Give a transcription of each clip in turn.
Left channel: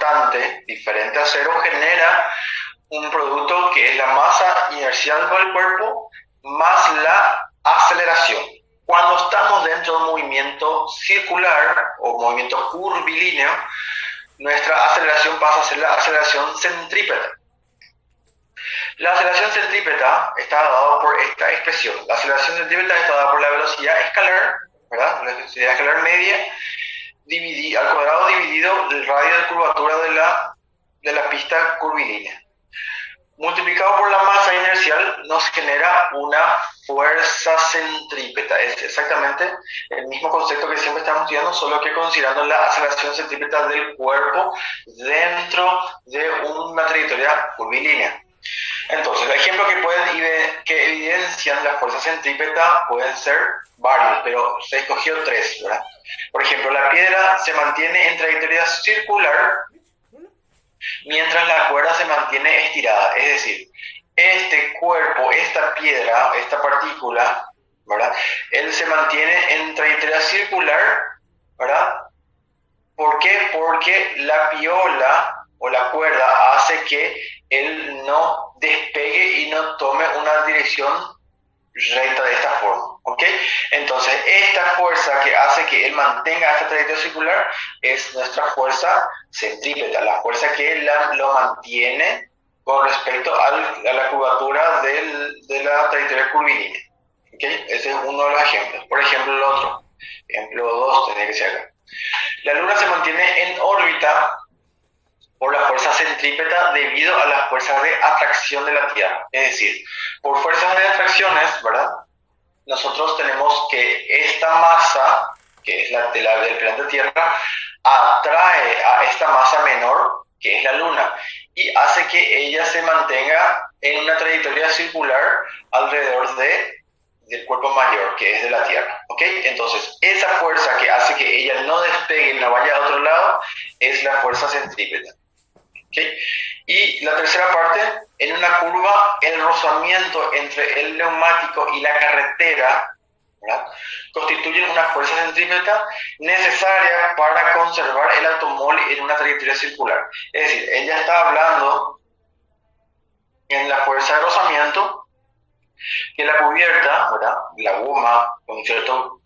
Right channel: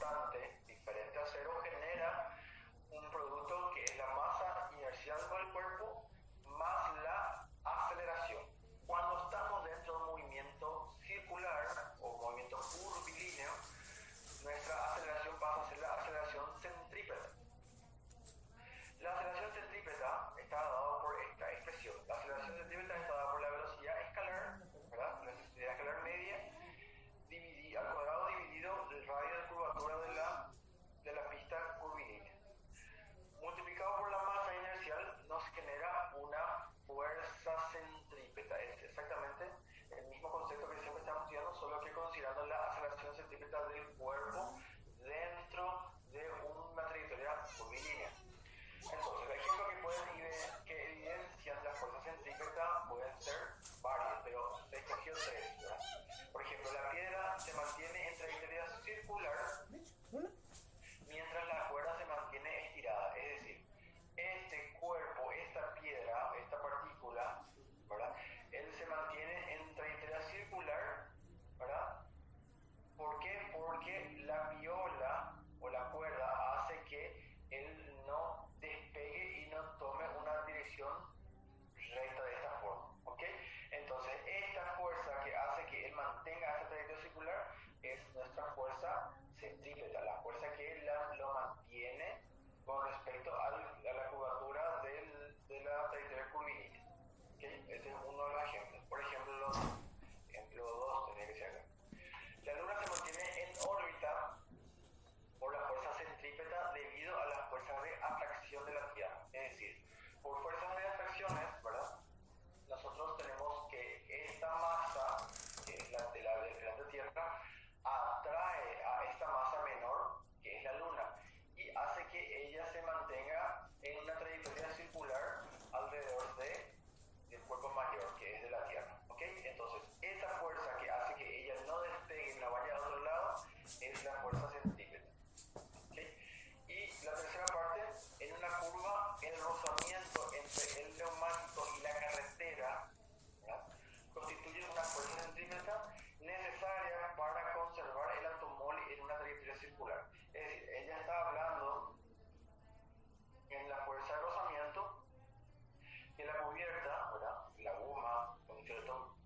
constante, diferente a cero, genera un producto que es la masa inercial del cuerpo más la aceleración. Cuando estamos dentro de un movimiento circular o movimiento curvilíneo, nuestra aceleración pasa a ser la aceleración centrípeta. La aceleración centrípeta está dada por esta expresión. La aceleración centrípeta está dada por la velocidad escalar, ¿verdad? La velocidad escalar media al cuadrado dividido el radio de curvatura de la pista curvilínea. Multiplicado por la masa inercial nos genera una fuerza centrípeta. Es exactamente el mismo concepto que siempre estamos estudiando, solo que considerando la aceleración centrípeta del cuerpo dentro de una trayectoria curvilínea. Entonces, los ejemplos que evidencian la fuerza centrípeta pueden ser varios, pero se escogió 3, ¿verdad? Por ejemplo, la piedra se mantiene en trayectoria circular mientras la cuerda se mantiene estirada. Es decir, este cuerpo, esta piedra, esta partícula, ¿verdad? Él se mantiene en trayectoria circular, ¿verdad? ¿Por qué? Porque la piola o la cuerda hace que él no despegue y no tome una dirección recta de esta forma, ¿ok? Entonces, esta fuerza que hace que él mantenga esta trayectoria circular es nuestra fuerza centrípeta, la fuerza que lo mantiene con respecto a la curvatura de la trayectoria curvilínea, ¿ok? Ese es uno de los ejemplos. Por ejemplo, el otro, ejemplo 2, tendría que ser acá. La Luna se mantiene en órbita por la fuerza centrípeta debido a las fuerzas de atracción de la Tierra. Es decir, por fuerzas de atracciones, ¿verdad? Nosotros tenemos que esta masa, que es del planeta Tierra, atrae a esta masa menor, que es la Luna, y hace que ella se mantenga en una trayectoria circular alrededor del cuerpo mayor, que es de la Tierra, ¿ok? Entonces, esa fuerza que hace que ella no despegue y no vaya a otro lado es la fuerza centrípeta. ¿Okay? Y la tercera parte, en una curva, el rozamiento entre el neumático y la carretera, ¿verdad?, constituyen una fuerza centrípeta necesaria para conservar el automóvil en una trayectoria circular. Es decir, ella está hablando en la fuerza de rozamiento, que la cubierta, ¿verdad?, la goma con cierto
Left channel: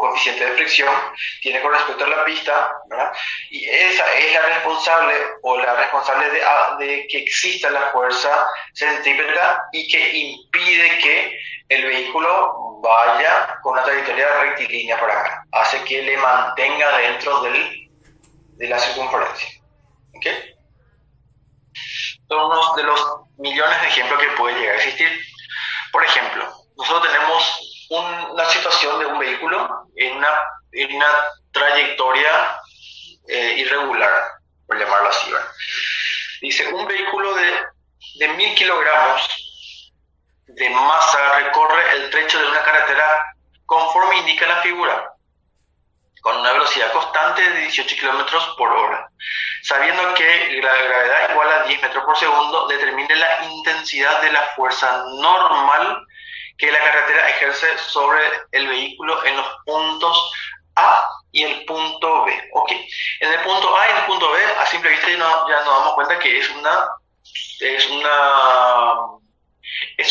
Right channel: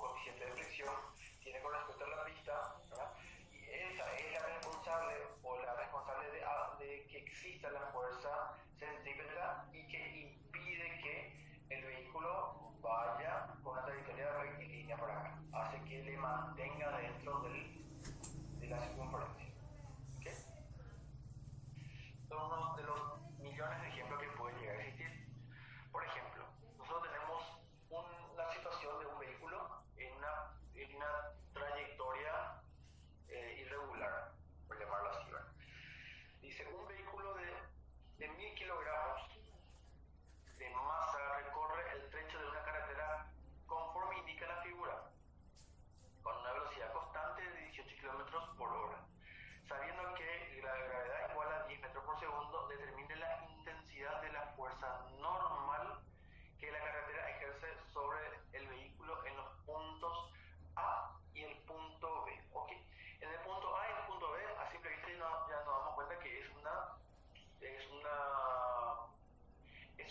coeficiente de fricción tiene con respecto a la pista, ¿verdad?, y esa es la responsable de que exista la fuerza centrípeta y que impide que el vehículo vaya con una trayectoria rectilínea por acá, hace que le mantenga dentro de la circunferencia. ¿Ok? Son unos de los millones de ejemplos que pueden llegar a existir. Por ejemplo, nosotros tenemos una situación de un vehículo en una trayectoria irregular, por llamarlo así, ¿verdad? Dice, un vehículo de 1000 kilogramos de masa recorre el trecho de una carretera conforme indica la figura, con una velocidad constante de 18 kilómetros por hora. Sabiendo que la gravedad igual a 10 metros por segundo, determine la intensidad de la fuerza normal que la carretera ejerce sobre el vehículo en los puntos A y el punto B. Ok, en el punto A y en el punto B, a simple vista ya nos damos cuenta que es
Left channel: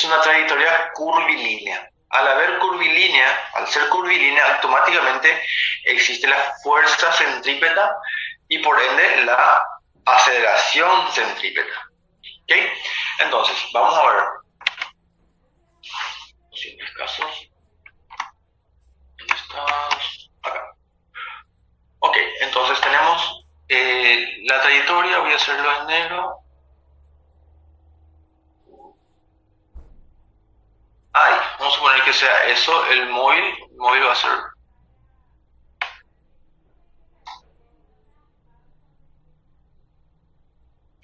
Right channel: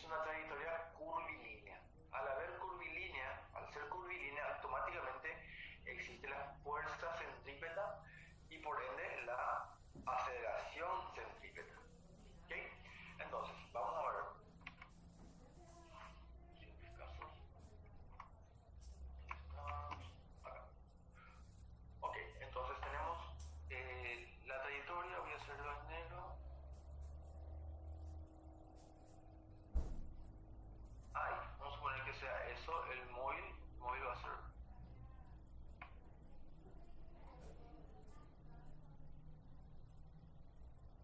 una trayectoria curvilínea. Al ser curvilínea, automáticamente existe la fuerza centrípeta y por ende la aceleración centrípeta. ¿Ok? Entonces, vamos a ver. Posibles casos. ¿Dónde estás? Acá. Ok, entonces tenemos la trayectoria, voy a hacerlo en negro. Ahí, vamos a suponer que sea eso, el móvil va a ser.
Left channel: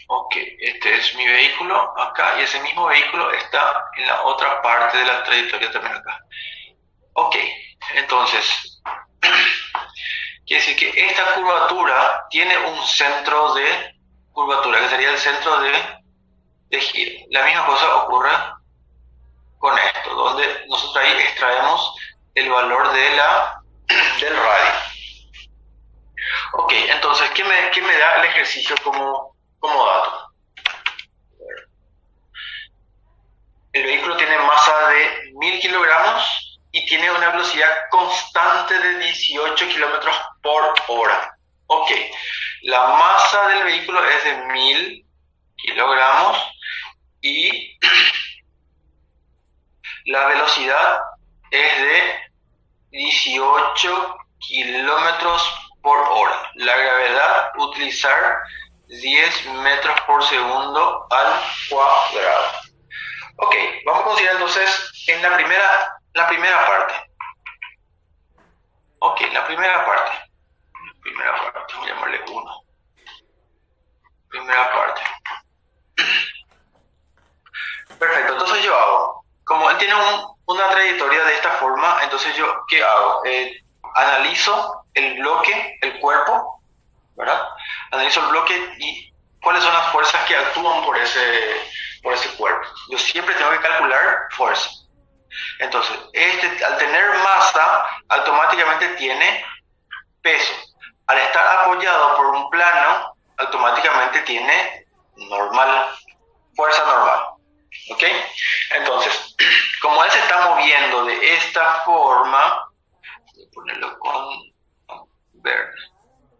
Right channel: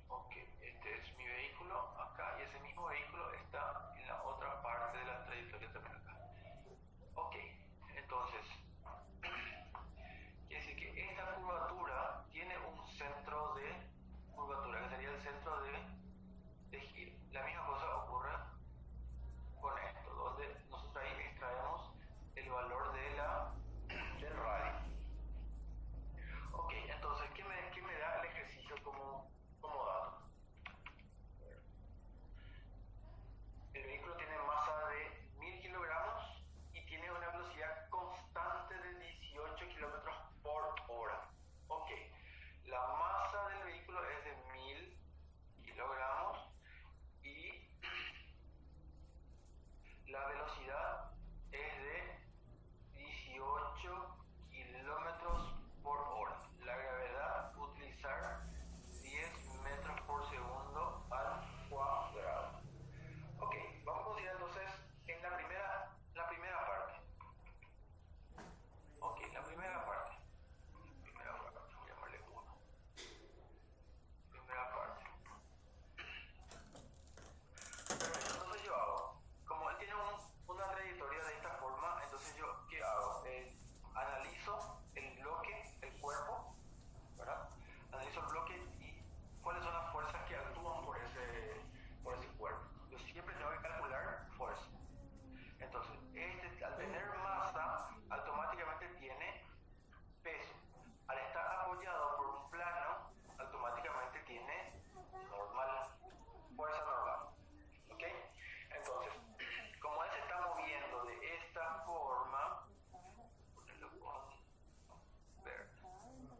Ok, este es mi vehículo acá y ese mismo vehículo está en la otra parte de la trayectoria también acá. Ok, entonces, quiere decir que esta curvatura tiene un centro de curvatura, que sería el centro de giro. La misma cosa ocurre con esto, donde nosotros ahí extraemos el valor del radio. Ok, entonces, qué me da el ejercicio como dato? El vehículo tiene masa de 1000 kilogramos y tiene una velocidad constante de 18 kilómetros por hora. Ok, la masa del vehículo es de 1000 kilogramos y la velocidad es de 18 kilómetros por hora. La gravedad, utilizar 10 metros por segundo al cuadrado. Ok, vamos a considerar entonces en la primera parte. Ok, la primera parte. Voy a llamarle 1. Primera parte. Perfecto, entonces yo hago, como él tiene una trayectoria de esta forma, entonces yo, ¿qué hago? Analizo el bloque, el cuerpo, ¿verdad? Analizo el bloque y cuáles son las fuerzas que actúan por ese cuerpo. Yo siempre tengo que calcular fuerza. Entonces, al tener masa, automáticamente tiene peso. Al estar apoyado por un plano, automáticamente tiene normal, fuerza normal. ¿Ok? Entonces, como él se está moviendo de esta forma, voy a ponerlo con verde.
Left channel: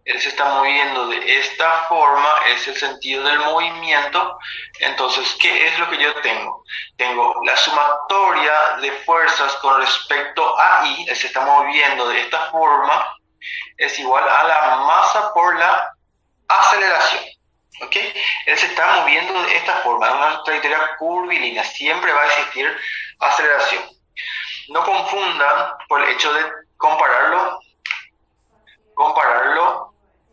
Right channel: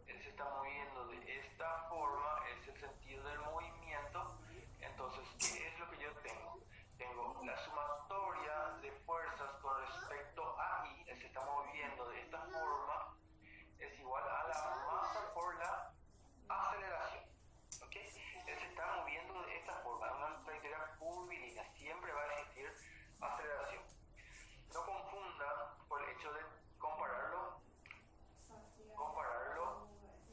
Él se está moviendo de esta forma, es el sentido del movimiento. Entonces, ¿qué es lo que yo tengo? Tengo la sumatoria de fuerzas con respecto a I, él se está moviendo de esta forma, es igual a la masa por la aceleración. ¿Ok? Él se está moviendo de esta forma, en una trayectoria curvilínea, siempre va a existir aceleración. No confundan por el hecho de compararlo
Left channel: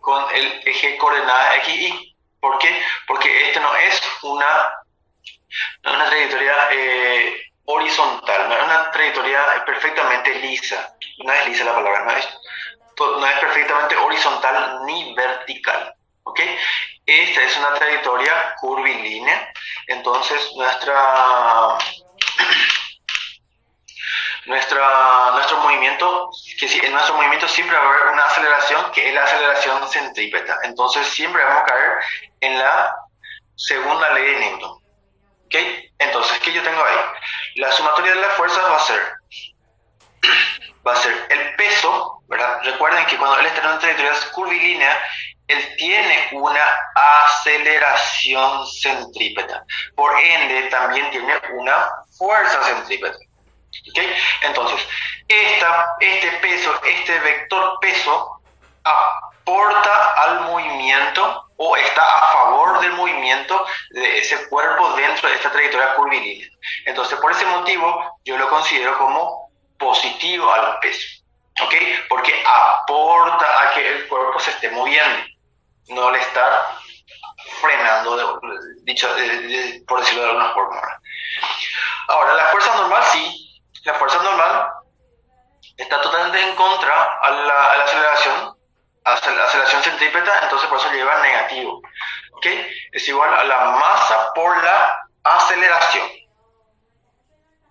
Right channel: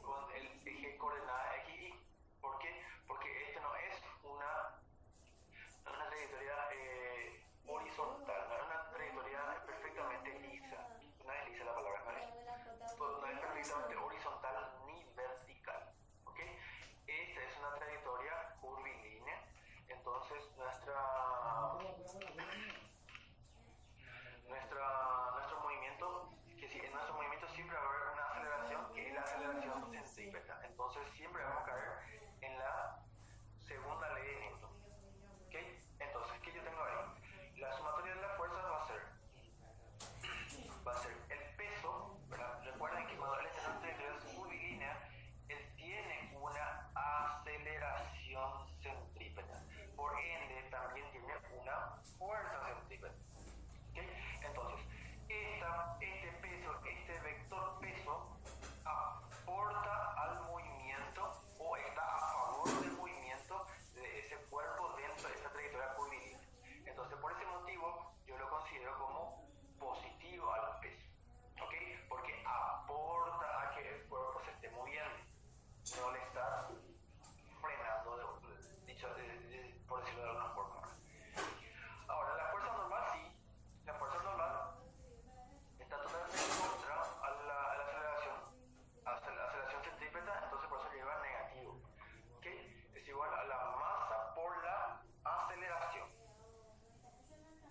con el eje coordenada x, y. ¿Por qué? Porque este no es una trayectoria horizontal, no es una trayectoria perfectamente lisa. No es lisa la palabra, no es perfectamente horizontal ni vertical. ¿Ok? Esta es una trayectoria curvilínea, entonces nuestro movimiento, en nuestro movimiento siempre va a haber una aceleración que es la aceleración centrípeta. Entonces siempre vamos a caer en la segunda ley de Newton. ¿Ok? Entonces, ¿qué yo tengo ahí? La sumatoria de las fuerzas va a ser el peso, ¿verdad? Recuerden que cuando él está en una trayectoria curvilínea, él tiene una aceleración centrípeta. Por ende, también tiene una fuerza centrípeta. ¿Okay? Entonces, este peso, este vector peso, aporta al movimiento o está a favor del movimiento de ese cuerpo dentro de esta trayectoria curvilínea. Entonces, por ese motivo, yo lo considero como positivo al peso. ¿Ok? Porque aporta a que el cuerpo se esté moviendo, no le está frenando, por decirlo de alguna forma. Ahora, la fuerza normal sí. La fuerza normal está totalmente en contra a la aceleración centrípeta, entonces por eso lleva negativo. ¿Ok? Es igual a la masa por la aceleración.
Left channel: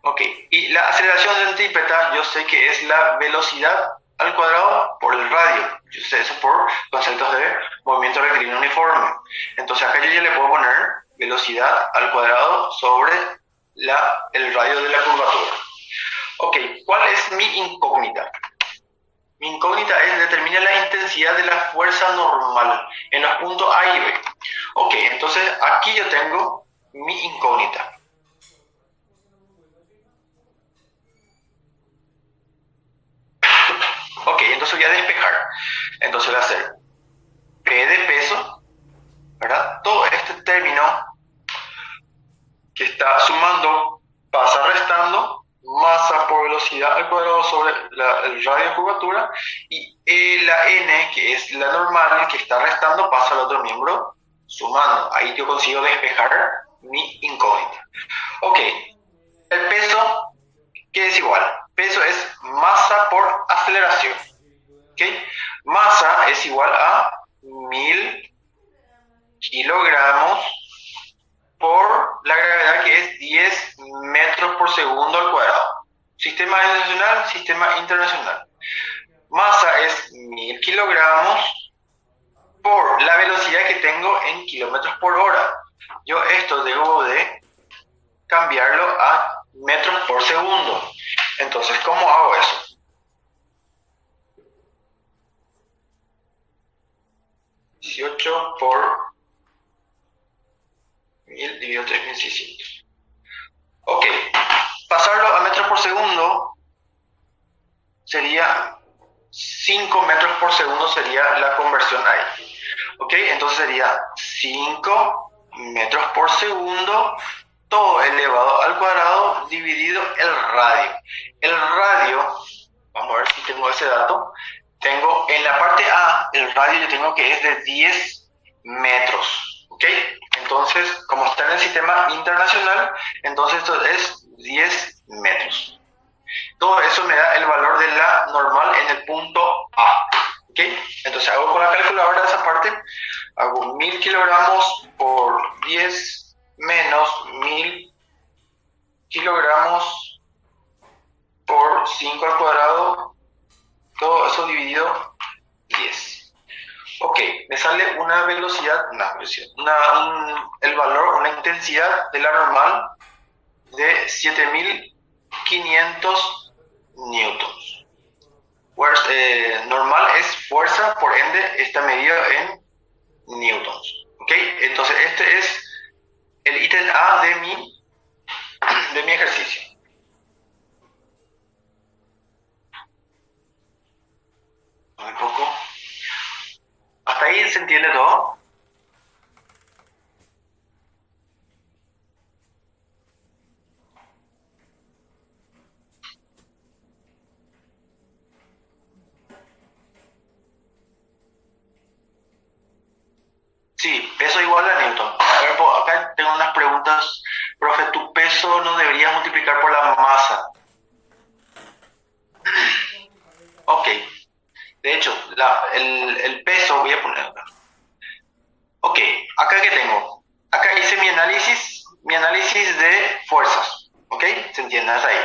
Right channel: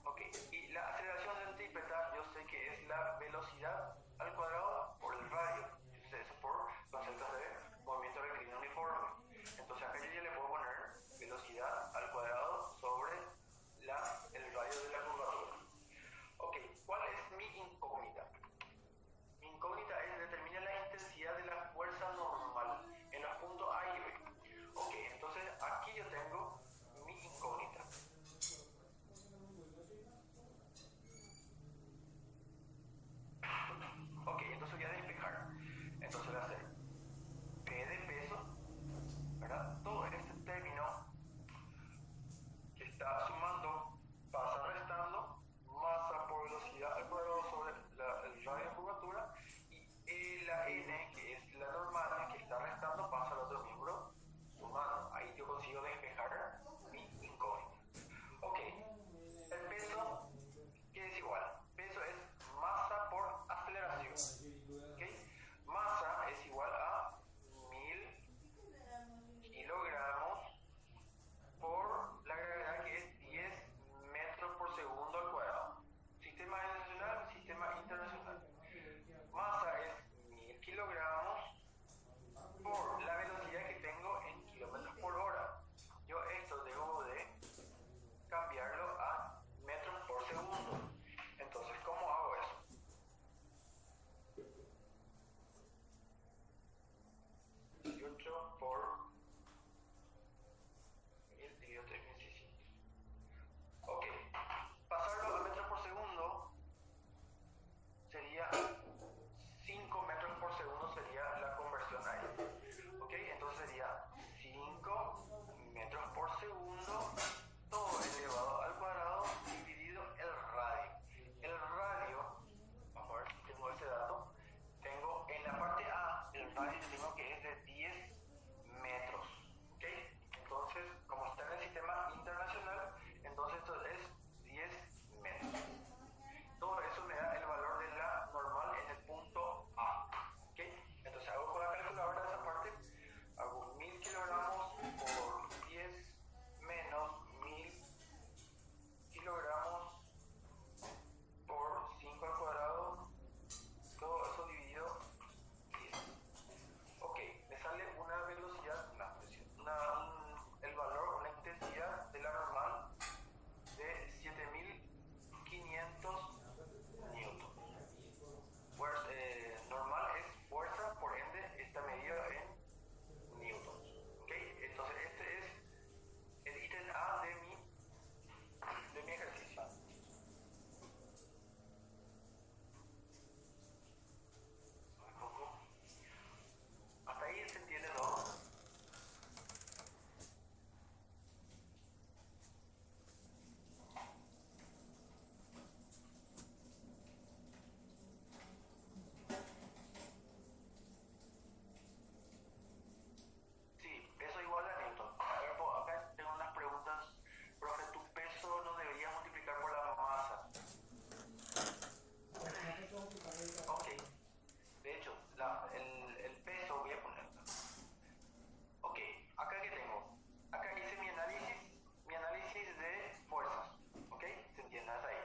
¿Ok? Y la aceleración centrípeta yo sé que es la velocidad al cuadrado por el radio. Yo sé eso por conceptos de movimiento rectilíneo uniforme. Entonces acá yo ya le puedo poner velocidad al cuadrado sobre el radio de la curvatura. Ok, ¿cuál es mi incógnita? Mi incógnita es determinar la intensidad de la fuerza normal en los puntos A y B. Ok, entonces aquí yo tengo mi incógnita. Ok, entonces voy a despejar. Entonces voy a hacer P de peso, ¿verdad? Todo este término que está sumando pasa restando, masa por velocidad al cuadrado sobre el radio de curvatura, y la n, que es la normal, que está restando, pasa al otro miembro sumando. Ahí yo consigo despejar mi incógnita. Ok, el peso, ¿qué es igual? Peso es masa por aceleración. ¿Ok? Masa es igual a 1000 kilogramos por la gravedad, que es 10 metros por segundo al cuadrado. Sistema nacional, sistema internacional. Masa es 1000 kilogramos tengo en kilómetros por hora. Yo esto debo de cambiarlo a metros por segundo. Entonces, ¿cómo hago eso? 18 por 1000 dividido 3600. Ok, pasarlo a metros por segundo sería 5 metros por segundo, sería la conversión ahí. Ok, entonces sería 5 metros por segundo, todo elevado al cuadrado dividido el radio. El radio, vamos a ver si tengo ese dato, tengo en la parte A, el radio yo tengo que es de 10 metros. Ok, entonces como está en el sistema internacional, entonces esto es 10 metros. Todo eso me da el valor de la normal en el punto A. ¿Ok? Entonces hago con la calculadora esa parte, hago 1000 kilogramos por 10 menos 1000 kilogramos por 5 al cuadrado, todo eso dividido 10. Ok, me sale una velocidad, el valor, una intensidad de la normal de 7500 newtons. Normal es fuerza, por ende está medido en newtons. ¿Ok? Entonces este es el ítem A de mi ejercicio. Un poco. ¿Hasta ahí se entiende todo? Sí, peso igual a Newton. A ver, acá tengo unas preguntas. Profe, tu peso no debería multiplicar por la masa. Ok. De hecho, el peso, voy a poner acá. Ok, acá que tengo. Acá hice mi análisis de fuerzas. Ok, ¿se entiende hasta ahí?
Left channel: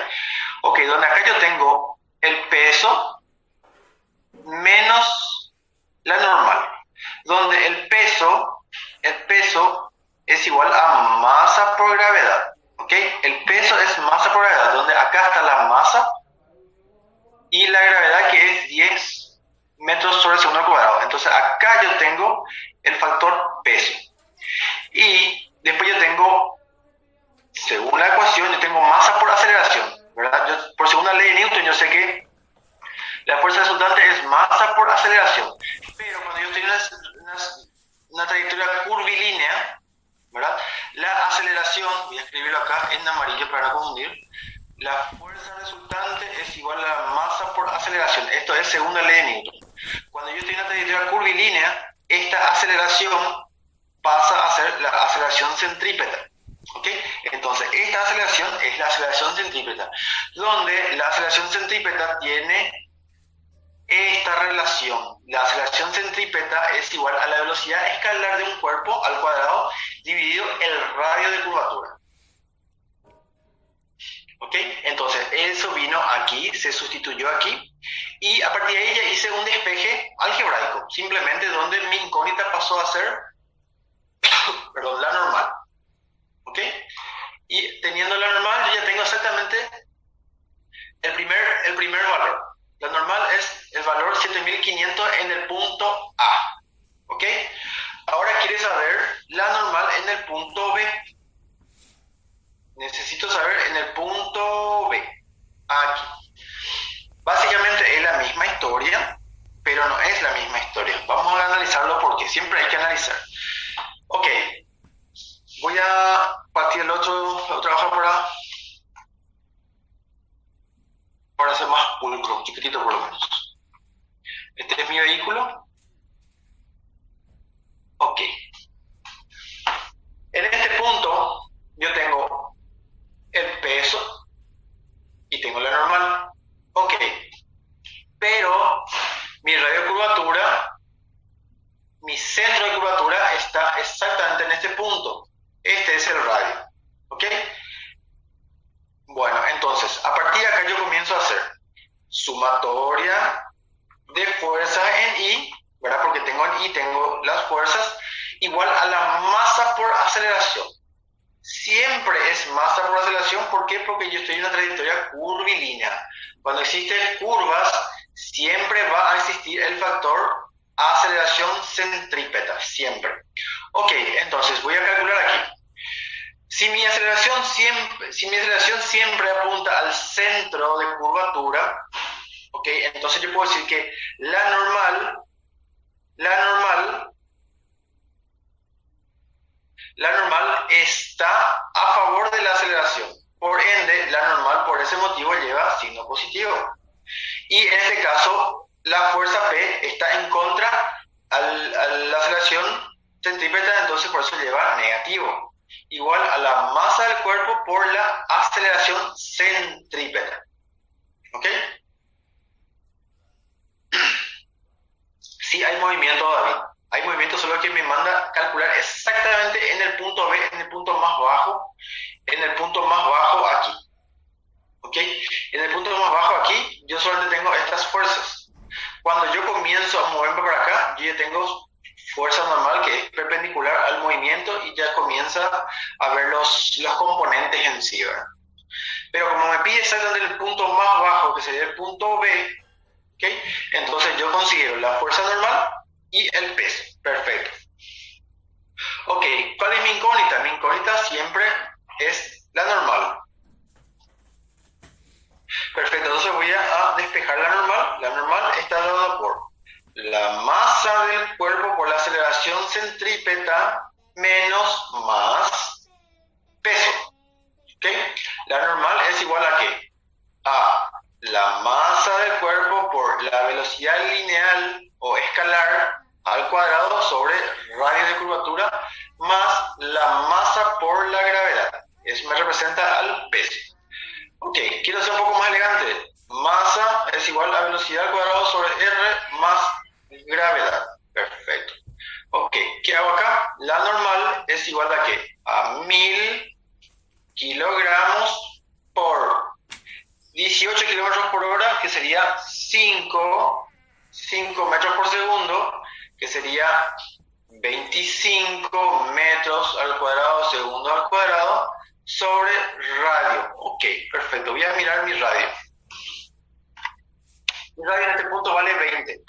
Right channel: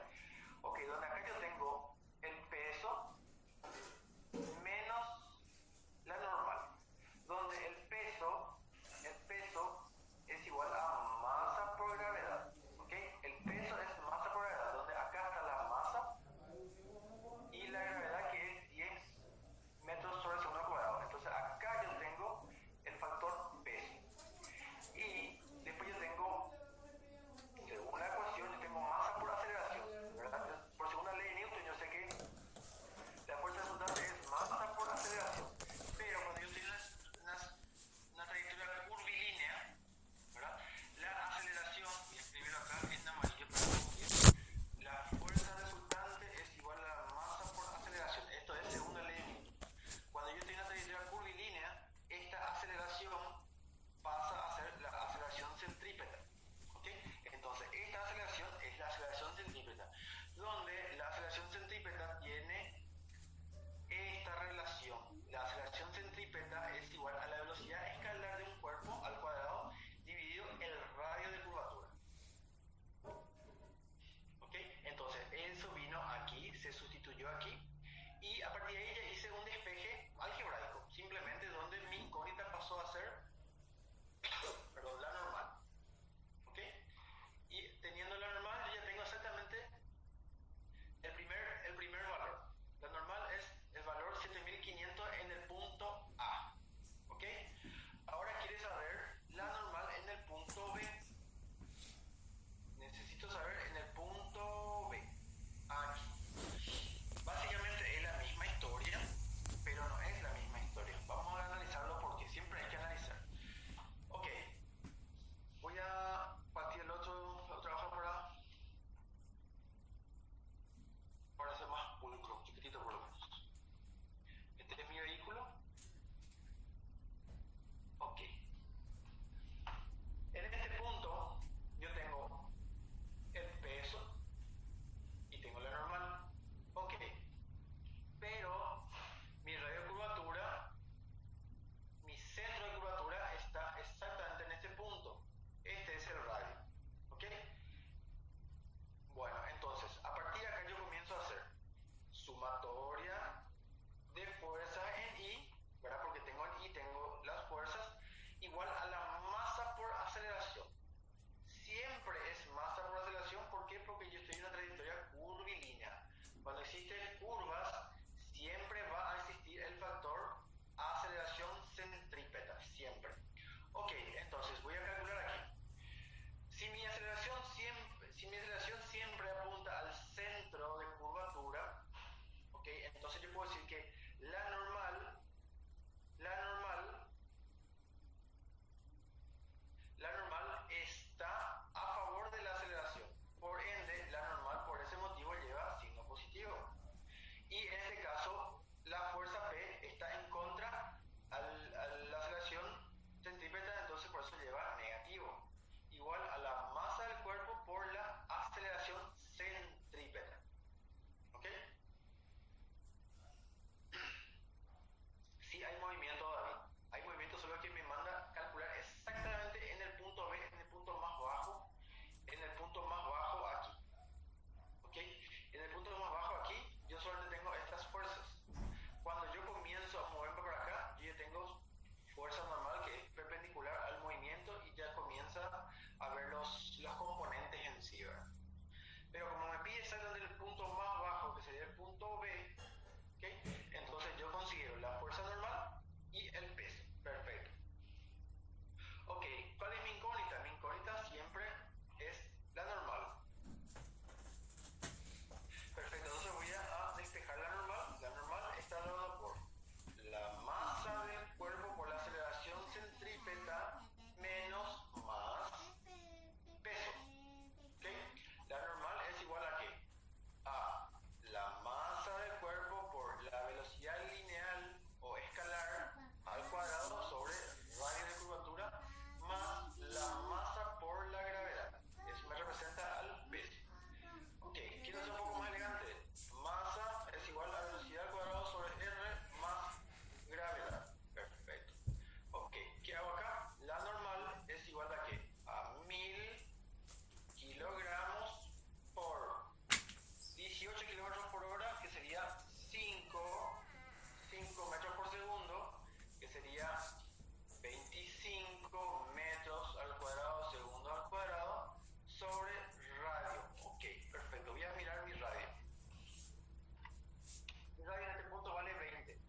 Ok, donde acá yo tengo el peso menos la normal. Donde el peso es igual a masa por gravedad. ¿Ok? El peso es masa por gravedad, donde acá está la masa y la gravedad que es 10 metros sobre segundo al cuadrado. Entonces acá yo tengo el factor peso. Y después yo tengo, según la ecuación, yo tengo masa por aceleración, ¿verdad? Por segunda ley de Newton yo sé que la fuerza resultante es masa por aceleración. Pero cuando yo estoy en una trayectoria curvilínea, ¿verdad? La aceleración, voy a escribirlo acá en amarillo para no confundir, la fuerza resultante es igual a la masa por aceleración. Esto es segunda ley de Newton. Cuando yo estoy en una trayectoria curvilínea, esta aceleración pasa a ser la aceleración centrípeta. ¿Ok? Entonces, esta aceleración es la aceleración centrípeta, donde la aceleración centrípeta tiene esta relación. La aceleración centrípeta es igual a la velocidad escalar de un cuerpo al cuadrado dividido el radio de curvatura. ¿Ok? Entonces, eso vino aquí, se sustituyó aquí, y a partir de ahí ya hice un despeje algebraico, simplemente donde mi incógnita pasó a ser perdón, la normal. ¿Ok? Y teniendo la normal, yo ya tengo exactamente el primer valor. La normal es el valor 7500 en el punto A. ¿Ok? Ahora quiere saber la normal en el punto B. Necesito saber en el punto B. Aquí. Básicamente es la misma historia, pero no es la misma historia. Vamos a analizarlo porque siempre hay que analizar. Ok. Voy a partir el otro hoja para hacer más pulcro, chiquitito por lo menos. Este es mi vehículo. Ok. En este punto yo tengo el peso y tengo la normal. Ok. Pero mi radio de curvatura, mi centro de curvatura está exactamente en este punto. Este es el radio. ¿Ok? Bueno, entonces, a partir de acá yo comienzo a hacer sumatoria de fuerzas en I, ¿verdad? Porque tengo en I, tengo las fuerzas, igual a la masa por aceleración. Siempre es masa por aceleración. ¿Por qué? Porque yo estoy en una trayectoria curvilínea. Cuando existen curvas, siempre va a existir el factor aceleración centrípeta, siempre. Ok, entonces voy a calcular aquí. Si mi aceleración siempre apunta al centro de curvatura, ok, entonces yo puedo decir que la normal está a favor de la aceleración. Por ende, la normal por ese motivo lleva signo positivo. Y en este caso, la fuerza P está en contra a la aceleración centrípeta, entonces por eso lleva negativo. Igual a la masa del cuerpo por la aceleración centrípeta. ¿Ok? Sí hay movimiento, David. Hay movimiento, solo que me manda calcular exactamente en el punto B, en el punto más bajo, aquí. ¿Ok? En el punto más bajo aquí, yo solamente tengo estas fuerzas. Cuando yo comienzo a moverme por acá, yo ya tengo fuerza normal que es perpendicular al movimiento y ya comienza a ver los componentes en sí, ¿verdad? Pero como me pide exactamente el punto más bajo, que sería el punto B, ¿okay? Entonces yo considero la fuerza normal y el peso. Perfecto. Ok, ¿cuál es mi incógnita? Mi incógnita siempre es la normal. Perfecto, entonces voy a despejar la normal. La normal está dada por la masa del cuerpo por la aceleración centrípeta menos más peso. ¿Okay? La normal es igual a ¿qué? A la masa del cuerpo por la velocidad lineal o escalar al cuadrado sobre radio de curvatura más la masa por la gravedad. Eso me representa al peso. Ok, quiero ser un poco más elegante. Masa es igual a velocidad al cuadrado sobre R más gravedad. Perfecto. Ok, ¿qué hago acá? La normal es igual a ¿qué? A 1000 kilogramos por 18 kilómetros por hora, que sería 5 metros por segundo, que sería 25 metros al cuadrado, segundo al cuadrado, sobre radio. Ok, perfecto. Voy a mirar mi radio. Mi radio en este punto vale 20.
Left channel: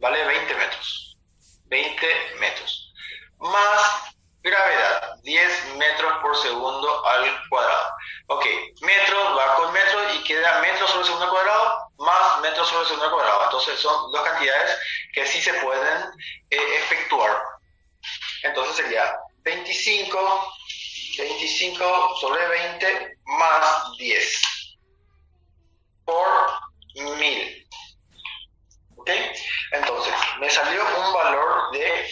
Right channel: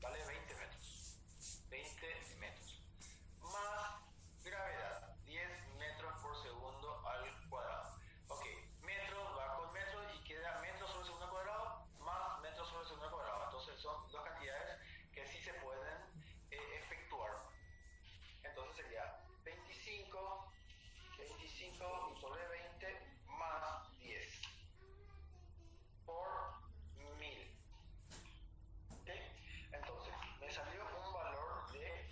Vale 20 metros. 20 metros. Más gravedad, 10 metros por segundo al cuadrado. Ok, metros va con metros y queda metros sobre segundo al cuadrado más metros sobre segundo al cuadrado. Entonces son dos cantidades que sí se pueden efectuar. Entonces sería 25 sobre 20 más 10 por 1000. ¿Ok? Entonces, me salió un valor de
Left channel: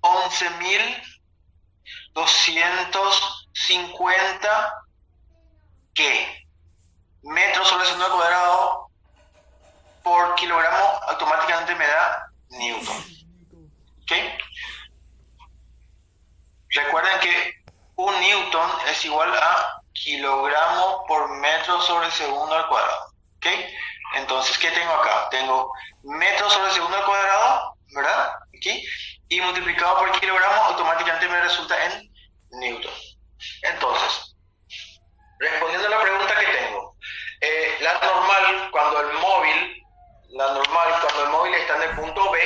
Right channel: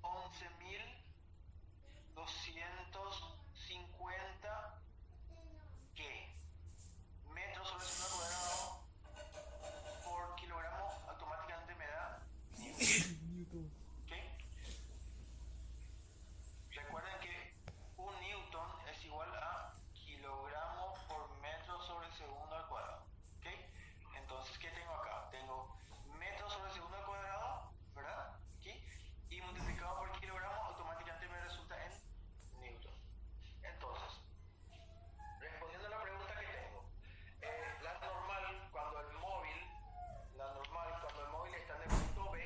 11.250 ¿qué? Metros sobre segundo al cuadrado por kilogramo, automáticamente me da newton. ¿Ok? Recuerden que un newton es igual a kilogramo por metro sobre segundo al cuadrado. ¿Ok? Entonces, ¿qué tengo acá? Tengo metros sobre segundo al cuadrado, ¿verdad? Aquí. Y multiplicado por kilogramo, automáticamente me resulta en newton. Entonces, respondiendo a la pregunta que tengo, la normal cuando el móvil está en el punto B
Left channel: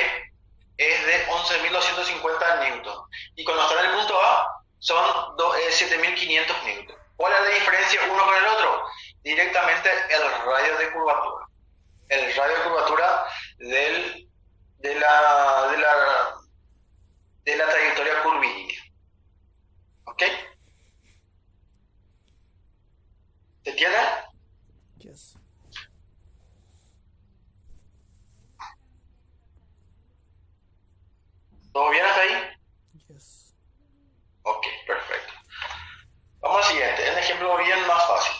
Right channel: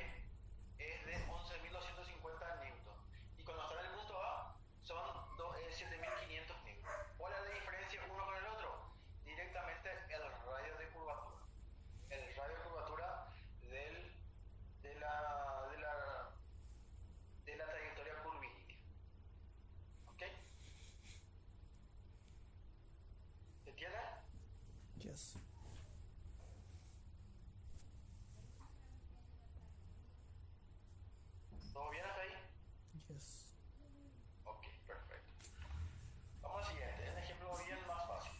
es de 11.250 newton y cuando está en el punto A son 7.500 newton. ¿Cuál es la diferencia uno con el otro? Directamente el radio de curvatura. El radio de curvatura de la trayectoria curvilínea. ¿Ok? ¿Se entiende? Yes. ¿Todo bien hasta ahí? Yes. Ok, perfecto. Vamos al siguiente, un ejemplo bien más fácil.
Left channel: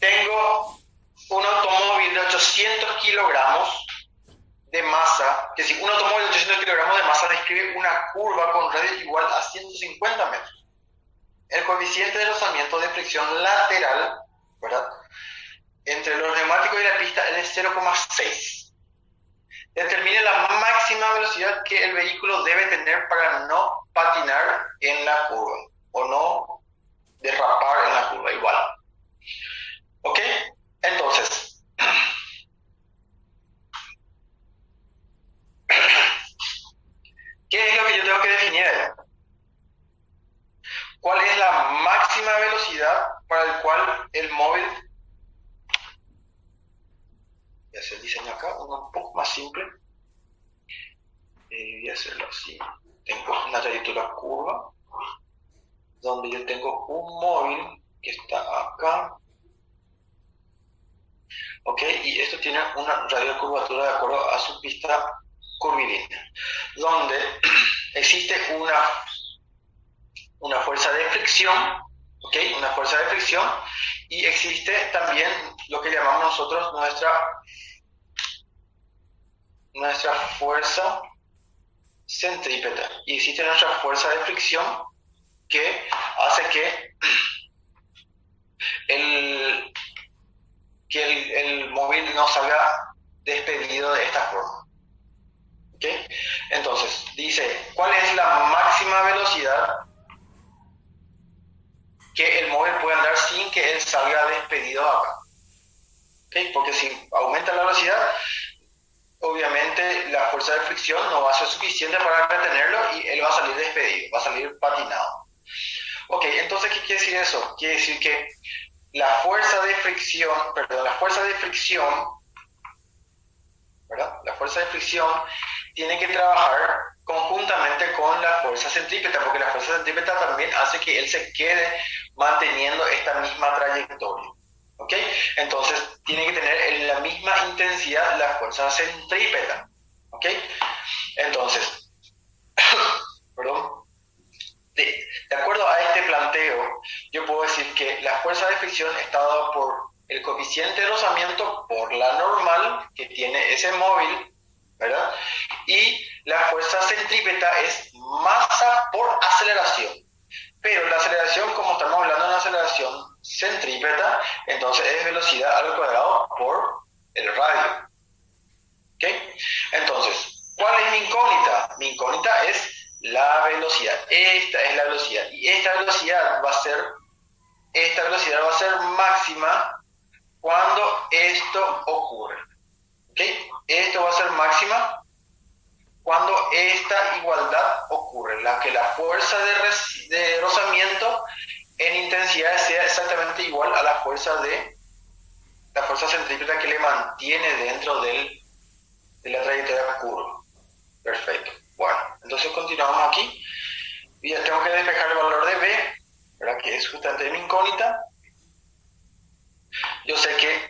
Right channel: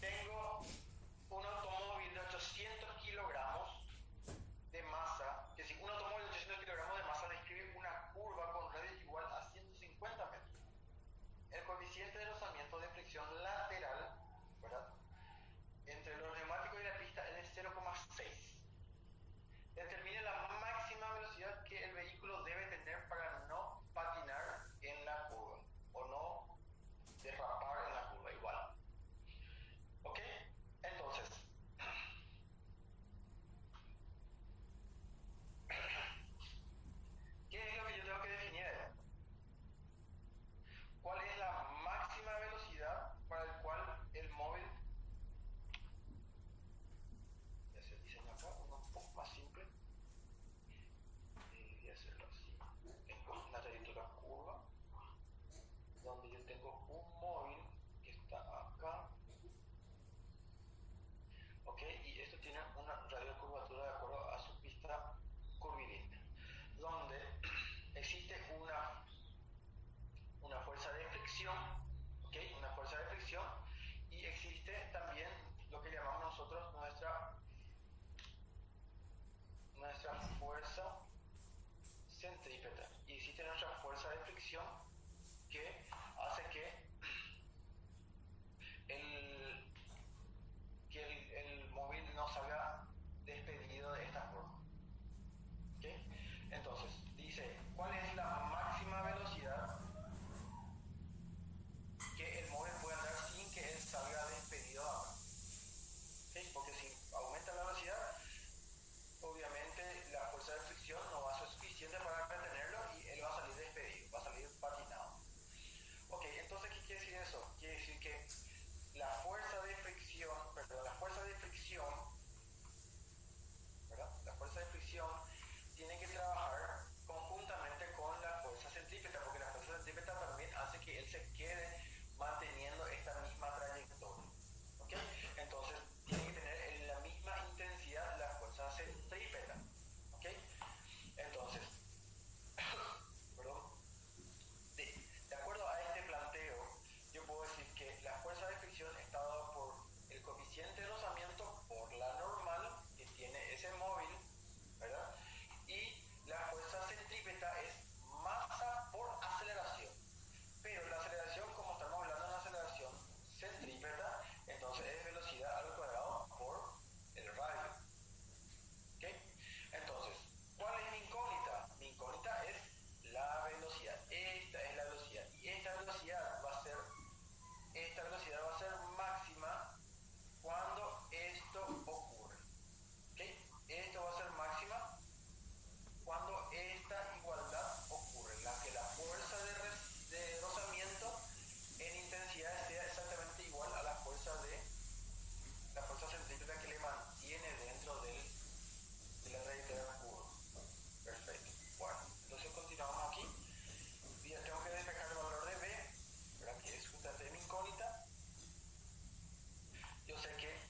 Tengo un automóvil de 800 kilogramos de masa, que si un automóvil de 800 kilogramos de masa describe una curva con radio igual a 150 metros. El coeficiente de rozamiento de fricción lateral, ¿verdad?, entre los neumáticos y la pista es de 0,6. Determine la máxima velocidad que el vehículo debe tener para no patinar en la curva o no derrapar en la curva igual. ¿Ok? Entonces, ¿qué es lo que yo tengo que definir ahí? ¿Cuál es la máxima velocidad para el cual el móvil... Voy a hacer el diseño acá, uno un poco más simple. Voy a hacerlo así. Tengo una trayectoria curva, donde yo tengo un móvil que está acá. ¿Ok? Y esto tiene una radio de curvatura de acuerdo a su pista curvilínea, donde existe una fuerza de fricción, ¿ok? Una fuerza de fricción, y existe también lo que llamamos nosotros nuestra fuerza centrípeta, y existe nuestra fuerza de fricción que hace que el móvil no salga despedido de esta forma. ¿Okay? Entonces, dice, ¿cuál es la máxima velocidad que el móvil puede andar sin que él salga despedido acá? ¿Okay? Porque si aumenta la velocidad, obviamente la fuerza de fricción no va a ser suficiente para retenerlo y él va a salir despedido, va a salir patinado. Ok, entonces, ¿qué quiere decir eso? Quiere decir que la fuerza de fricción, ¿verdad? La fuerza de fricción tiene que trabajar conjuntamente con la fuerza centrípeta, porque la fuerza centrípeta también hace que él se quede manteniendo esta misma trayectoria. ¿Ok? Entonces, tiene que tener en la misma intensidad la fuerza centrípeta. ¿Ok? Entonces, perdón. De acuerdo a este planteo, yo puedo decir que la fuerza de fricción está dada por el coeficiente de rozamiento por la normal que tiene ese móvil, ¿verdad? Y la fuerza centrípeta es masa por aceleración. Pero la aceleración, como estamos hablando de una aceleración centrípeta, entonces es velocidad al cuadrado por el radio. ¿Ok? Entonces, ¿cuál es mi incógnita? Mi incógnita es la velocidad. Esta es la velocidad. Y esta velocidad va a ser máxima cuando esto ocurre. ¿Ok? Esto va a ser máxima cuando esta igualdad ocurre, la que la fuerza de rozamiento en intensidad sea exactamente igual a la fuerza centrípeta que le mantiene dentro de la trayectoria curva. Perfecto. Bueno, entonces continuamos aquí. Y ya tengo que despejar el valor de B, ¿verdad? Que es justamente mi incógnita. Yo sé que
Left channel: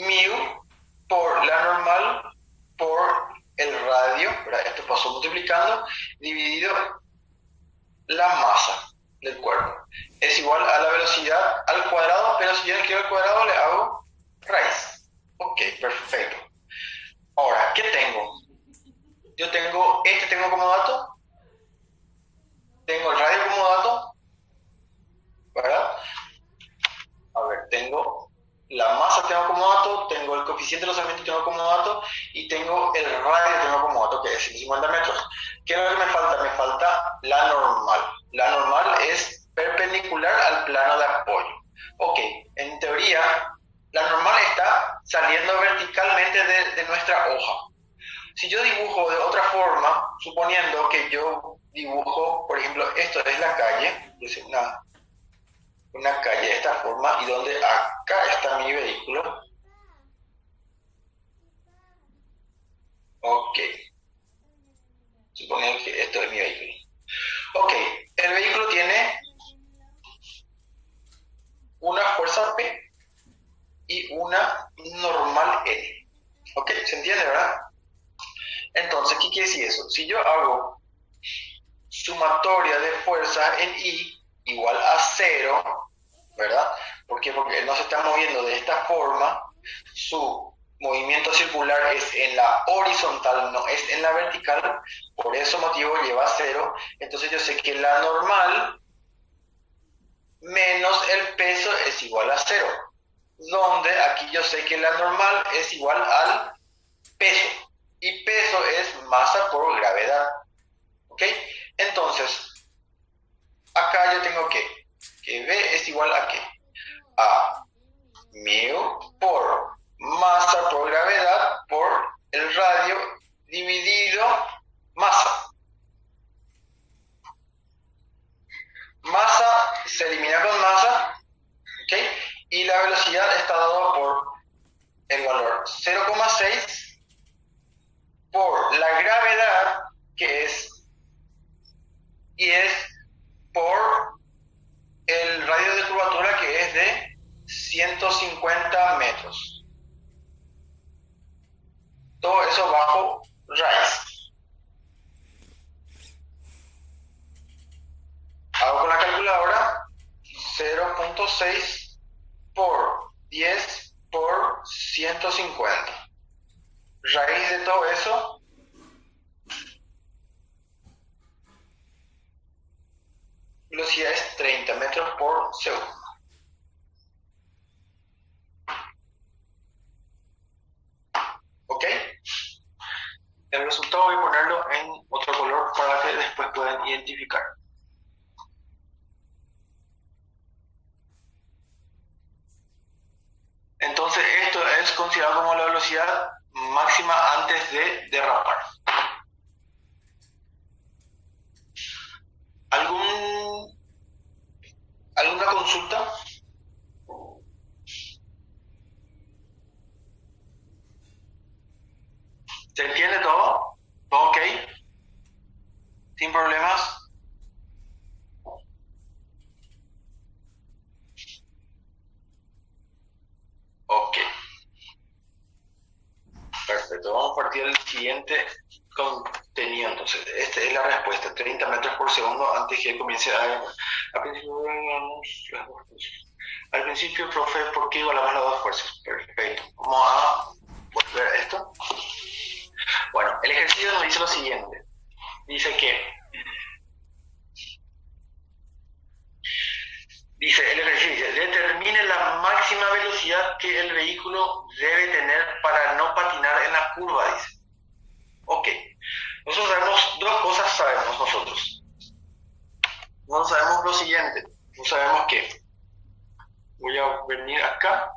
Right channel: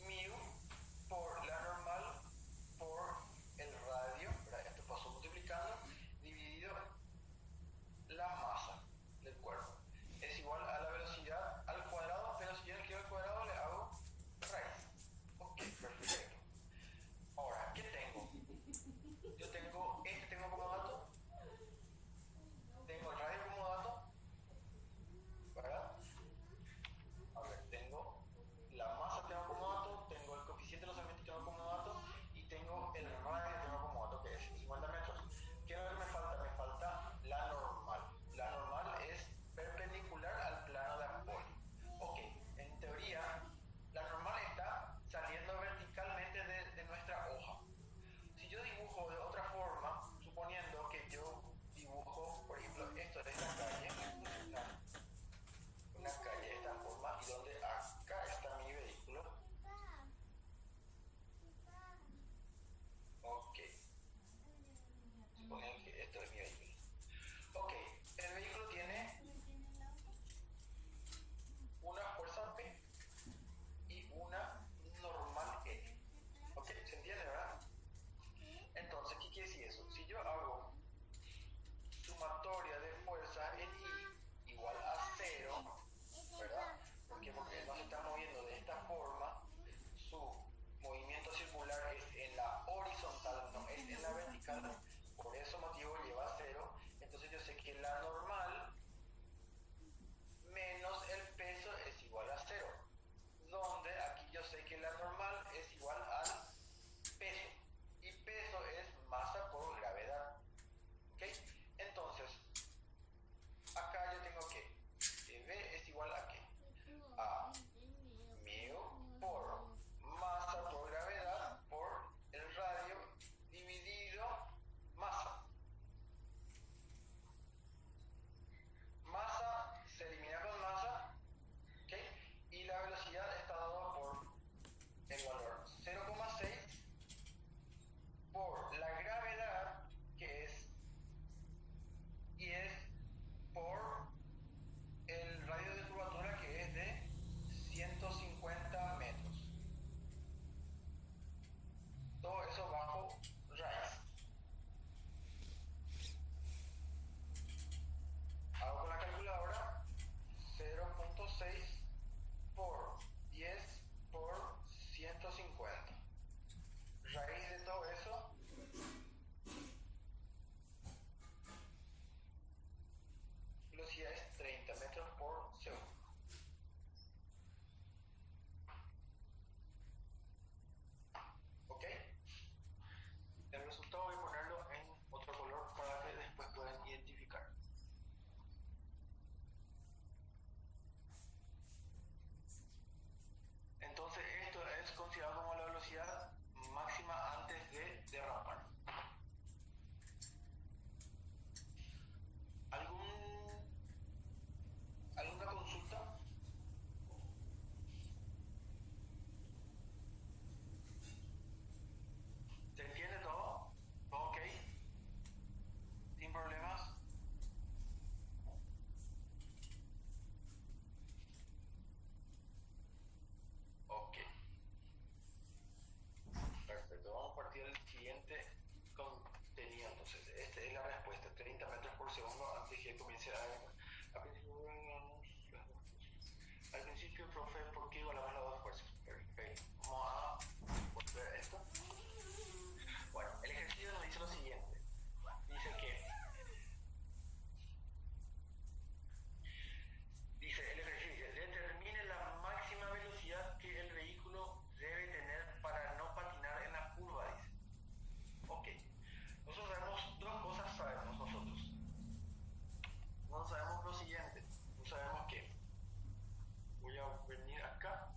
mu por la normal por el radio, ¿verdad? Esto pasó multiplicando, dividido la masa del cuerpo. Es igual a la velocidad al cuadrado, pero si yo no quiero el cuadrado, le hago raíz. Ok, perfecto. Ahora, ¿qué tengo? Yo tengo como dato, tengo el radio como dato, ¿verdad? A ver, tengo la masa tengo como dato, tengo el coeficiente de rozamiento tengo como dato, y tengo el radio tengo como dato, que es 150 metros. ¿Qué es lo que me falta? Me falta la normal. La normal es perpendicular al plano de apoyo. Ok, en teoría, la normal está saliendo verticalmente de nuestra hoja. Si yo dibujo de otra forma, suponiendo que yo dibujo, por ejemplo, esto es la calle, es una calle de esta forma, y donde acá está mi vehículo. Ok. Suponiendo que esto es mi vehículo. Ok, el vehículo tiene una fuerza P y una normal N. Ok, ¿se entiende, verdad? Entonces, ¿qué quiere decir eso? Si yo hago sumatoria de fuerza en I igual a 0, ¿verdad? ¿Por qué? Porque él no se está moviendo de esta forma, su movimiento circular es en la horizontal, no es en la vertical, por ese motivo lleva 0, entonces yo sé que la normal menos el peso es igual a 0, donde aquí yo sé que la normal es igual al peso. y peso es masa por gravedad. ¿Ok? Entonces, acá yo tengo que V es igual a ¿qué? A mu por masa por gravedad por el radio dividido masa. Masa se elimina con masa, ¿ok? Y la velocidad está dado por el valor 0,6 por la gravedad, que es 10 por el radio de curvatura, que es de 150 metros. Todo eso bajo raíz. Hago con la calculadora 0.6 por 10 por 150. Raíz de todo eso, velocidad es 30 metros por segundo. ¿Ok? El resultado voy a ponerlo en otro color para que después puedan identificar. Entonces esto es considerado como la velocidad máxima antes de derrapar. ¿Alguna consulta? ¿Se entiende todo? ¿Todo ok? ¿Sin problemas? Ok. Perfecto. Vamos a partir del siguiente contenido. Entonces, esta es la respuesta. 30 metros por segundo antes que comience al principio, profe, ¿por qué igualamos las dos fuerzas? Perfecto. Vamos a volver a esto. Bueno, el ejercicio nos dice lo siguiente. Dice el ejercicio, determine la máxima velocidad que el vehículo debe tener para no patinar en la curva, dice. Ok, nosotros sabemos dos cosas, nosotros. No sabemos lo siguiente, no sabemos qué. Voy a venir acá.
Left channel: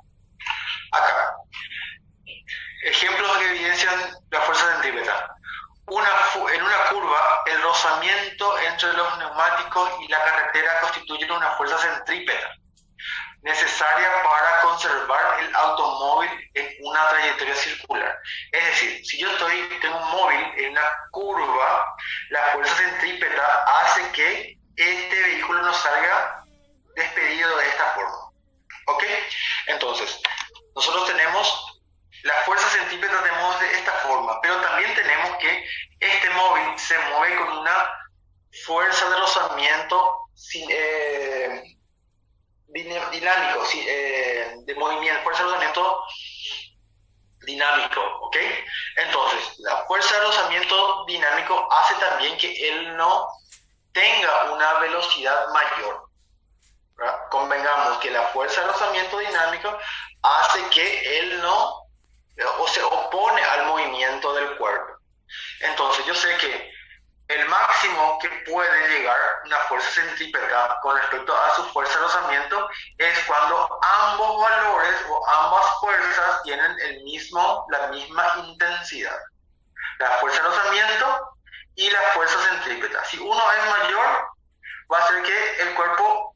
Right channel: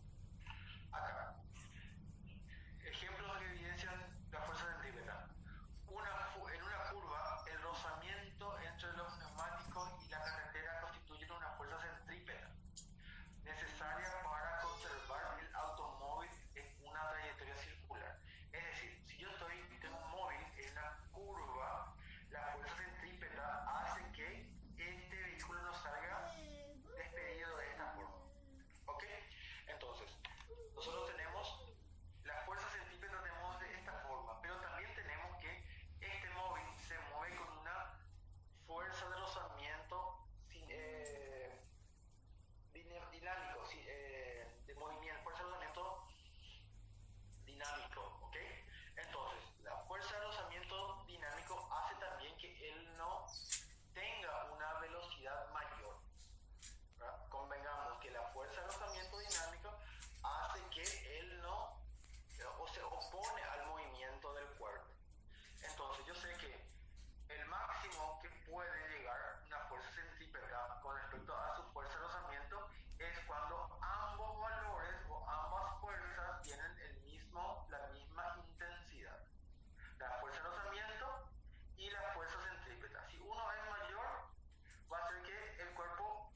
Ejemplos que evidencian la fuerza centrípeta. En una curva, el rozamiento entre los neumáticos y la carretera constituye una fuerza centrípeta necesaria para conservar el automóvil en una trayectoria circular. Es decir, si yo tengo un móvil en una curva, la fuerza centrípeta hace que este vehículo no salga despedido de esta forma. ¿Ok? Entonces, nosotros tenemos la fuerza centrípeta tenemos de esta forma, pero también tenemos que este móvil se mueve con una fuerza de rozamiento dinámico, de movimiento, fuerza de rozamiento dinámico, ¿ok? Entonces, la fuerza de rozamiento dinámico hace también que él no tenga una velocidad mayor, ¿verdad? Convengamos que la fuerza de rozamiento dinámico hace que él no o se opone al movimiento del cuerpo. Entonces yo sé que el máximo que puede llegar una fuerza centrípeta con respecto a su fuerza de rozamiento es cuando ambos valores o ambas fuerzas tienen la misma intensidad. La fuerza de rozamiento y la fuerza centrípeta. Si uno es mayor, va a hacer que el cuerpo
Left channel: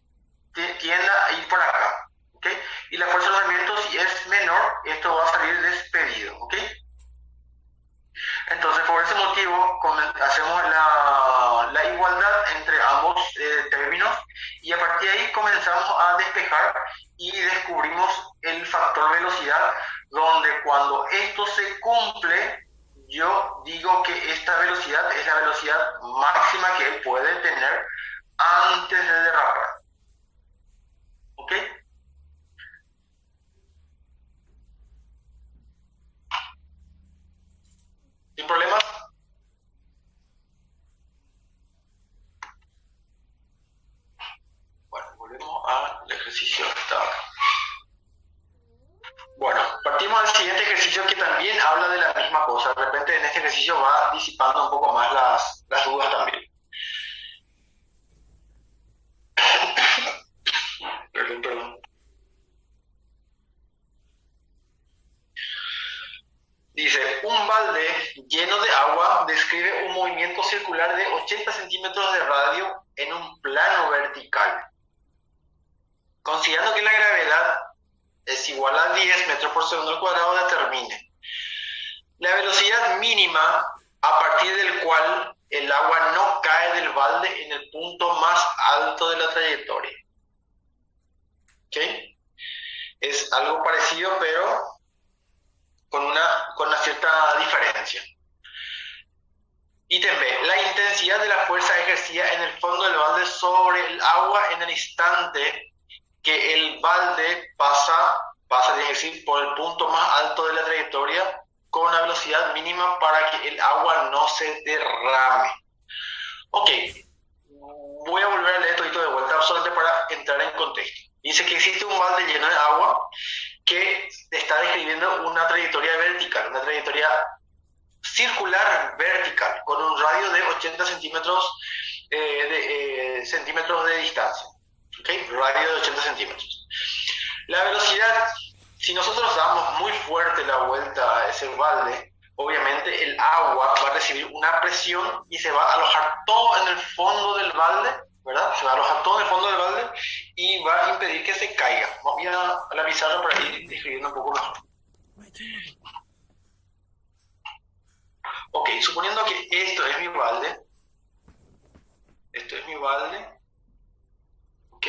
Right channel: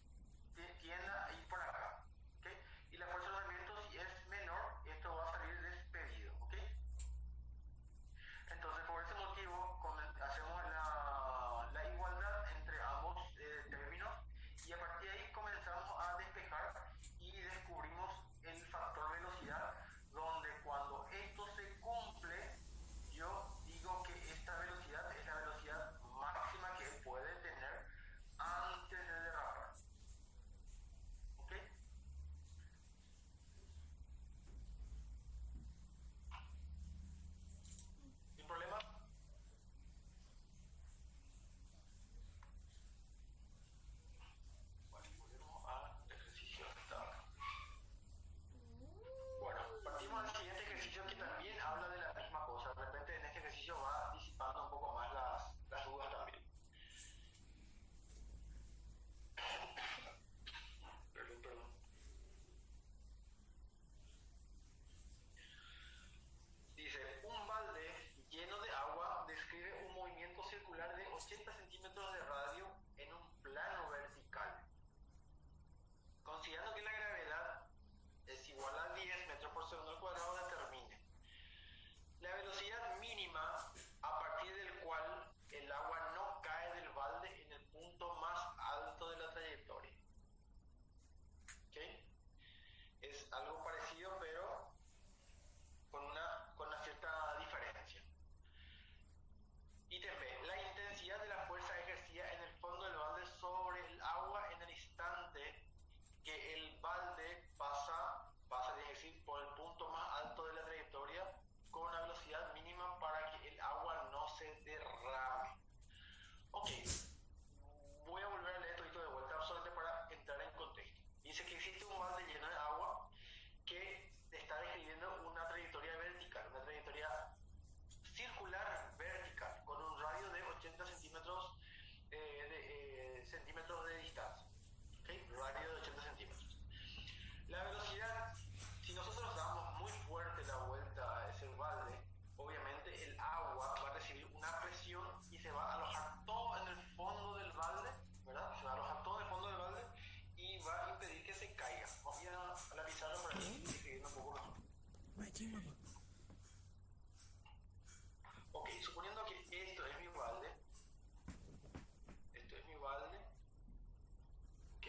tienda a ir para acá. ¿Okay? Y la fuerza de rozamiento, si es menor, esto va a salir despedido. ¿Okay? Entonces, por ese motivo, hacemos la igualdad entre ambos términos y a partir de ahí comenzamos a despejar y descubrimos el factor velocidad, donde cuando esto se cumple, yo digo que esta velocidad es la velocidad máxima que él puede tener antes de derrapar. ¿Ok? ¿Sin problemas? Bueno, volvemos al ejercicio que está acá. Bueno, partimos al siguiente ejercicio que también habla de la misma cosa. De repente en este ejercicio va disipando un poco más las dudas también. Perdón. Dice, un balde lleno de agua describe un movimiento circular de 80 centímetros de radio en un plano vertical. Considerando que la gravedad es igual a 10 metros por segundo al cuadrado, determine la velocidad mínima a partir del cual el agua no cae del balde en el punto más alto de la trayectoria. ¿Ok? Es algo parecido, pero con una cierta diferencia. Ítem B. La intensidad de la fuerza ejercida en el fondo del balde sobre el agua en el instante que el balde pasa a decir, por el punto más alto de la trayectoria con una velocidad mínima para que el agua no se derrame. Ok, voy a volver a leer todo de vuelta solamente para entrar en contexto. Dice que existe un balde lleno de agua que está describiendo una trayectoria vertical, una trayectoria circular vertical, con un radio de 80 centímetros de distancia. ¿Okay? Radio de 80 centímetros. La velocidad, si nosotros damos muy fuerte la vuelta a ese balde, obviamente el agua va a recibir una presión y se va a alojar todo en el fondo del balde, ¿verdad? Se va a alojar todo en el fondo del balde y va a impedir que se caiga. Voy a la pizarra para ir describiendo un poco mejor. Ok, suponiendo que esto es mi balde, ok,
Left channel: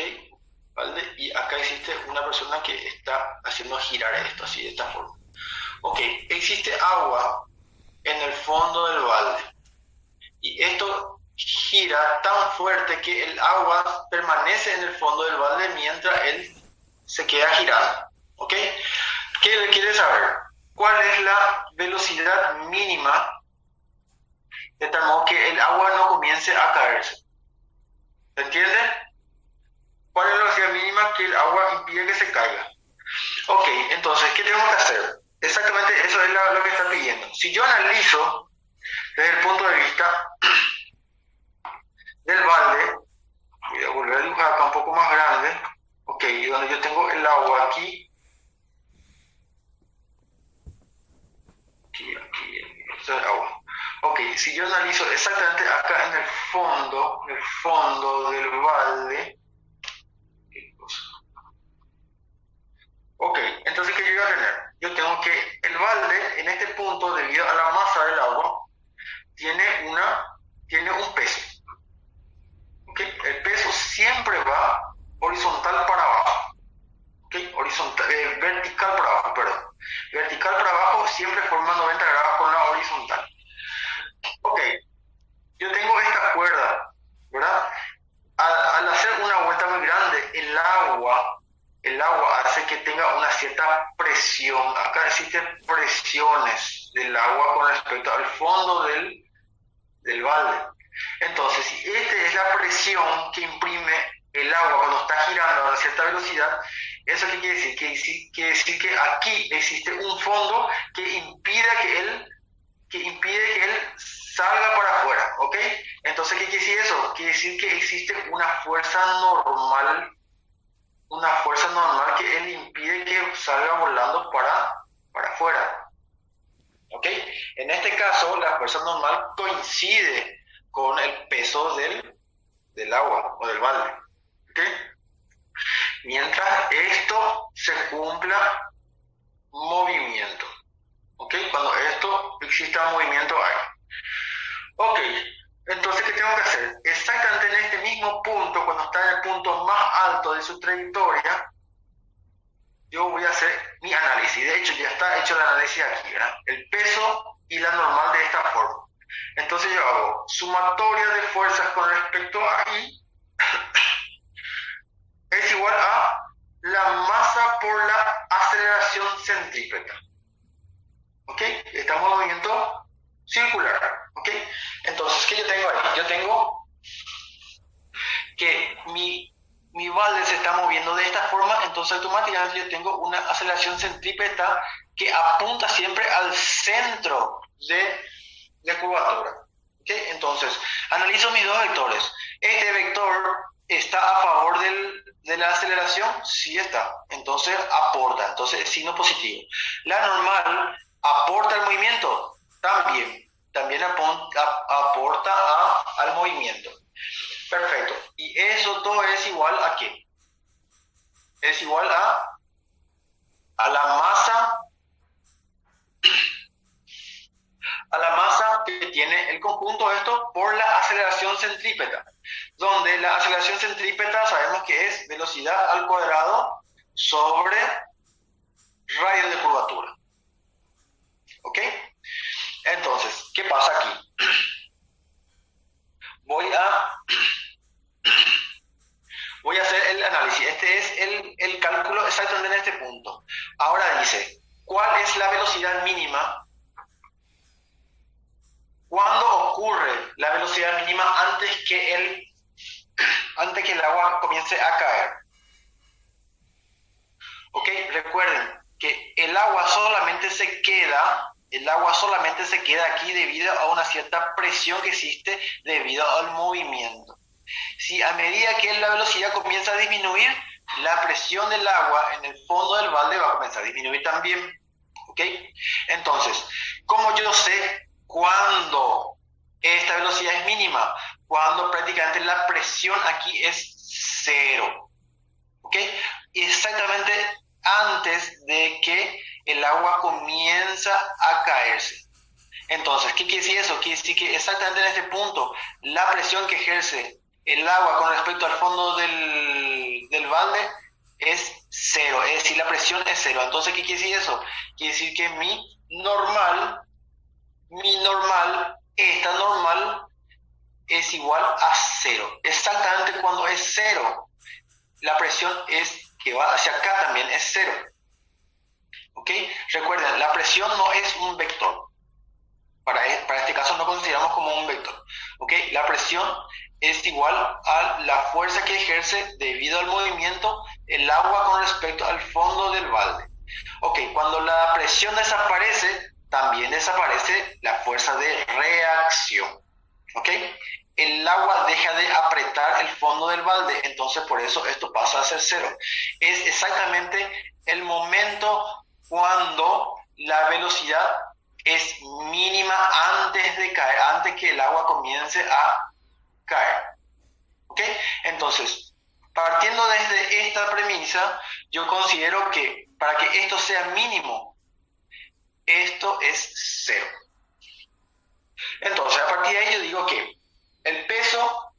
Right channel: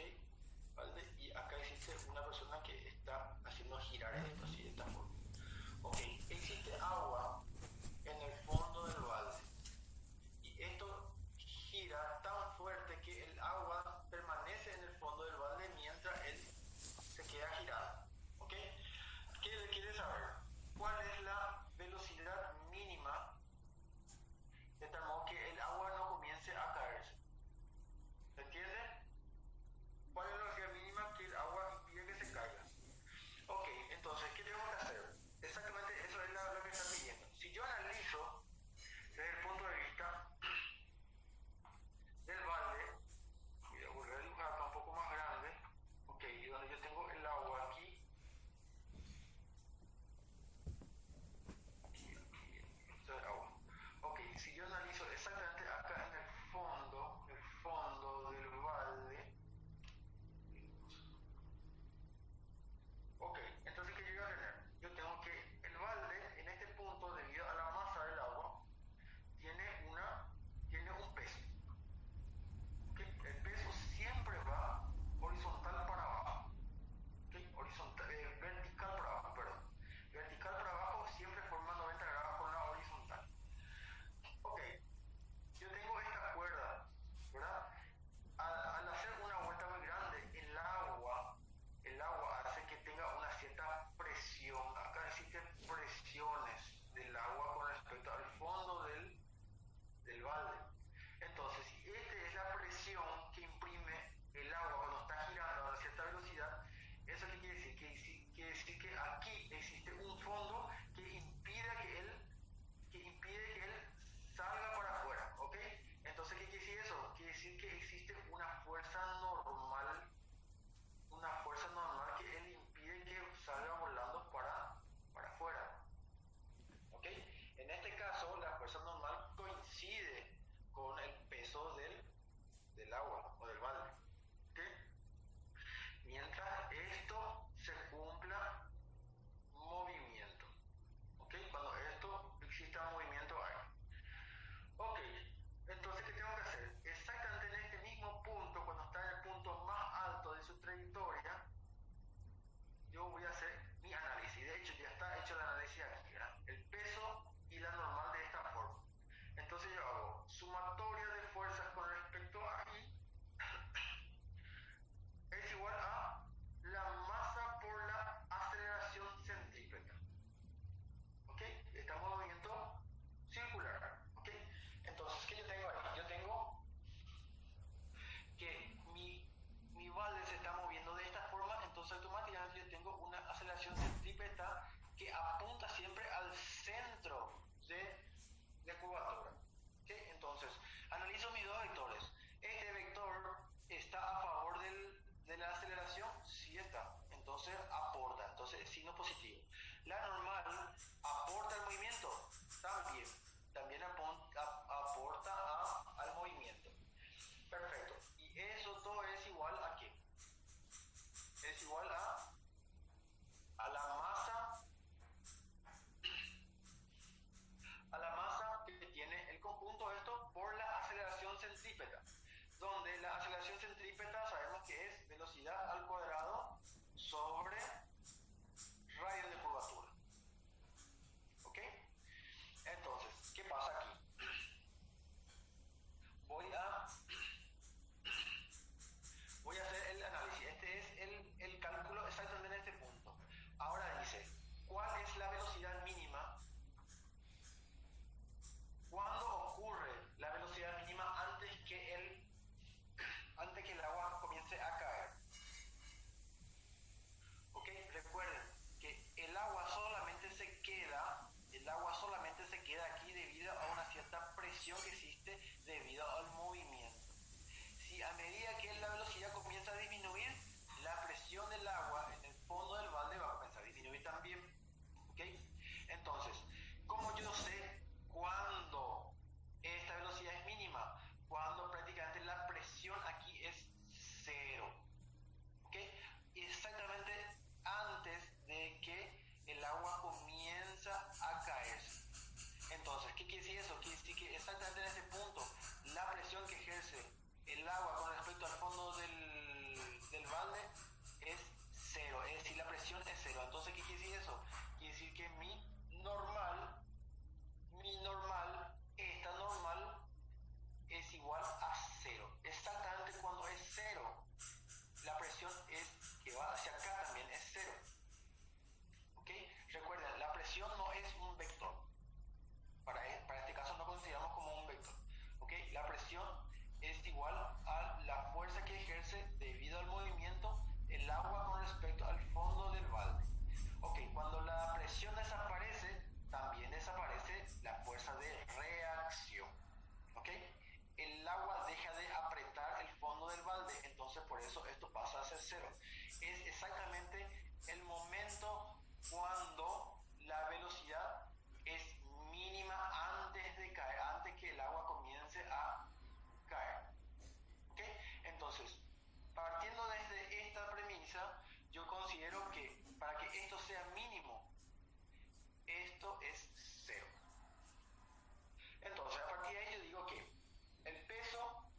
balde, y acá existe una persona que está haciendo girar esto así, de esta forma. Ok, existe agua en el fondo del balde, y esto gira tan fuerte que el agua permanece en el fondo del balde mientras él se queda girando, ok. ¿Qué quiere saber? ¿Cuál es la velocidad mínima de tal modo que el agua no comience a caerse? ¿Se entiende? ¿Cuál es la velocidad mínima que el agua impide que se caiga? Ok, entonces, ¿qué tenemos que hacer? Exactamente eso es lo que está pidiendo. Si yo analizo desde el punto de vista del balde, voy a volver a dibujar acá un poco más grande, ok, y donde yo tengo el agua aquí, esto es el agua. Ok, si yo analizo exactamente acá en el fondo del balde, ok, entonces ¿qué yo voy a tener? Yo tengo que el balde en este punto, debido a la masa del agua, tiene un peso. ¿Okay? El peso siempre va horizontal para abajo. ¿Okay? Vertical para abajo, perdón. Vertical para abajo siempre forma 90 grados con la horizontal. Ok, yo tengo esta cuerda, ¿verdad? Al hacer una vuelta muy grande, el agua hace que tenga una cierta presión. Acá existen presiones del agua con respecto al fondo del balde. Entonces, si esta es la presión que imprime el agua cuando está girando a una cierta velocidad, ¿eso qué quiere decir? Quiere decir que aquí existe un fondo que impide que él salga para afuera, ¿ok? Entonces, ¿qué quiere decir eso? Quiere decir que existe una fuerza normal que él impide que salga volando para afuera, ¿ok? En este caso, la fuerza normal coincide con el peso del agua o del balde, ¿ok? Mientras esto se cumpla movimiento, ¿ok? Cuando esto exista movimiento ahí. Ok, entonces, ¿qué tengo que hacer? Exactamente en este mismo punto, cuando está en el punto más alto de su trayectoria, yo voy a hacer mi análisis. De hecho, ya está hecho el análisis aquí, ¿verdad? El peso y la normal de esta forma. Entonces yo hago sumatoria de fuerzas con respecto a I es igual a la masa por la aceleración centrípeta. ¿Ok? Estamos en movimiento circular. ¿Ok? Entonces, ¿qué yo tengo ahí? Yo tengo que mi balde se está moviendo de esta forma, entonces automáticamente yo tengo una aceleración centrípeta que apunta siempre al centro de curvatura. ¿Okay? Entonces, analizo mis dos vectores. Este vector está a favor de la aceleración, sí está. Entonces aporta, entonces es signo positivo. La normal aporta al movimiento, también aporta al movimiento. Perfecto. Y eso todo es igual a ¿qué? Es igual a la masa que tiene el conjunto de esto por la aceleración centrípeta, donde la aceleración centrípeta sabemos que es velocidad al cuadrado sobre radio de curvatura. ¿Ok? Entonces, ¿qué pasa aquí? Voy a hacer el análisis. Este es el cálculo exactamente en este punto. Ahora dice, ¿cuál es la velocidad mínima? ¿Cuándo ocurre la velocidad mínima antes que el agua comience a caer? ¿Ok? Recuerden que el agua solamente se queda aquí debido a una cierta presión que existe debido al movimiento. Si a medida que la velocidad comienza a disminuir, la presión del agua en el fondo del balde va a comenzar a disminuir también. ¿Ok? Entonces, ¿cómo yo sé cuándo esta velocidad es mínima? Cuando prácticamente la presión aquí es cero. ¿Ok? Exactamente antes de que el agua comienza a caerse. Entonces, ¿qué quiere decir eso? Quiere decir que exactamente en este punto, la presión que ejerce el agua con respecto al fondo del balde es cero, es decir, la presión es cero. Entonces, ¿qué quiere decir eso? Quiere decir que esta normal es igual a cero. Exactamente cuando es cero, la presión que va hacia acá también es cero. ¿Ok? Recuerden, la presión no es un vector. Para este caso no consideramos como un vector. ¿Ok? La presión es igual a la fuerza que ejerce debido al movimiento el agua con respecto al fondo del balde. Ok, cuando la presión desaparece, también desaparece la fuerza de reacción. ¿Ok? El agua deja de apretar el fondo del balde, entonces por eso esto pasa a ser cero. Es exactamente el momento cuando la velocidad es mínima antes de caer, antes que el agua comience a caer. ¿Ok? Entonces, partiendo desde esta premisa, yo considero que para que esto sea mínimo, esto es cero. Entonces, a partir de ahí yo digo que el peso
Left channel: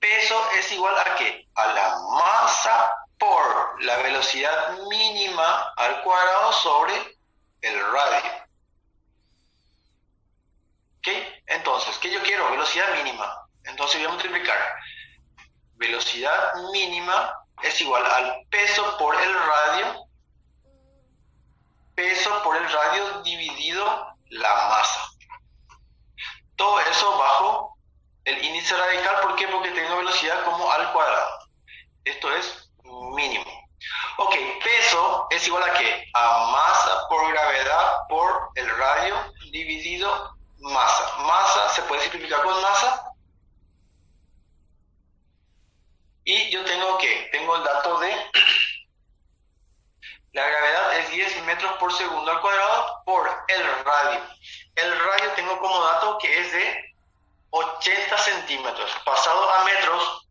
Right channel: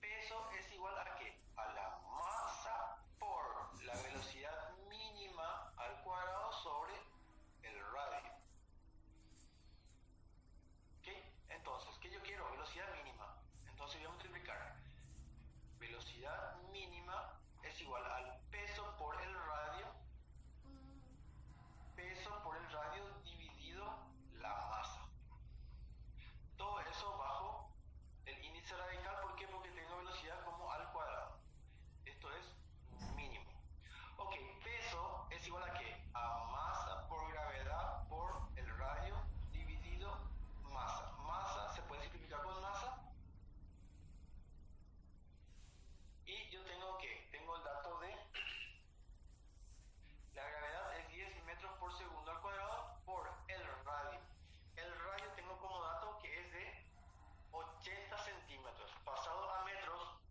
es igual a ¿qué? A la masa por la velocidad mínima al cuadrado sobre el radio. ¿Ok? Entonces, ¿qué yo quiero? Velocidad mínima. Entonces voy a multiplicar. Velocidad mínima es igual al peso por el radio. Peso por el radio dividido la masa. Todo eso bajo el índice radical. ¿Por qué? Porque tengo velocidad como al cuadrado. Esto es mínimo. Ok, peso es igual a ¿qué? A masa por gravedad por el radio dividido masa. Masa se puede simplificar con masa. Y yo tengo el dato de la gravedad es 10 metros por segundo al cuadrado por el radio. El radio tengo como dato que es de 80 centímetros. Pasado a metros,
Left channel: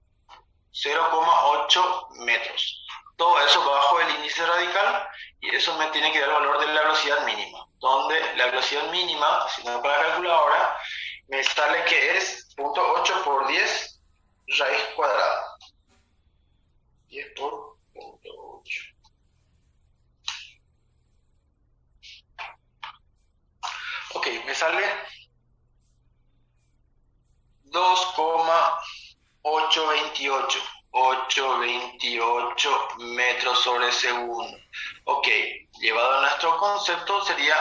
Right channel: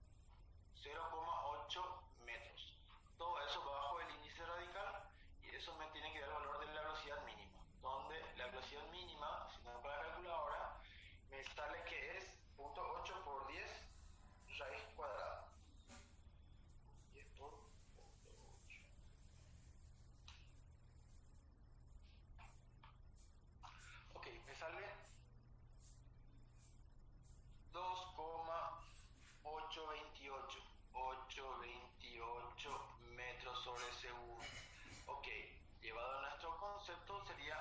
0,8 metros. Todo eso bajo el índice radical y eso me tiene que dar el valor de la velocidad mínima. Donde la velocidad mínima, si no con la calculadora, me sale que es 0.8 por 10 raíz cuadrada. 10 por 0.8. Ok, me sale 2,828 metros sobre segundo. Ok, llevado a nuestro concepto sería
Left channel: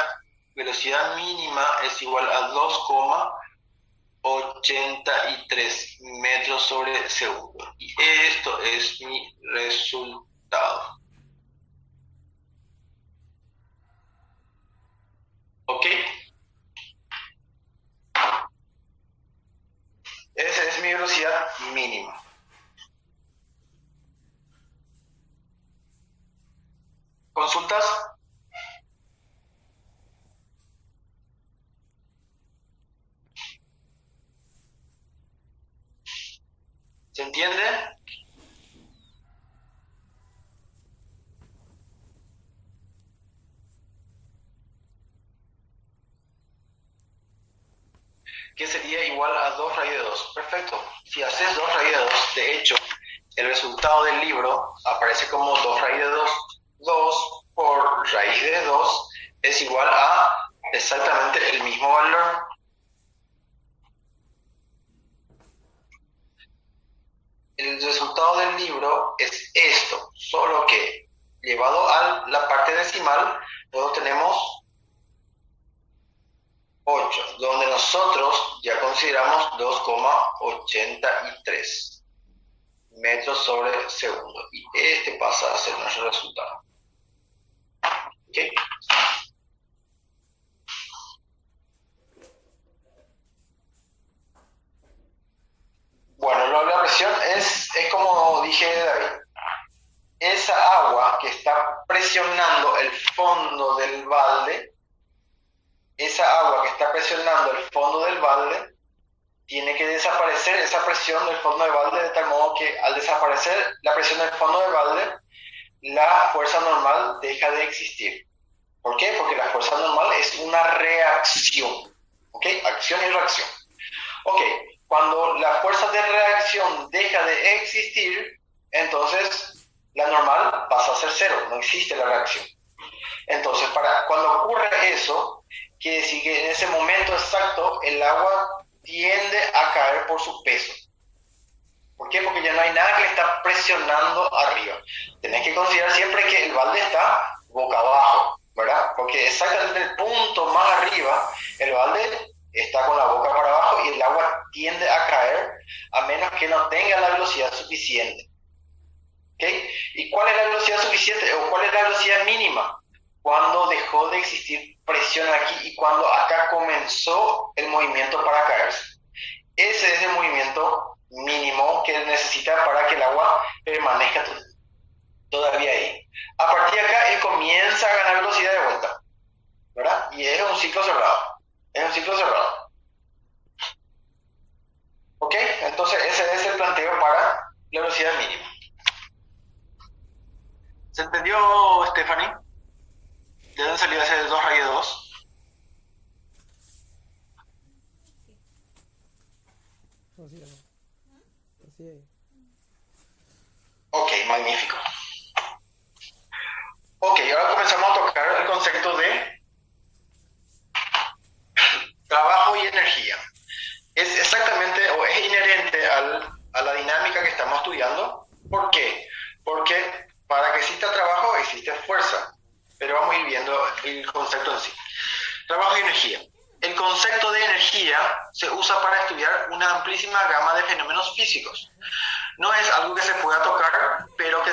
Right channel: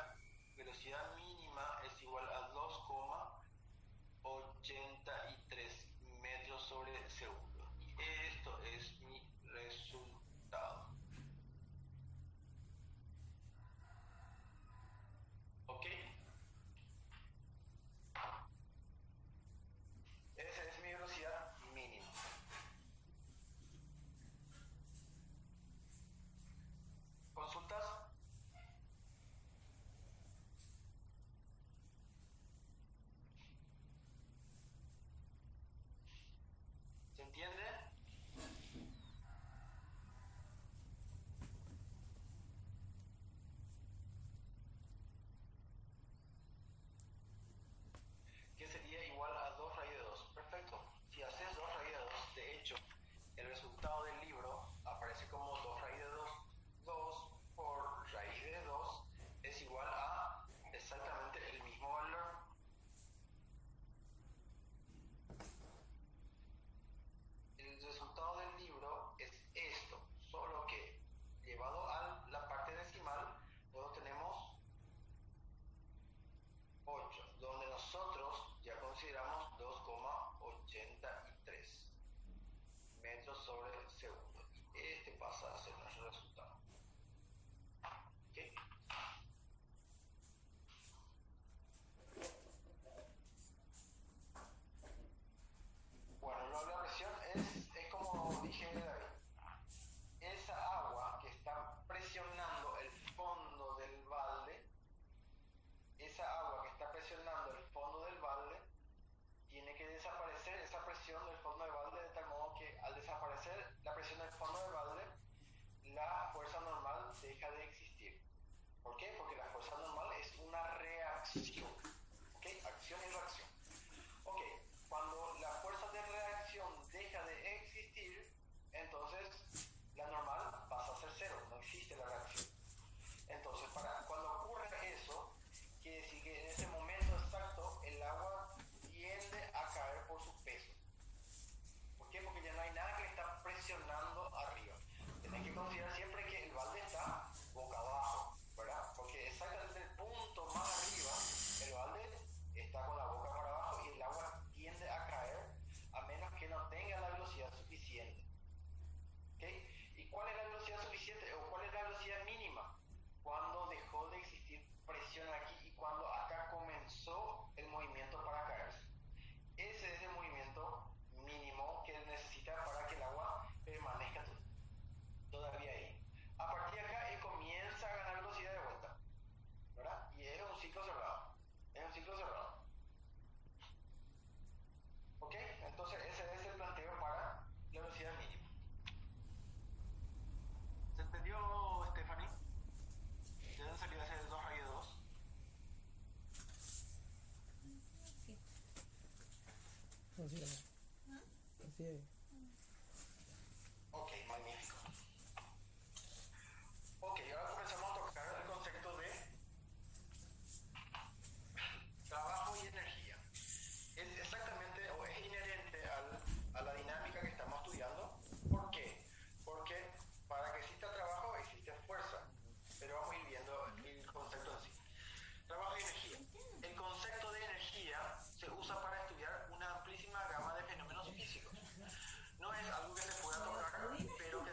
velocidad mínima es igual a 2,83 metros sobre segundo. Y esto es mi resultado. ¿Ok? velocidad mínima. ¿Consultas? ¿Se entiende? Que sería igual a 2 raíz de 2. Perfecto. Si haces 2 raíz de 2, de hecho, el resultado del libro aparece como 2 raíz de 2. 2 por raíz de 2 es igual a exactamente el mismo valor. El resultado del libro es esto, solo que llevado a la parte decimal, luego tenemos 8, donde nosotros ya consideramos 2,83 metros sobre segundo. Y este pasa a ser nuestro resultado. ¿Ok? Bueno, la presión es como dije David. Esa agua que está presionando el fondo del balde, tiene que desaparecer esa presión del fondo del balde, de tal modo que al desaparecer la presión del fondo del balde, la fuerza normal deja de existir. ¿Por qué? Porque la fuerza normal es una reacción. ¿Ok? Acción y reacción. Ok, cuando la fuerza de reacción deja de existir, entonces la normal pasa a ser cero, no existe la reacción. Entonces, cuando ocurre eso, quiere decir que en ese momento exacto el agua tiende a caer por su peso. ¿Por qué? Porque ya no hay nada que le está presionando arriba. Tenés que considerar siempre que el balde está boca abajo, ¿verdad? Porque exactamente el punto más arriba, el balde está con la boca para abajo y el agua tiende a caer a menos que no tenga la velocidad suficiente. ¿Ok? ¿Y cuál es la velocidad suficiente o cuál es la velocidad mínima? Cuando dejó de existir presión aquí y cuando acá comenzó el movimiento para caerse. Ese es el movimiento mínimo que necesita para que el agua permanezca todavía ahí. A partir de acá él comienza a ganar velocidad de vuelta, ¿verdad? Y es un ciclo cerrado. ¿Ok? Entonces ese es el planteo para la velocidad mínima. ¿Se entendió, Stephanie? ¿De dónde salió ese 2 raíz de 2? Así es. Así es. Ok, magnífico. Ok, ahora comenzamos a tocar el concepto de trabajo y energía. Es exactamente o es inherente a la dinámica que estamos estudiando. ¿Por qué? Porque para que exista trabajo existe fuerza. Pero vamos a ir viendo el concepto en sí. Trabajo y energía. El concepto de energía se usa para estudiar una amplísima gama de fenómenos físicos. No es algo que se pueda tocar, pero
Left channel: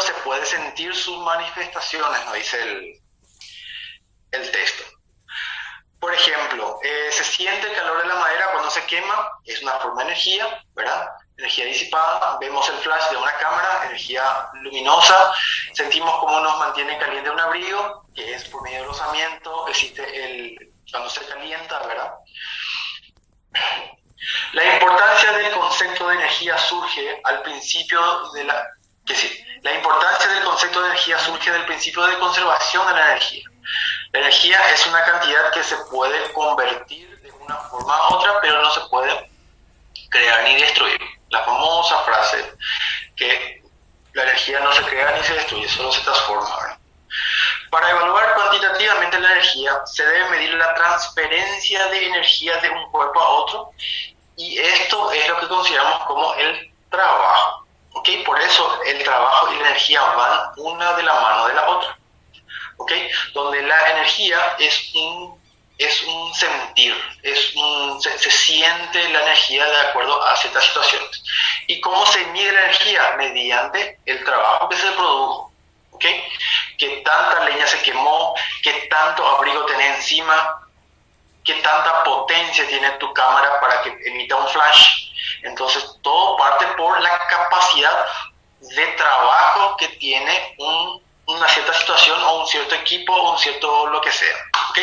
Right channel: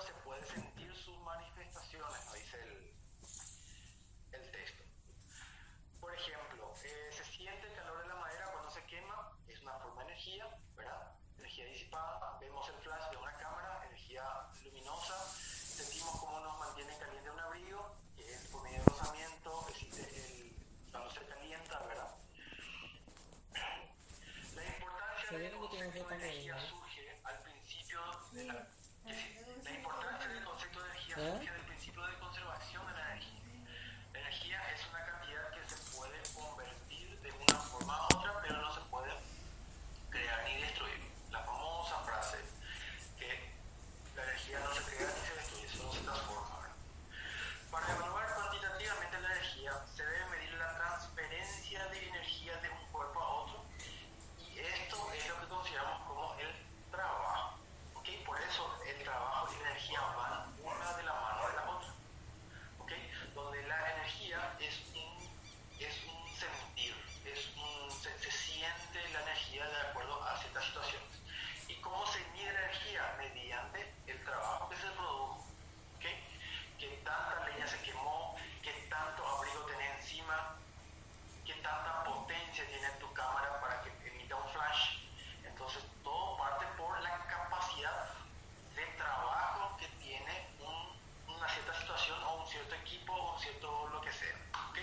se puede sentir sus manifestaciones, nos dice el texto. Por ejemplo, se siente el calor de la madera cuando se quema, es una forma de energía, ¿verdad? Energía disipada, vemos el flash de una cámara, energía luminosa, sentimos cómo nos mantiene caliente un abrigo, que es por medio del rozamiento, existe cuando se calienta, ¿verdad? La importancia del concepto de energía surge al principio de la importancia del concepto de energía surge del principio de conservación de la energía. La energía es una cantidad que se puede convertir de una forma a otra, pero no se puede crear ni destruir. La famosa frase que la energía no se crea ni se destruye, solo se transforma, ¿verdad? Para evaluar cuantitativamente la energía, se debe medir la transferencia de energía de un cuerpo a otro, y esto es lo que consideramos como el trabajo. ¿Okay? Por eso el trabajo y la energía van una de la mano de la otra. ¿Okay? Donde la energía es un sentir, se siente la energía de acuerdo a ciertas situaciones. ¿Y cómo se mide la energía? Mediante el trabajo que se produjo. ¿Okay? ¿Qué tanta leña se quemó? ¿Qué tanto abrigo tenés encima? ¿Qué tanta potencia tiene tu cámara para que emita un flash? Entonces, todo parte por la capacidad de trabajo que tiene una cierta situación o un cierto equipo o un cierto lo que sea. ¿Ok?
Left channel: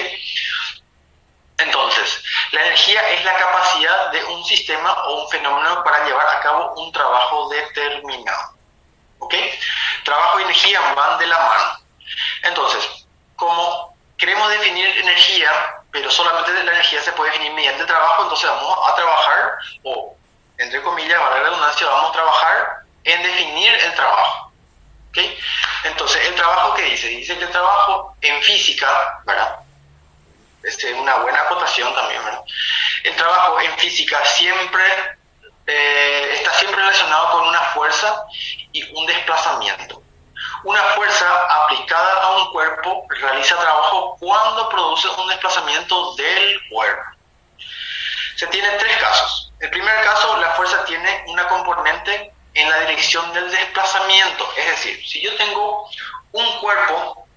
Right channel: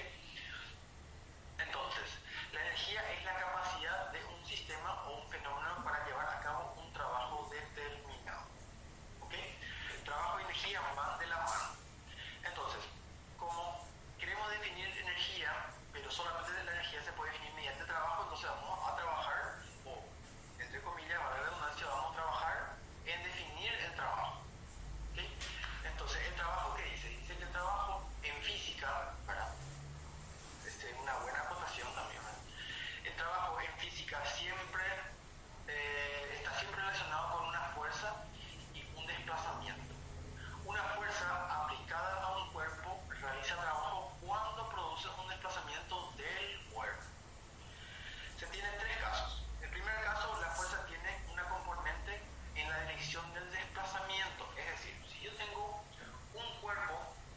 Entonces, la energía es la capacidad de un sistema o un fenómeno para llevar a cabo un trabajo determinado. ¿Ok? Trabajo y energía van de la mano. Entonces, como queremos definir energía, pero solamente la energía se puede definir mediante trabajo, entonces vamos a trabajar, o entre comillas, para la redundancia, vamos a trabajar en definir el trabajo. ¿Ok? Entonces, ¿el trabajo qué dice? Dice que el trabajo en física, ¿verdad? Es una buena acotación también, ¿verdad? El trabajo en física siempre está siempre relacionado con una fuerza y un desplazamiento. Una fuerza aplicada a un cuerpo realiza trabajo cuando produce un desplazamiento del cuerpo. Se tienen tres casos. El primer caso, la fuerza tiene una componente en la dirección del desplazamiento. Es decir, si yo tengo un cuerpo,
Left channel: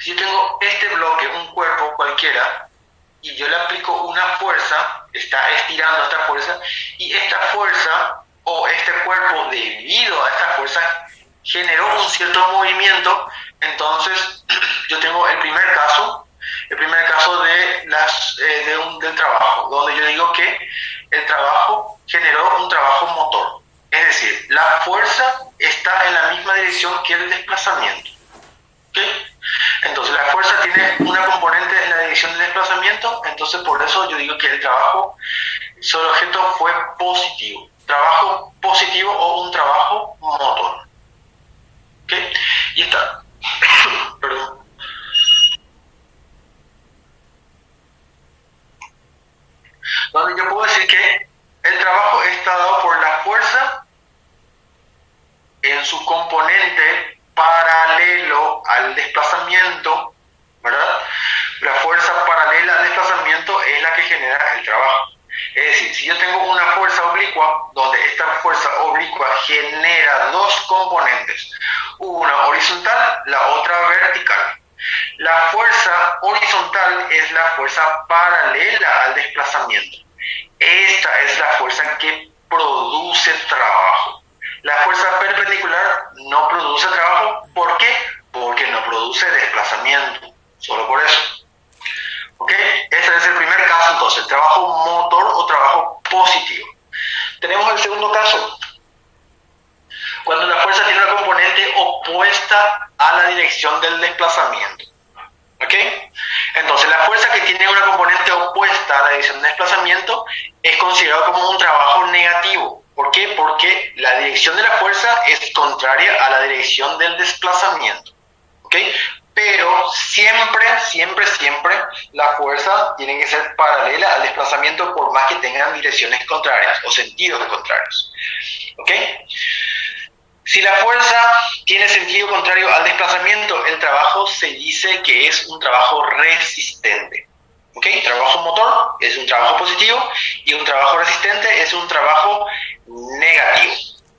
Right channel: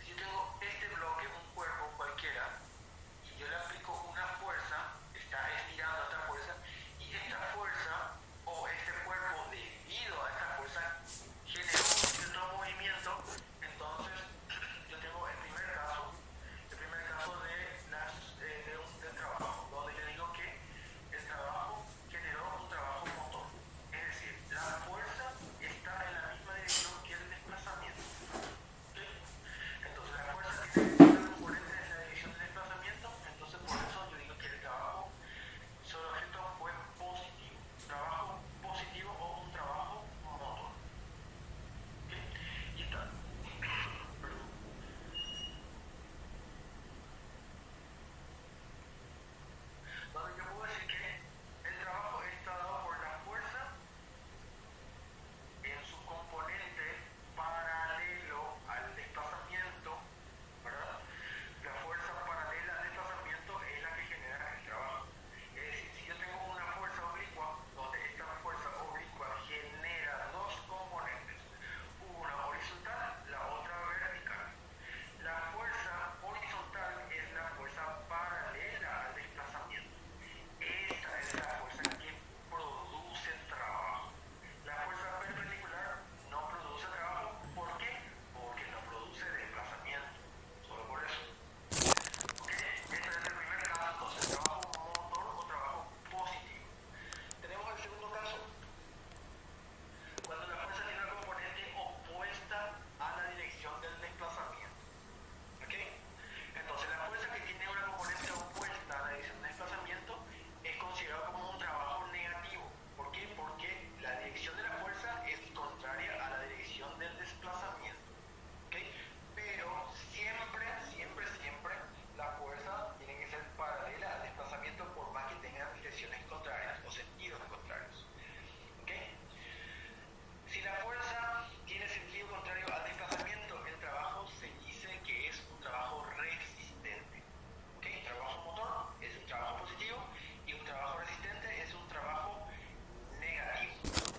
si yo tengo este bloque, un cuerpo cualquiera, y yo le aplico una fuerza, está estirando esta fuerza, y esta fuerza o este cuerpo, debido a esta fuerza, generó un cierto movimiento. Entonces yo tengo el primer caso del trabajo, donde yo digo que el trabajo generó un trabajo motor. Es decir, la fuerza está en la misma dirección que el desplazamiento. ¿Okay? Entonces la fuerza tiene una componente en la dirección del desplazamiento, entonces por eso yo digo que el trabajo, su objeto fue positivo. Trabajo positivo o un trabajo motor. ¿Okay? Y está. Perdón. Donde yo puedo decir que el trabajo está dado por la fuerza en su componente paralelo al desplazamiento, ¿verdad? La fuerza paralela al desplazamiento es la que genera el trabajo. Es decir, si yo tengo una fuerza oblicua, donde esta fuerza oblicua genera dos componentes, una horizontal, la otra vertical. La fuerza horizontal es la fuerza paralela al desplazamiento. Esta es la fuerza que produce trabajo. La fuerza perpendicular no produce trabajo. ¿Por qué? Porque no produce desplazamiento. Solo por eso. ¿Ok? Este es el primer caso, entonces, trabajo motor o trabajo positivo. Tenemos el segundo caso. Cuando la fuerza tiene una componente opuesta a la dirección del desplazamiento. ¿Ok? Entonces, la fuerza que tiene una componente opuesta a la dirección del desplazamiento es considerado como un trabajo negativo. ¿Por qué? Porque la dirección de la fuerza es contraria a la dirección del desplazamiento. ¿Ok? Pero siempre la fuerza tiene que ser paralela al desplazamiento, por más que tengan direcciones contrarias o sentidos contrarios. ¿Ok? Si la fuerza tiene sentido contrario al desplazamiento, el trabajo se dice que es un trabajo resistente. ¿Ok? Trabajo motor es un trabajo positivo y un trabajo resistente es un trabajo negativo.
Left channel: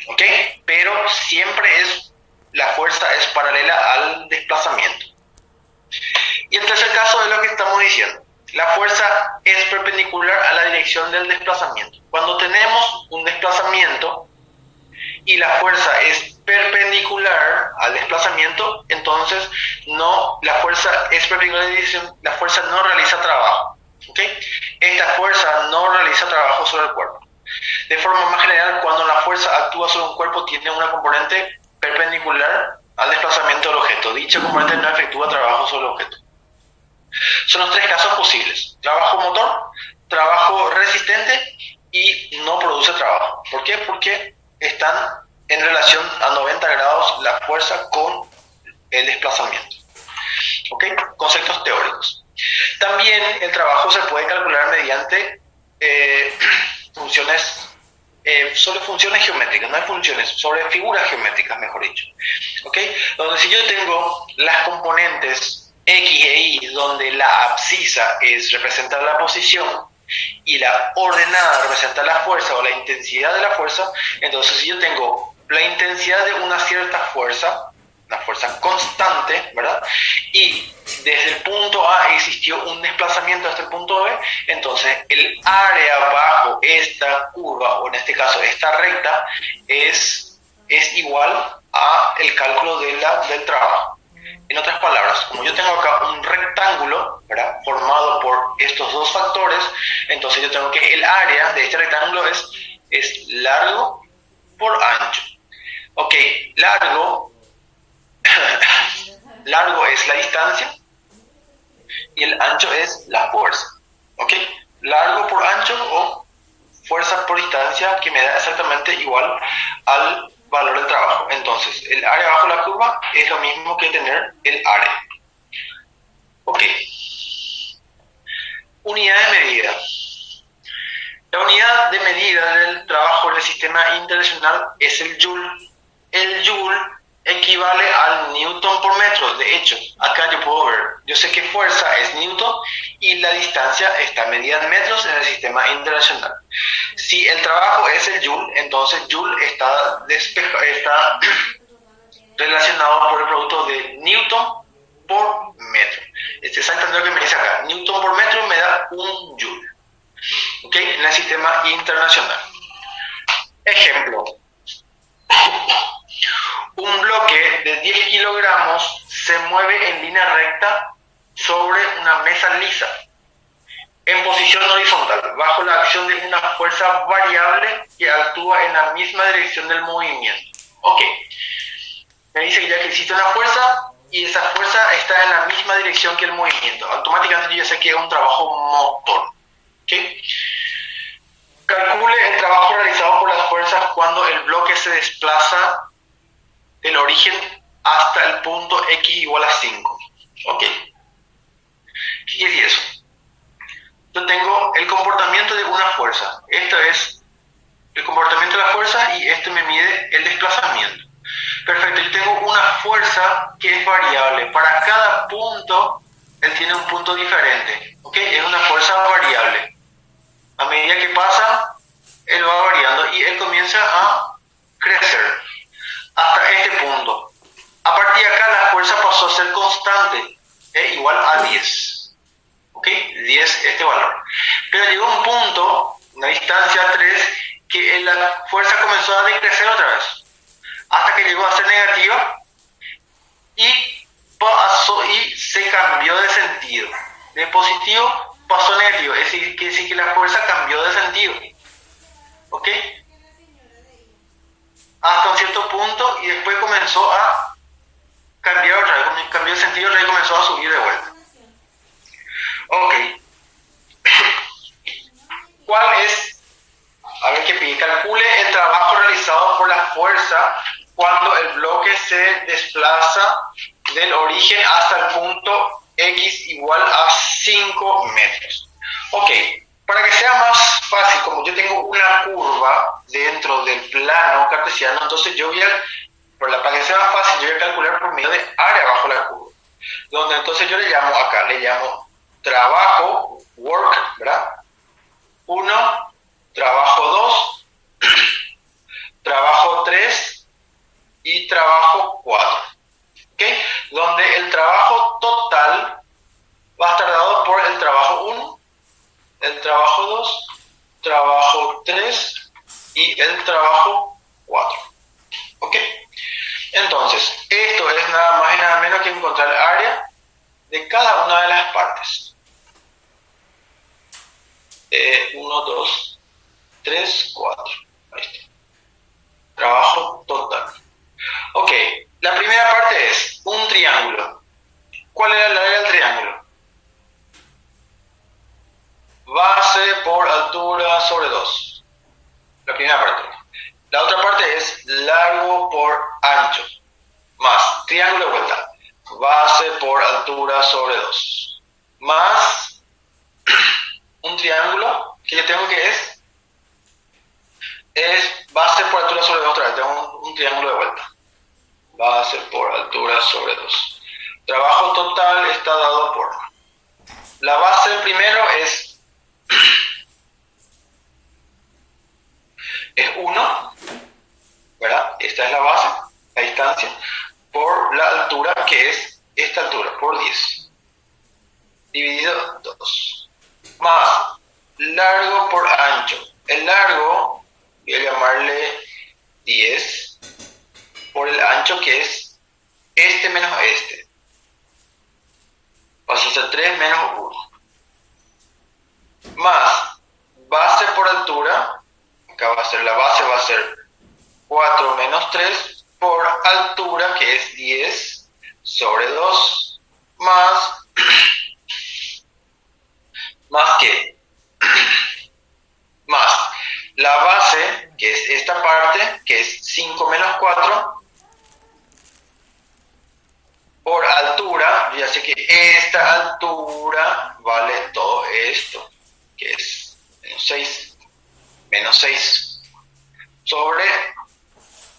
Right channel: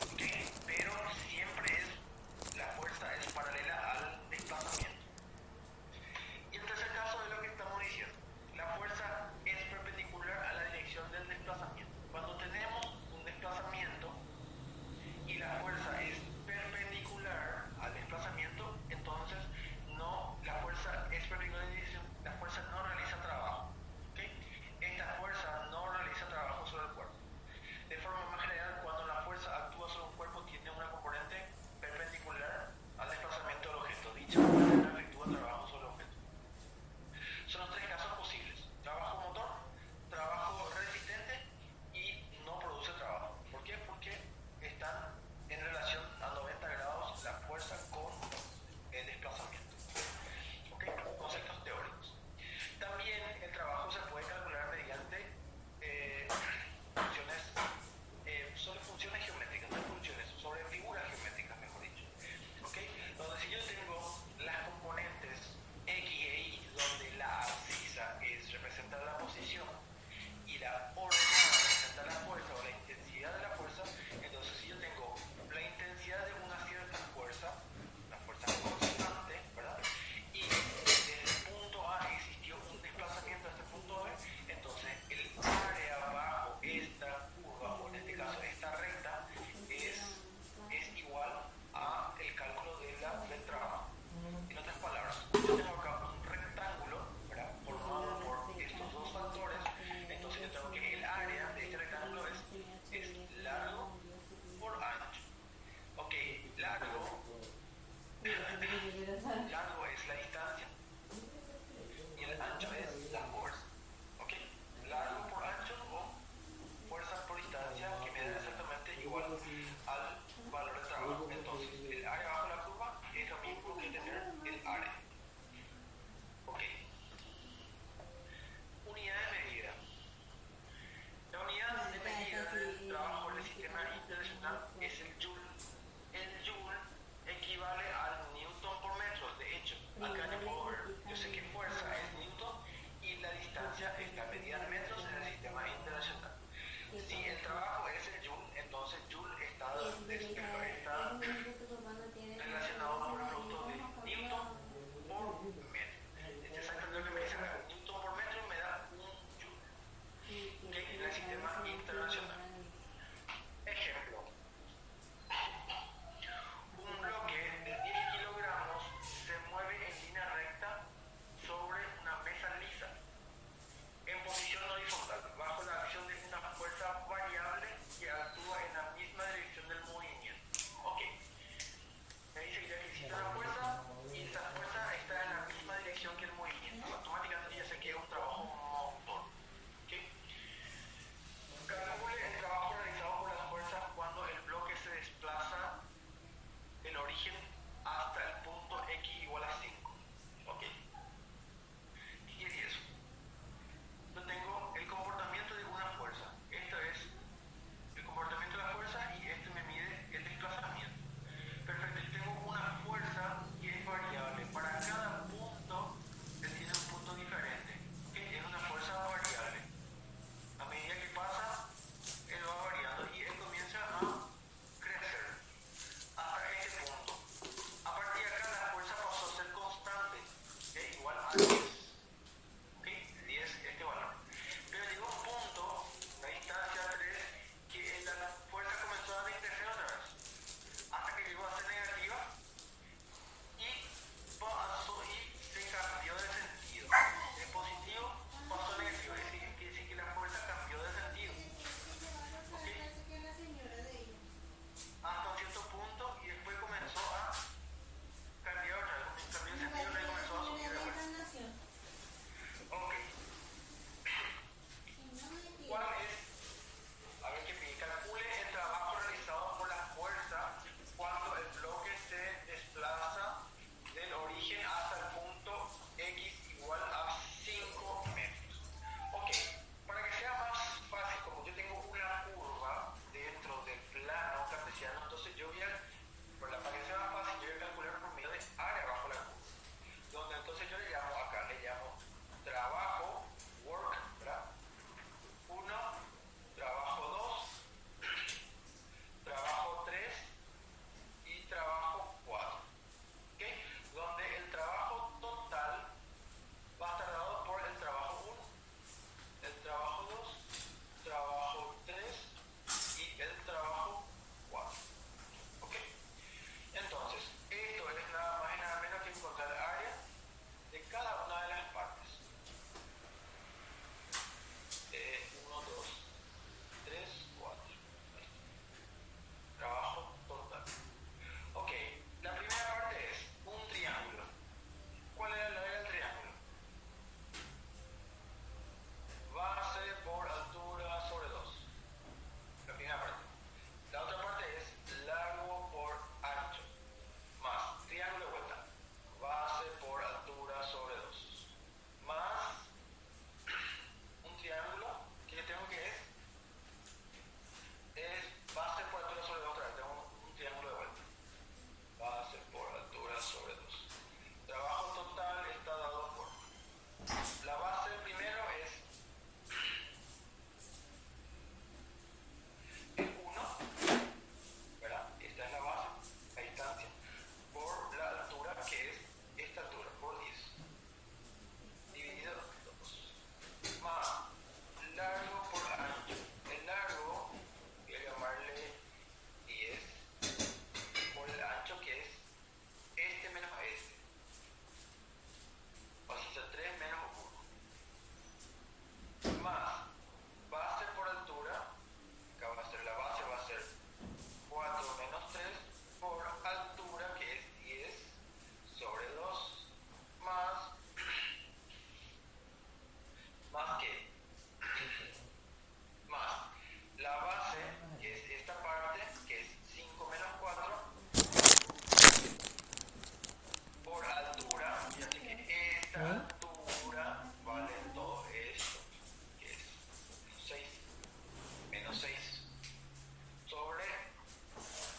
¿Ok? Pero siempre la fuerza es paralela al desplazamiento. Y el tercer caso es lo que estamos diciendo. La fuerza es perpendicular a la dirección del desplazamiento. Cuando tenemos un desplazamiento y la fuerza es perpendicular al desplazamiento, entonces la fuerza es perpendicular a la dirección, la fuerza no realiza trabajo. ¿Okay? Esta fuerza no realiza trabajo sobre el cuerpo. De forma más general, cuando la fuerza actúa sobre un cuerpo, tiene una componente perpendicular al desplazamiento del objeto. Dicha componente no efectúa trabajo sobre el objeto. Son los tres casos posibles: trabajo motor, trabajo resistente y no produce trabajo. ¿Por qué? Porque están en relación a 90 grados la fuerza con el desplazamiento. ¿Ok? Conceptos teóricos. También el trabajo se puede calcular mediante sobre funciones geométricas, no hay funciones, sobre figuras geométricas, mejor dicho. ¿Ok? Donde si yo tengo las componentes X e Y, donde la abscisa es representar la posición y la ordenada representa la fuerza o la intensidad de la fuerza, entonces si yo tengo la intensidad de una cierta fuerza, una fuerza constante, ¿verdad? Y desde el punto A existió un desplazamiento hasta el punto B, entonces el área bajo esta curva, o en este caso esta recta, es igual a el cálculo del trabajo. En otras palabras, como yo tengo acá un rectángulo, ¿verdad?, formado por estos dos factores, entonces yo tengo que el área de este rectángulo es largo por ancho. Ok, largo es la distancia y el ancho es la fuerza. Ok, largo por ancho o fuerza por distancia, que me da exactamente igual al valor del trabajo. Entonces, el área bajo la curva es lo mismo que tener el área. Ok. Unidad de medida. La unidad de medida del trabajo del sistema internacional es el joule. El joule equivale al newton por metro. De hecho, acá yo puedo ver, yo sé que fuerza es newton y la distancia está medida en metros en el sistema internacional. Si el trabajo es el joule, entonces joule está relacionado por el producto de newton por metro. Es exactamente lo que me dice acá. Newton por metro me da un joule. ¿Ok? En el sistema internacional. Ejemplo. Un bloque de 10 kilogramos se mueve en línea recta sobre una mesa lisa, en posición horizontal, bajo la acción de una fuerza variable que actúa en la misma dirección del movimiento. Ok. Me dice que ya que existe una fuerza y esa fuerza está en la misma dirección que el movimiento. Automáticamente yo ya sé que es un trabajo motor. ¿Okay? Calcule el trabajo realizado por las fuerzas cuando el bloque se desplaza del origen hasta el punto X igual a 5. ¿Ok? ¿Qué quiere decir eso? Yo tengo el comportamiento de una fuerza. Esto es el comportamiento de la fuerza y esto me mide el desplazamiento. Perfecto, yo tengo una fuerza que es variable. Para cada punto, él tiene un punto diferente. ¿Ok? Es una fuerza variable. A medida que pasa, él va variando y él comienza a crecer hasta este punto. A partir de acá, la fuerza pasó a ser constante, igual a 10. ¿Ok? 10 este valor. Pero llegó un punto, una distancia 3, que la fuerza comenzó a decrecer otra vez, hasta que llegó a ser negativa y pasó y se cambió de sentido. De positivo pasó a negativo, es decir, que la fuerza cambió de sentido. ¿Ok? Hasta un cierto punto y después comenzó a cambiar otra vez, cambió de sentido otra vez y comenzó a subir de vuelta. Ok. ¿Cuál es? A ver qué pide. Calcule el trabajo realizado por la fuerza cuando el bloque se desplaza del origen hasta el punto X igual a 5 metros. Ok, para que sea más fácil, como yo tengo una curva dentro del plano cartesiano, entonces yo voy a, para que sea más fácil, yo voy a calcular por medio de área bajo la curva. Donde entonces yo le llamo trabajo, work, ¿verdad? 1, trabajo 2, trabajo 3 y trabajo 4. ¿Okay? Donde el trabajo total va a estar dado por el trabajo 1, el trabajo 2, trabajo 3 y el trabajo 4. ¿Ok? Entonces, esto es nada más y nada menos que encontrar el área de cada una de las partes. 1, 2, 3, 4. Ahí está. Trabajo total. Ok, la primera parte es un triángulo. ¿Cuál era el área del triángulo? Base por altura sobre 2. La primera parte. La otra parte es largo por ancho. Más triángulo de vuelta. Base por altura sobre 2. Más un triángulo que yo tengo que es base por altura sobre 2 otra vez. Tengo un triángulo de vuelta. Base por altura sobre 2. Trabajo total está dado por... La base del primero es 1, ¿verdad? Esta es la base, la distancia, por la altura que es esta altura, por 10. ancho. El largo voy a llamarle 10 por el ancho, que es este menos este. Pasa a ser 3 menos 1. Más base por altura. Acá va a ser la base, va a ser 4 menos 3 por altura, que es 10 sobre 2. Más que más la base, que es esta parte, que es 5 menos 4, por altura. Ya sé que esta altura vale todo esto, que es menos 6 sobre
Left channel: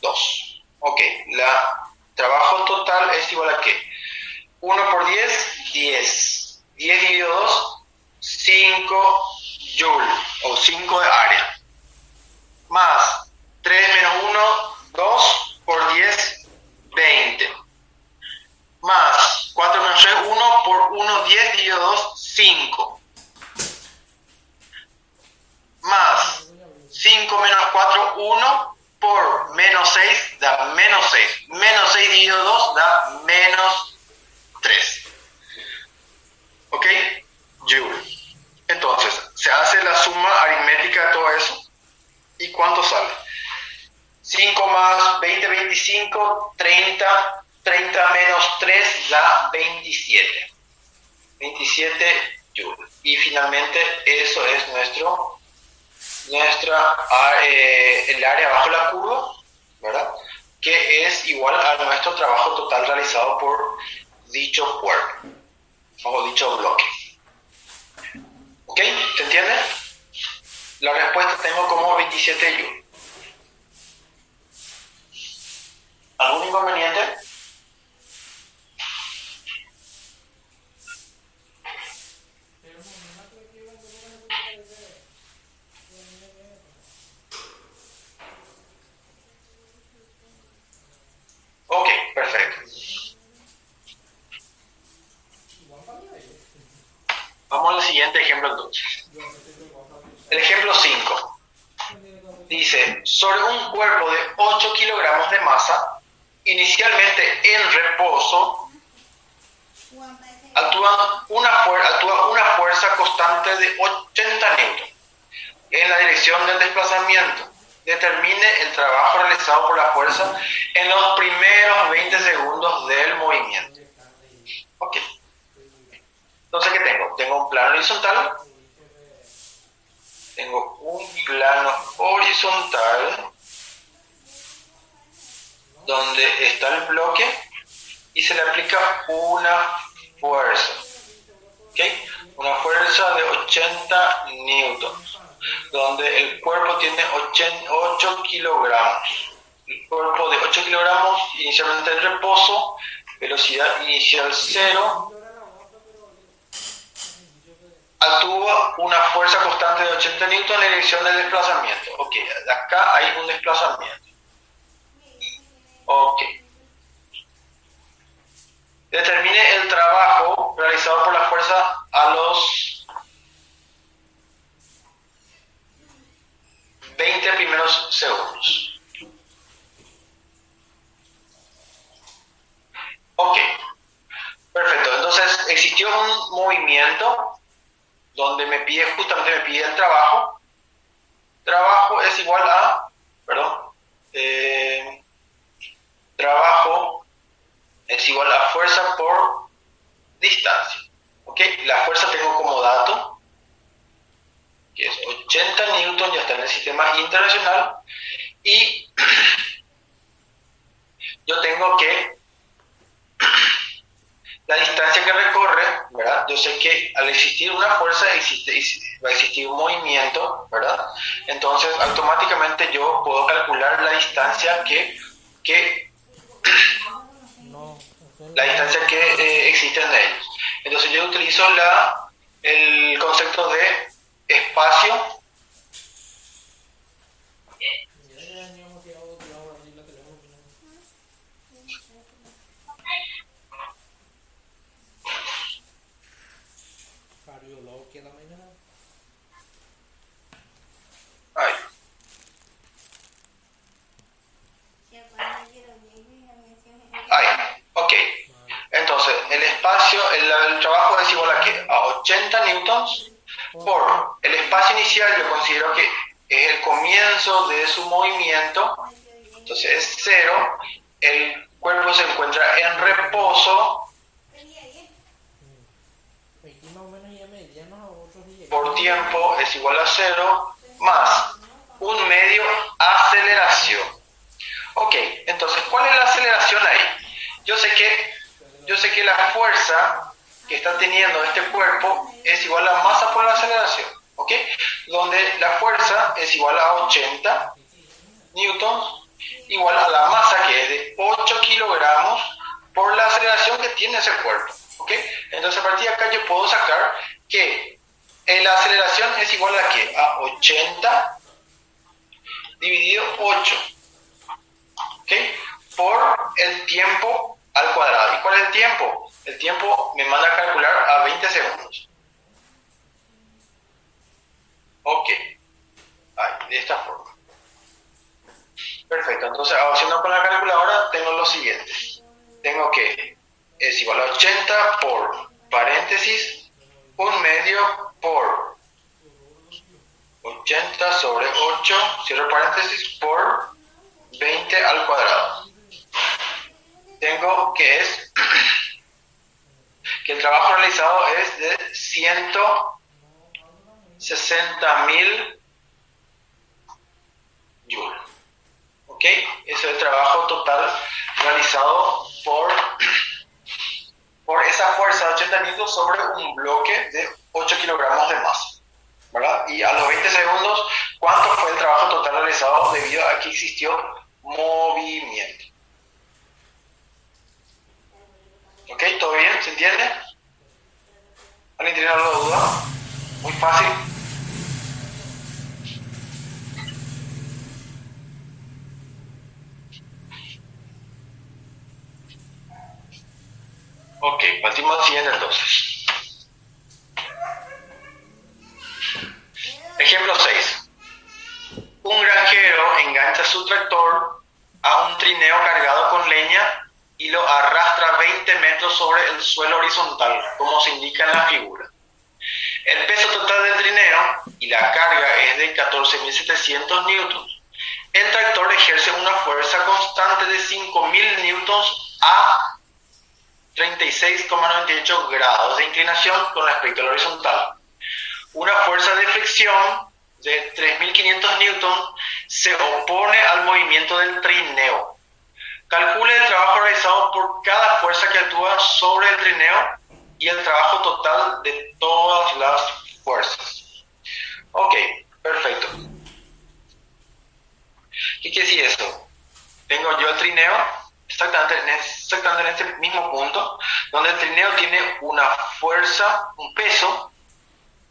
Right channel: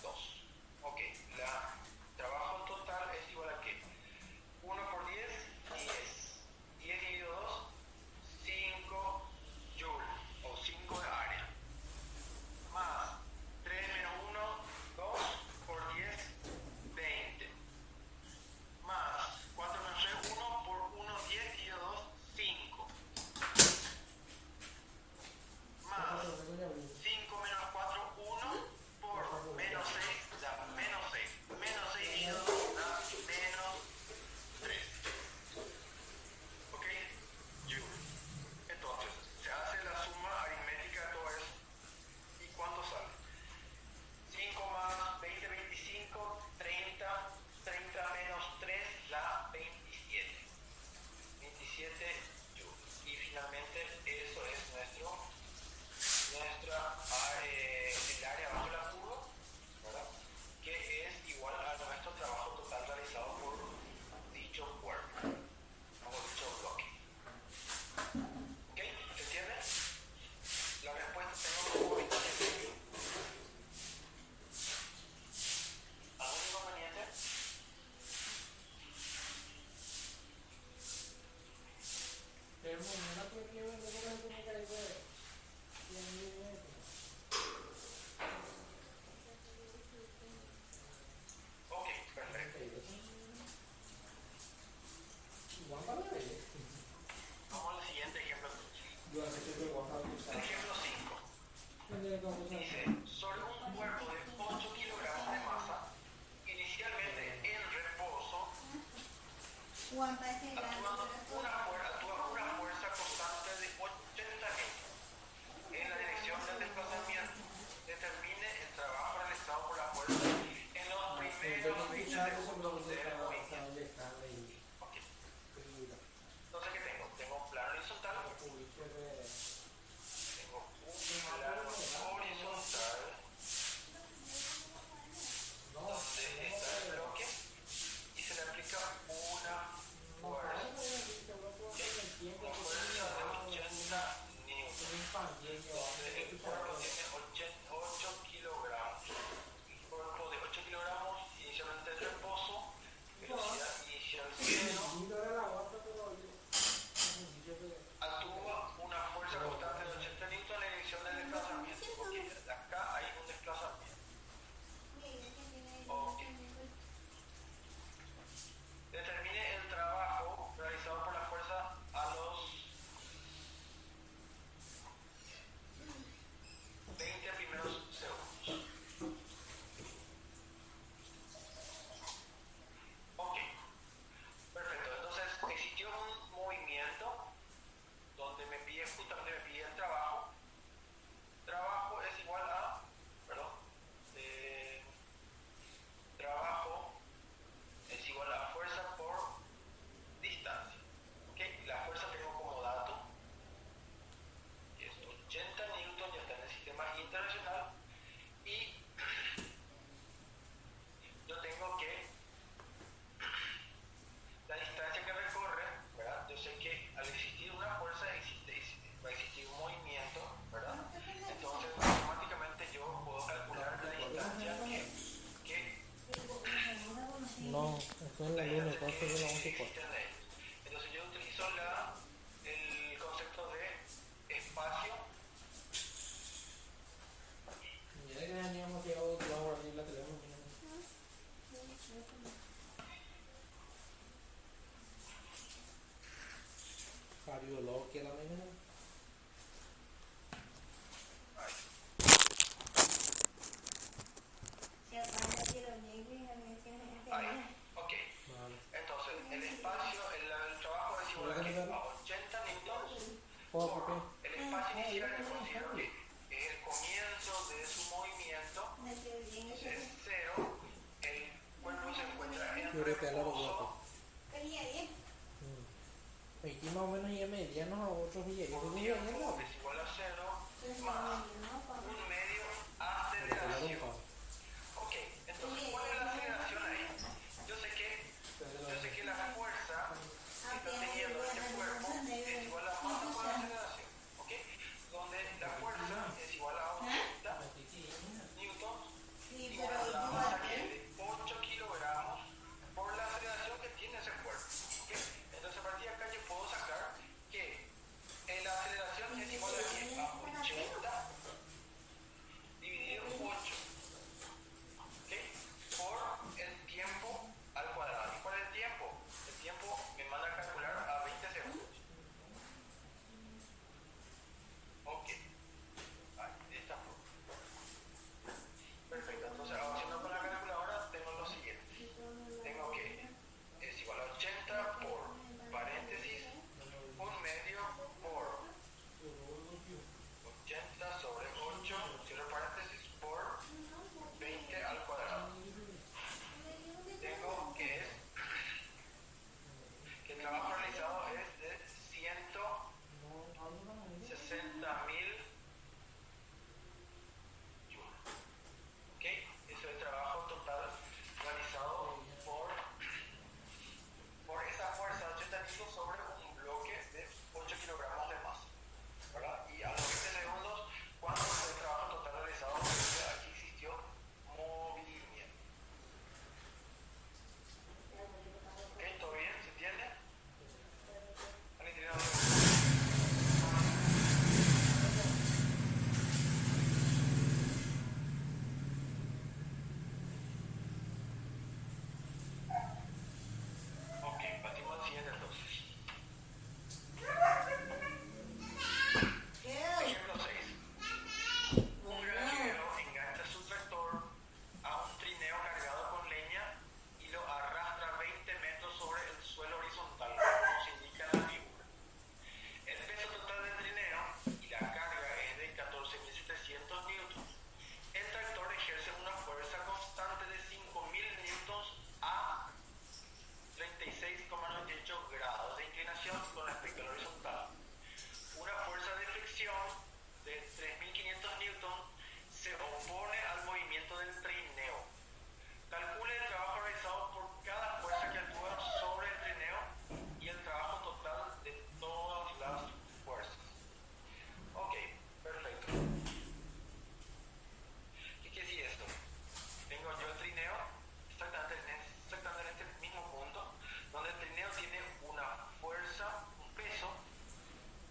2. Ok, la trabajo total es igual a ¿qué? 1 por 10, 10. 10 dividido 2, 5 joules, o 5 de área. Más 3 menos 1, 2 por 10, 20. Más 4 menos 3, 1 por 1, 10 dividido 2, 5. Más 5 menos 4, 1 por menos 6 da menos 6. Menos 6 dividido 2 da menos 3. ¿Ok? Joule. Entonces, se hace la suma aritmética de todo eso. ¿Y cuánto sale? 5 más 20, 25, 30. 30 menos 3 da 27. 27 joules. Y finalmente, eso es el área bajo la curva, ¿verdad? Que es igual a nuestro trabajo total realizado por dicho cuerpo o dicho bloque. ¿Ok? ¿Se entiende? La respuesta tengo como 27 joules. ¿Algún inconveniente? Ok, perfecto. Vamos al siguiente ejemplo entonces. El ejemplo 5. Dice, sobre un cuerpo de 8 kilogramos de masa, inicialmente en reposo, actúa una fuerza constante de 80 newton en la dirección del desplazamiento. Determine el trabajo realizado por la fuerza en los primeros 20 segundos del movimiento. Ok. Entonces, ¿qué tengo? Tengo un plano horizontal. Tengo un plano horizontal donde está el bloque y se le aplica una fuerza. ¿Ok? Una fuerza de 80 newtons, donde el cuerpo tiene 8 kilogramos. El cuerpo de 8 kilogramos, inicialmente en reposo, velocidad inicial 0, actúa una fuerza constante de 80 newtons en la dirección del desplazamiento. Ok, acá hay un desplazamiento. Ok. Determine el trabajo realizado por la fuerza a los 20 primeros segundos. Ok, perfecto. Entonces existió un movimiento donde justamente me pide el trabajo. Trabajo es igual a, trabajo es igual a fuerza por distancia. ¿Ok? La fuerza tengo como dato, que es 80 newton, ya está en el sistema internacional, y yo tengo que la distancia que recorre, ¿verdad? Yo sé que al existir una fuerza va a existir un movimiento, ¿verdad? Entonces automáticamente yo puedo calcular la distancia existe en ellos. Entonces yo utilizo el concepto de espacio inicial, yo considero que es el comienzo de su movimiento, entonces es 0, el cuerpo se encuentra en reposo Aquí más o menos ya medianos a otros días. por tiempo es igual a 0 más un medio aceleración. Ok, entonces, ¿cuál es la aceleración ahí? Yo sé que la fuerza que está teniendo este cuerpo es igual a masa por la aceleración, ¿ok? Donde la fuerza es igual a 80 newtons, igual a la masa que es de 8 kilogramos por la aceleración que tiene ese cuerpo, ¿ok? Entonces, a partir de acá yo puedo sacar que la aceleración es igual a ¿qué? A 80 dividido 8, ¿ok? Por el tiempo al cuadrado. ¿Y cuál es el tiempo? El tiempo me manda a calcular a 20 segundos. Ok. Ahí, de esta forma. Perfecto. Entonces, haciendo con la calculadora, tengo lo siguiente. Tengo que es igual a 80 por paréntesis, un medio por 80 sobre 8, cierro paréntesis, por 20 al cuadrado. Tengo que es que el trabajo realizado es de 160.000 joules. ¿Ok? Ese es el trabajo total realizado por esa fuerza de 80 newtons sobre un bloque de 8 kilogramos de masa, ¿verdad? Y a los 20 segundos, ¿cuánto fue el trabajo total realizado debido a que existió movimiento? ¿Ok? ¿Todo bien? ¿Se entiende? ¿Alguien tiene alguna duda? Muy fácil. Ok, partimos al siguiente entonces. Ejemplo 6. Un granjero engancha su tractor a un trineo cargado con leña y lo arrastra 20 metros sobre el suelo horizontal, como se indica en la figura. El peso total del trineo y la carga es de 14.700 newtons. El tractor ejerce una fuerza constante de 5.000 newtons a 36,98 grados de inclinación con respecto al horizontal. Una fuerza de fricción de 3.500 newtons se opone al movimiento del trineo. Calcule el trabajo realizado por cada fuerza que actúa sobre el trineo y el trabajo total de todas las fuerzas. Ok, perfecto. ¿Qué quiere decir esto? Tengo yo el trineo exactamente en este mismo punto, donde el trineo tiene una fuerza, un peso,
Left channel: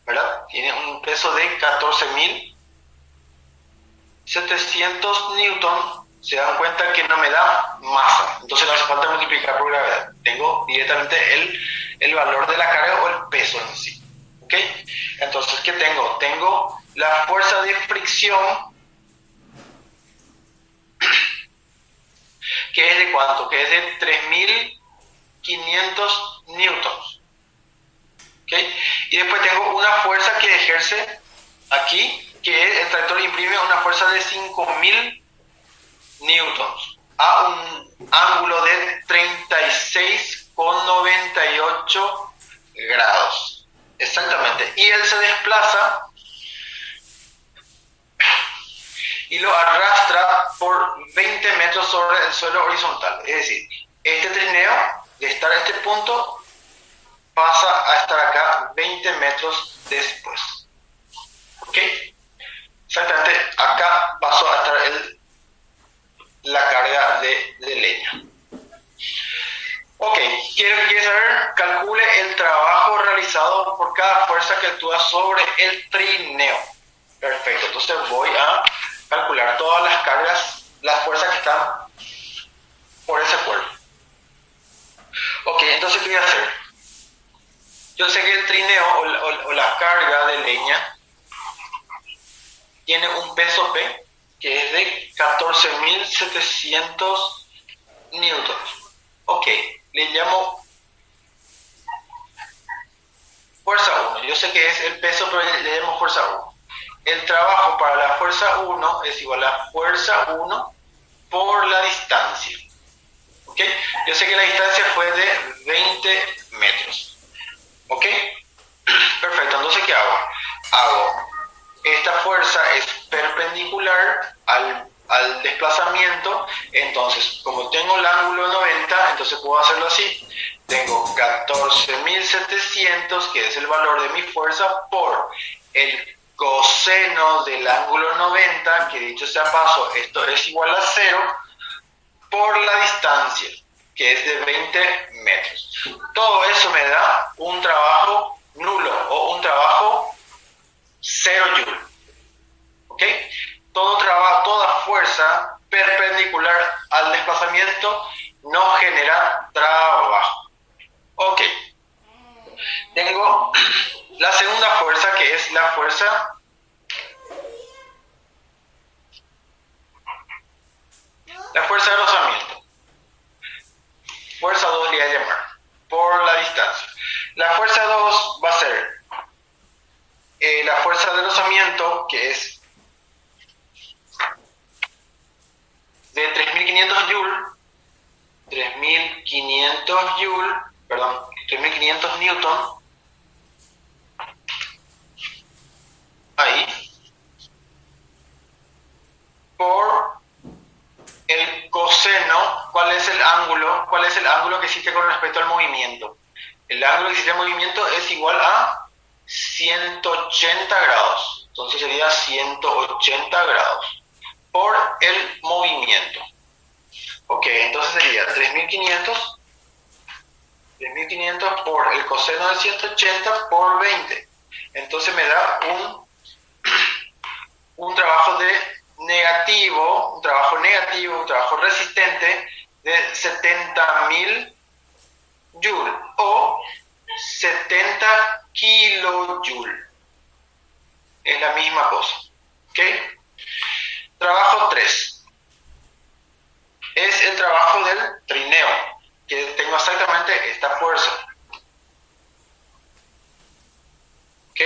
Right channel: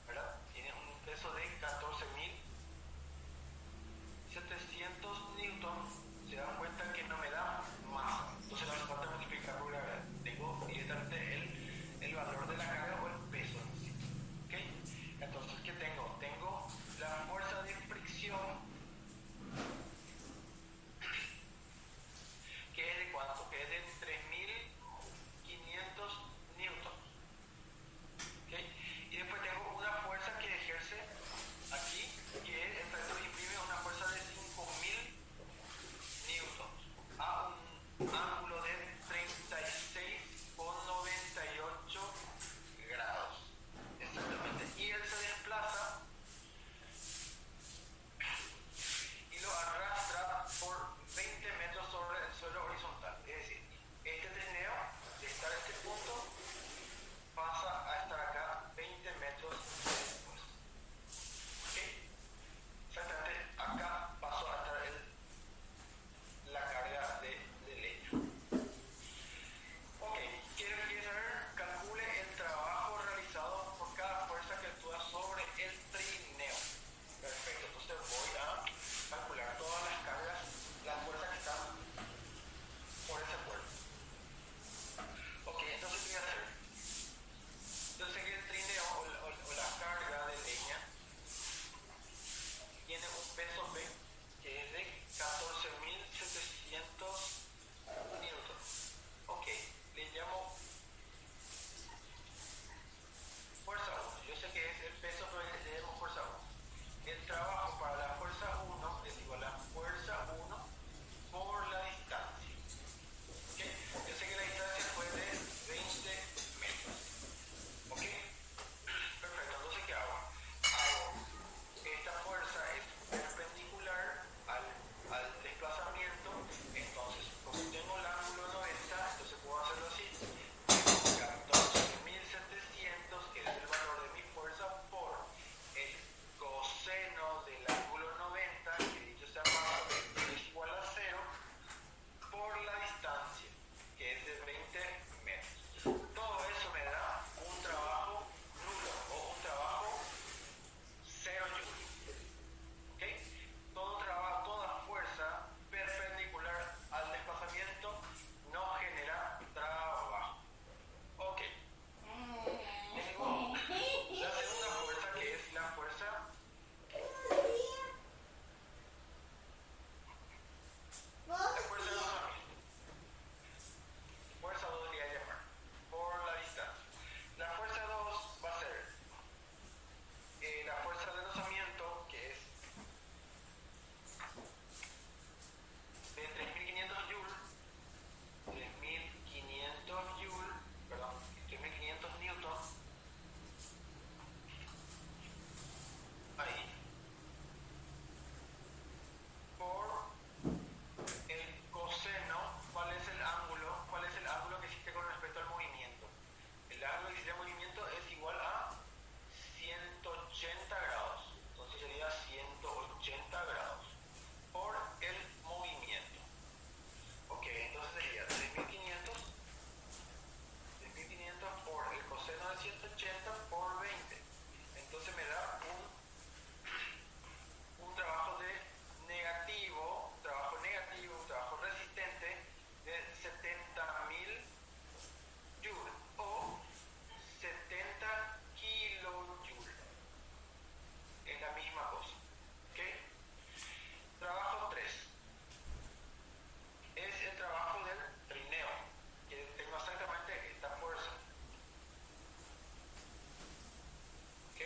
¿verdad? Tiene un peso de 14.700 newtons. Se dan cuenta que no me da masa, entonces no hace falta multiplicar por gravedad. Tengo directamente el valor de la carga o el peso en sí. ¿Ok? Entonces, ¿qué tengo? Tengo la fuerza de fricción, que es de ¿cuánto? Que es de 3.500 newtons. ¿Ok? Y después tengo una fuerza que ejerce aquí, que es el tractor imprime una fuerza de 5.000 newtons a un ángulo de 36,98 grados. Exactamente. Y él se desplaza y lo arrastra por 20 metros sobre el suelo horizontal. Es decir, este trineo, de estar a este punto, pasa a estar acá 20 metros después. ¿Ok? Exactamente, acá pasó a estar la carga de leña. Ok, ¿quiere saber? Calcule el trabajo realizado por cada fuerza que actúa sobre el trineo. Perfecto, entonces voy a calcular todas las cargas, las fuerzas que están por ese cuerpo. Ok, entonces ¿qué voy a hacer? Yo sé que el trineo o la carga de leña tiene un peso P que es de 14.700 newtons. Ok, le llamo fuerza 1. Yo sé que es el peso, pero le llamo fuerza 1. el trabajo para la fuerza 1 es igual a fuerza 1 por la distancia. ¿Ok? Yo sé que la distancia fue de 20 metros. ¿Ok? Perfecto, entonces ¿qué hago? Esta fuerza es perpendicular al desplazamiento, entonces como tengo el ángulo 90, entonces puedo hacerlo así. Tengo 14.700, que es el valor de mi fuerza, por el coseno del ángulo 90, que dicho sea paso, esto es igual a 0, por la distancia, que es de 20 metros. Todo eso me da un trabajo nulo o un trabajo 0 joule. ¿Ok? Toda fuerza perpendicular al desplazamiento no genera trabajo. Ok. Tengo la segunda fuerza, que es la fuerza de rozamiento. Fuerza 2 le voy a llamar, por la distancia. La fuerza 2 va a ser la fuerza de rozamiento, que es de 3.500 joules, 3.500 newton, ahí, por el coseno. ¿Cuál es el ángulo? ¿Cuál es el ángulo que existe con respecto al movimiento? El ángulo que existe al movimiento es igual a 180 grados. Entonces sería 180 grados por el movimiento. Ok, entonces sería 3.500 por el coseno de 180 por 20. Entonces me da un trabajo un trabajo resistente de 70.000 joules o 70 kilojoules. Es la misma cosa. ¿Ok? Trabajo 3. Es el trabajo del trineo, que tengo exactamente esta fuerza. ¿Ok?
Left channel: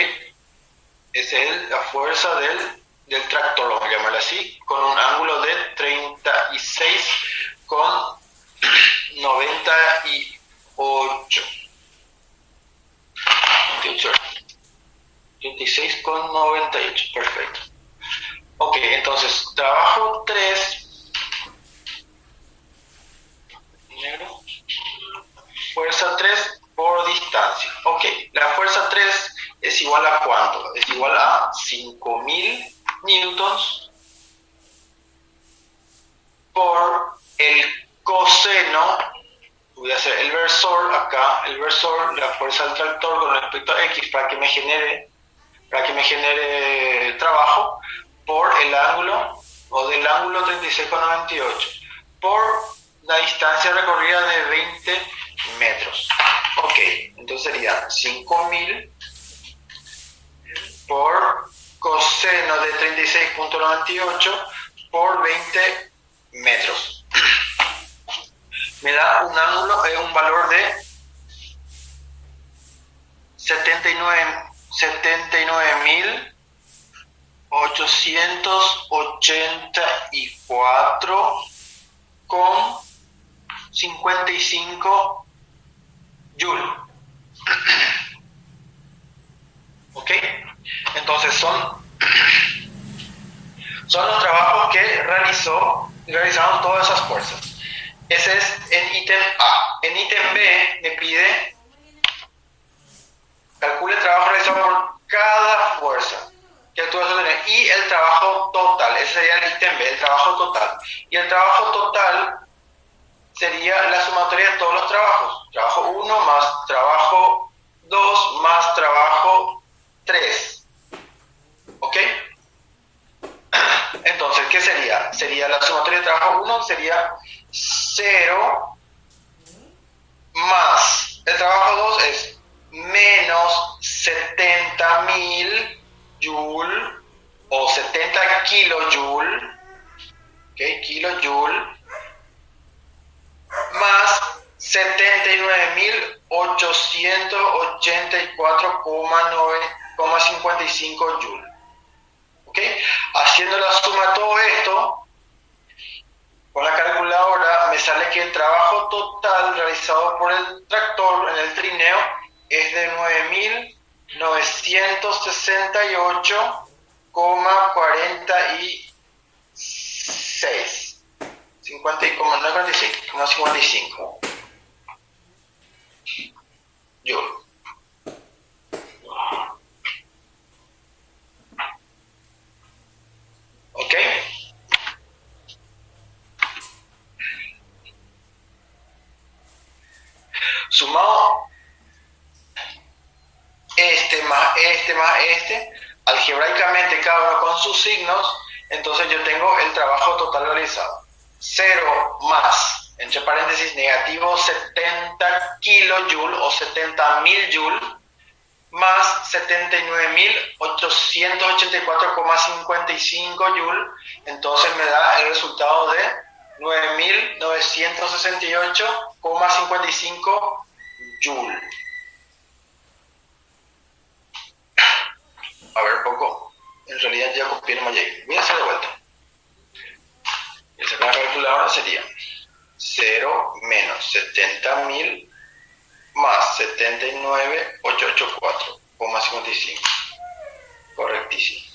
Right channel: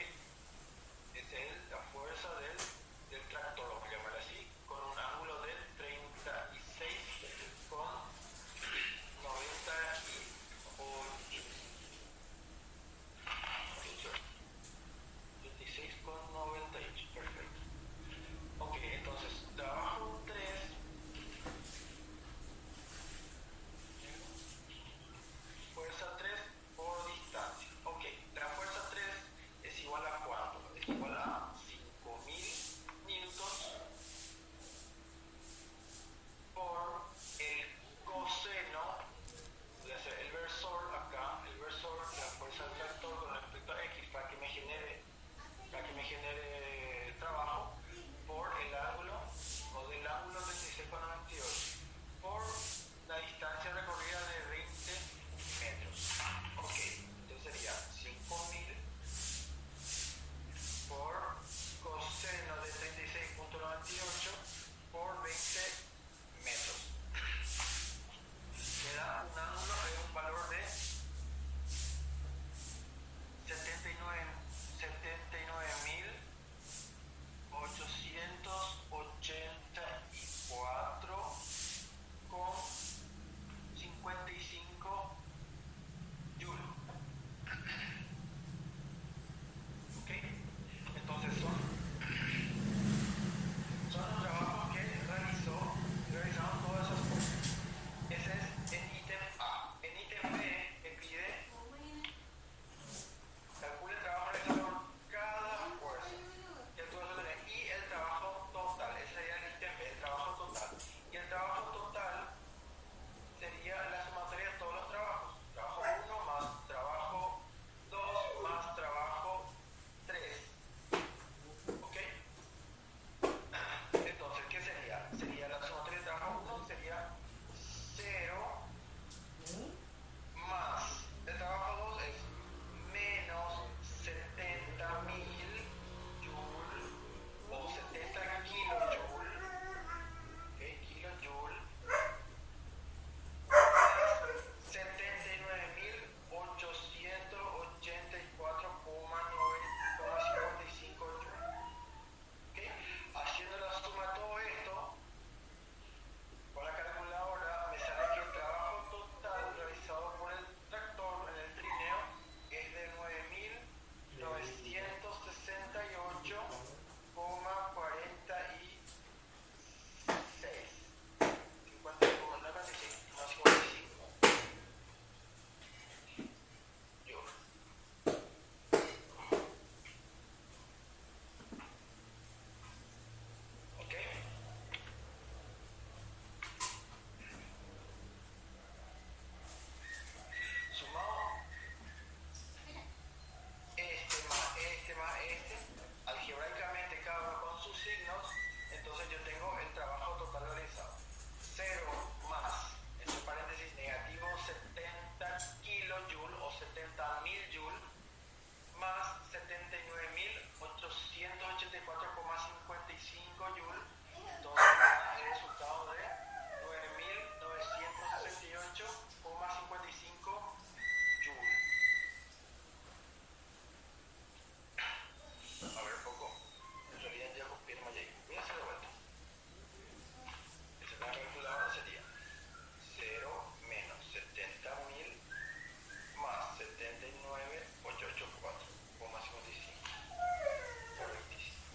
Esa es la fuerza del tractor, vamos a llamarlo así, con un ángulo de 36,98. 36,98, perfecto. Ok, entonces, trabajo 3, fuerza 3 por distancia. Ok, la fuerza 3 es igual a ¿cuánto? Es igual a 5.000 newtons por el coseno. Voy a hacer el versor acá, la fuerza del tractor con respecto a X para que me genere trabajo, por el ángulo, o del ángulo 36,98, por la distancia recorrida de 20 metros. Ok, entonces sería 5.000 por coseno de 36,98 por 20 metros. Me da un valor de 79.884,55 joules. ¿Ok? Entonces son los trabajos que realizaron todas esas fuerzas. Ese es en ítem A. En ítem B me pide calcule el trabajo realizado por cada fuerza que actúa sobre él y el trabajo total. Ese sería el ítem B, el trabajo total. Y el trabajo total sería la sumatoria de todos los trabajos. Trabajo 1 más trabajo 2 más trabajo 3. ¿Ok? Entonces, ¿qué sería? Sería la sumatoria de trabajo 1 sería 0 más el trabajo 2 es menos 70.000 joules o 70 kilojoules, ¿okay? Kilojoules, más 79.884,55 joules. total realizado por el tractor en el trineo es de 9.968,46. 50 y como no 45, no 55. Joule. ¿Ok? Sumado este más este, algebraicamente cada uno con sus signos, entonces yo tengo el trabajo total realizado. 0 más, entre paréntesis, negativo 70 kilojoules o 70.000 joules, más 79.884,55 joules, entonces me da el resultado de 9.968,55 joules. A ver, poco. En realidad ya copié el Mayay. Voy a hacer de vuelta. Y sacar la calculadora sería 0 menos 70.000 más 79.884,55. Correctísimo.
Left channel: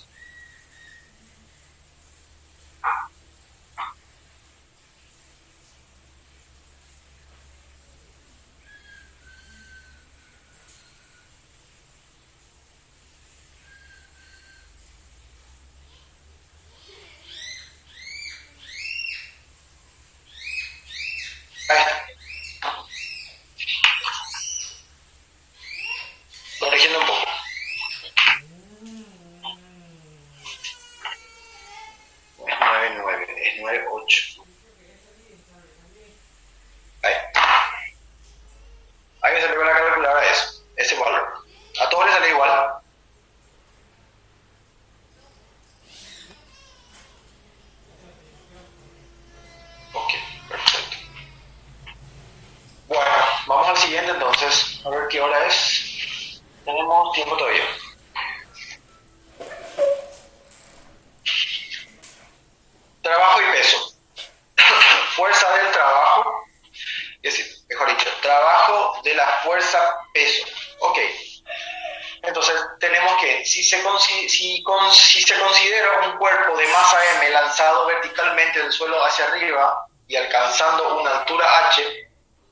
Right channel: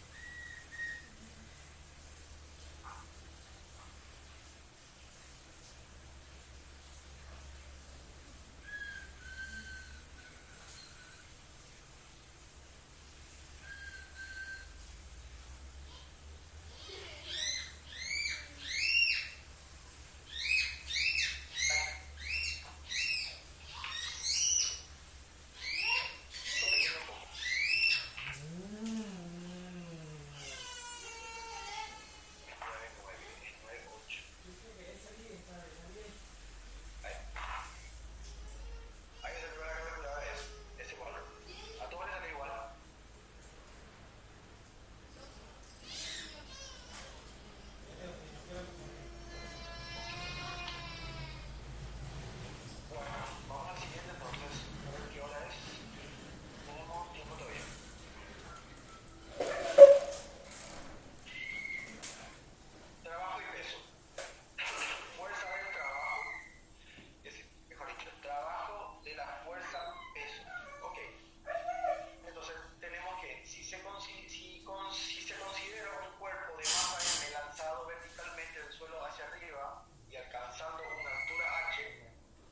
Ahí está. Corrigiendo un poco. Es 9.9, es 9.8. Ahí. Ahí me salió con la calculadora eso, ese valor. A todos les sale igual. Ok, perfecto. Bueno, vamos al siguiente entonces, a ver qué hora es. Tenemos tiempo todavía. Trabajo y peso. Fuerza del trabajo, es decir, mejor dicho, trabajo de la fuerza peso. Ok, entonces tenemos que, si se considera un cuerpo de masa M lanzado verticalmente del suelo hacia arriba y alcanzando una altura H,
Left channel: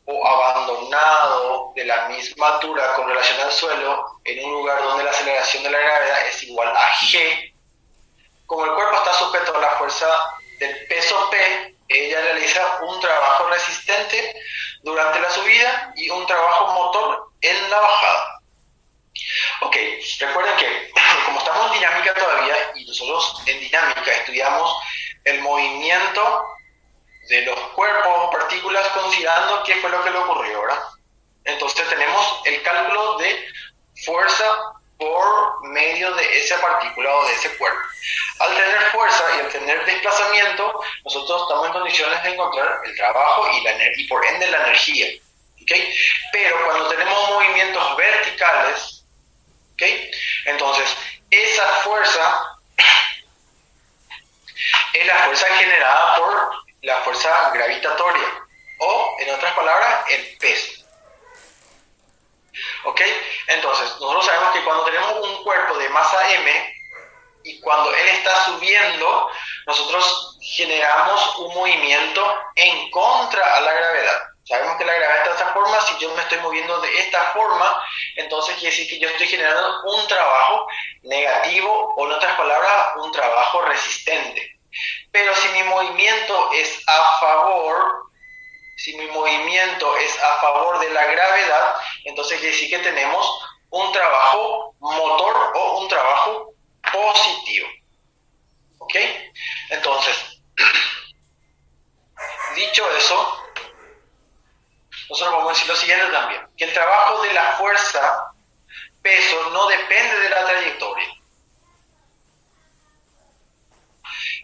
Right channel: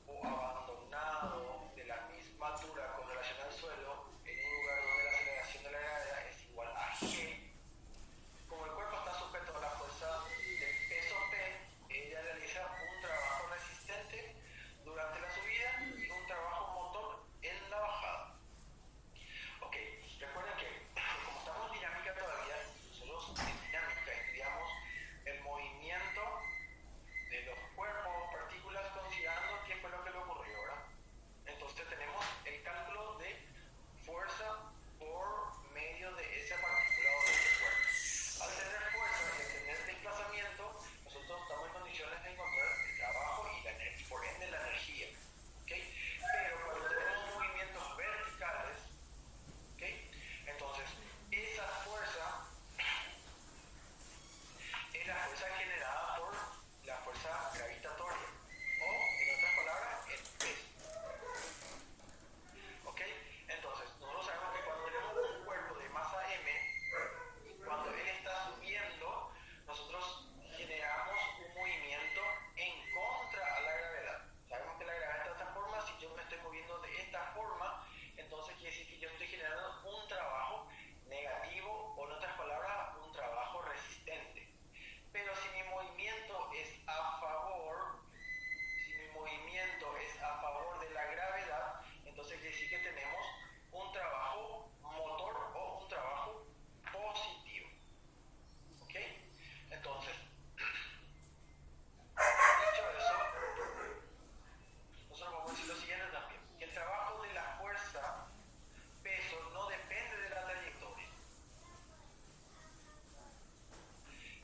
o abandonado de la misma altura con relación al suelo en un lugar donde la aceleración de la gravedad es igual a G, como el cuerpo está sujeto a la fuerza del peso P, ella realiza un trabajo resistente durante la subida y un trabajo motor en la bajada. Ok, recuerden que como estamos en dinámica todavía y nosotros en dinámica estudiamos el movimiento de los cuerpos o partículas considerando qué fue lo que le ocurrió, ¿verdad? Entonces tenemos el cálculo de fuerza por medio de esa partícula o de ese cuerpo. Al tener fuerza y al tener desplazamiento, nosotros estamos en condiciones de encontrar el trabajo y por ende la energía. ¿Okay? Pero cuando tenemos movimientos verticales, ¿okay? Entonces esa fuerza es la fuerza generada por la fuerza gravitatoria o, en otras palabras, el peso. ¿Ok? Entonces, nosotros sabemos que cuando tenemos un cuerpo de masa M y cuando él está subiendo, nosotros generamos un movimiento en contra a la gravedad. Sabemos que la gravedad está de esta forma, si yo me estoy moviendo de esta forma, entonces quiere decir que yo estoy generando un trabajo negativo o, en otras palabras, un trabajo resistente. Pero si mi movimiento es a favor, de la gravedad, entonces quiere decir que tenemos un trabajo motor o un trabajo positivo. ¿Ok? Entonces, dicho eso, nosotros vamos a decir lo siguiente también, que el trabajo de la fuerza peso no depende de la trayectoria.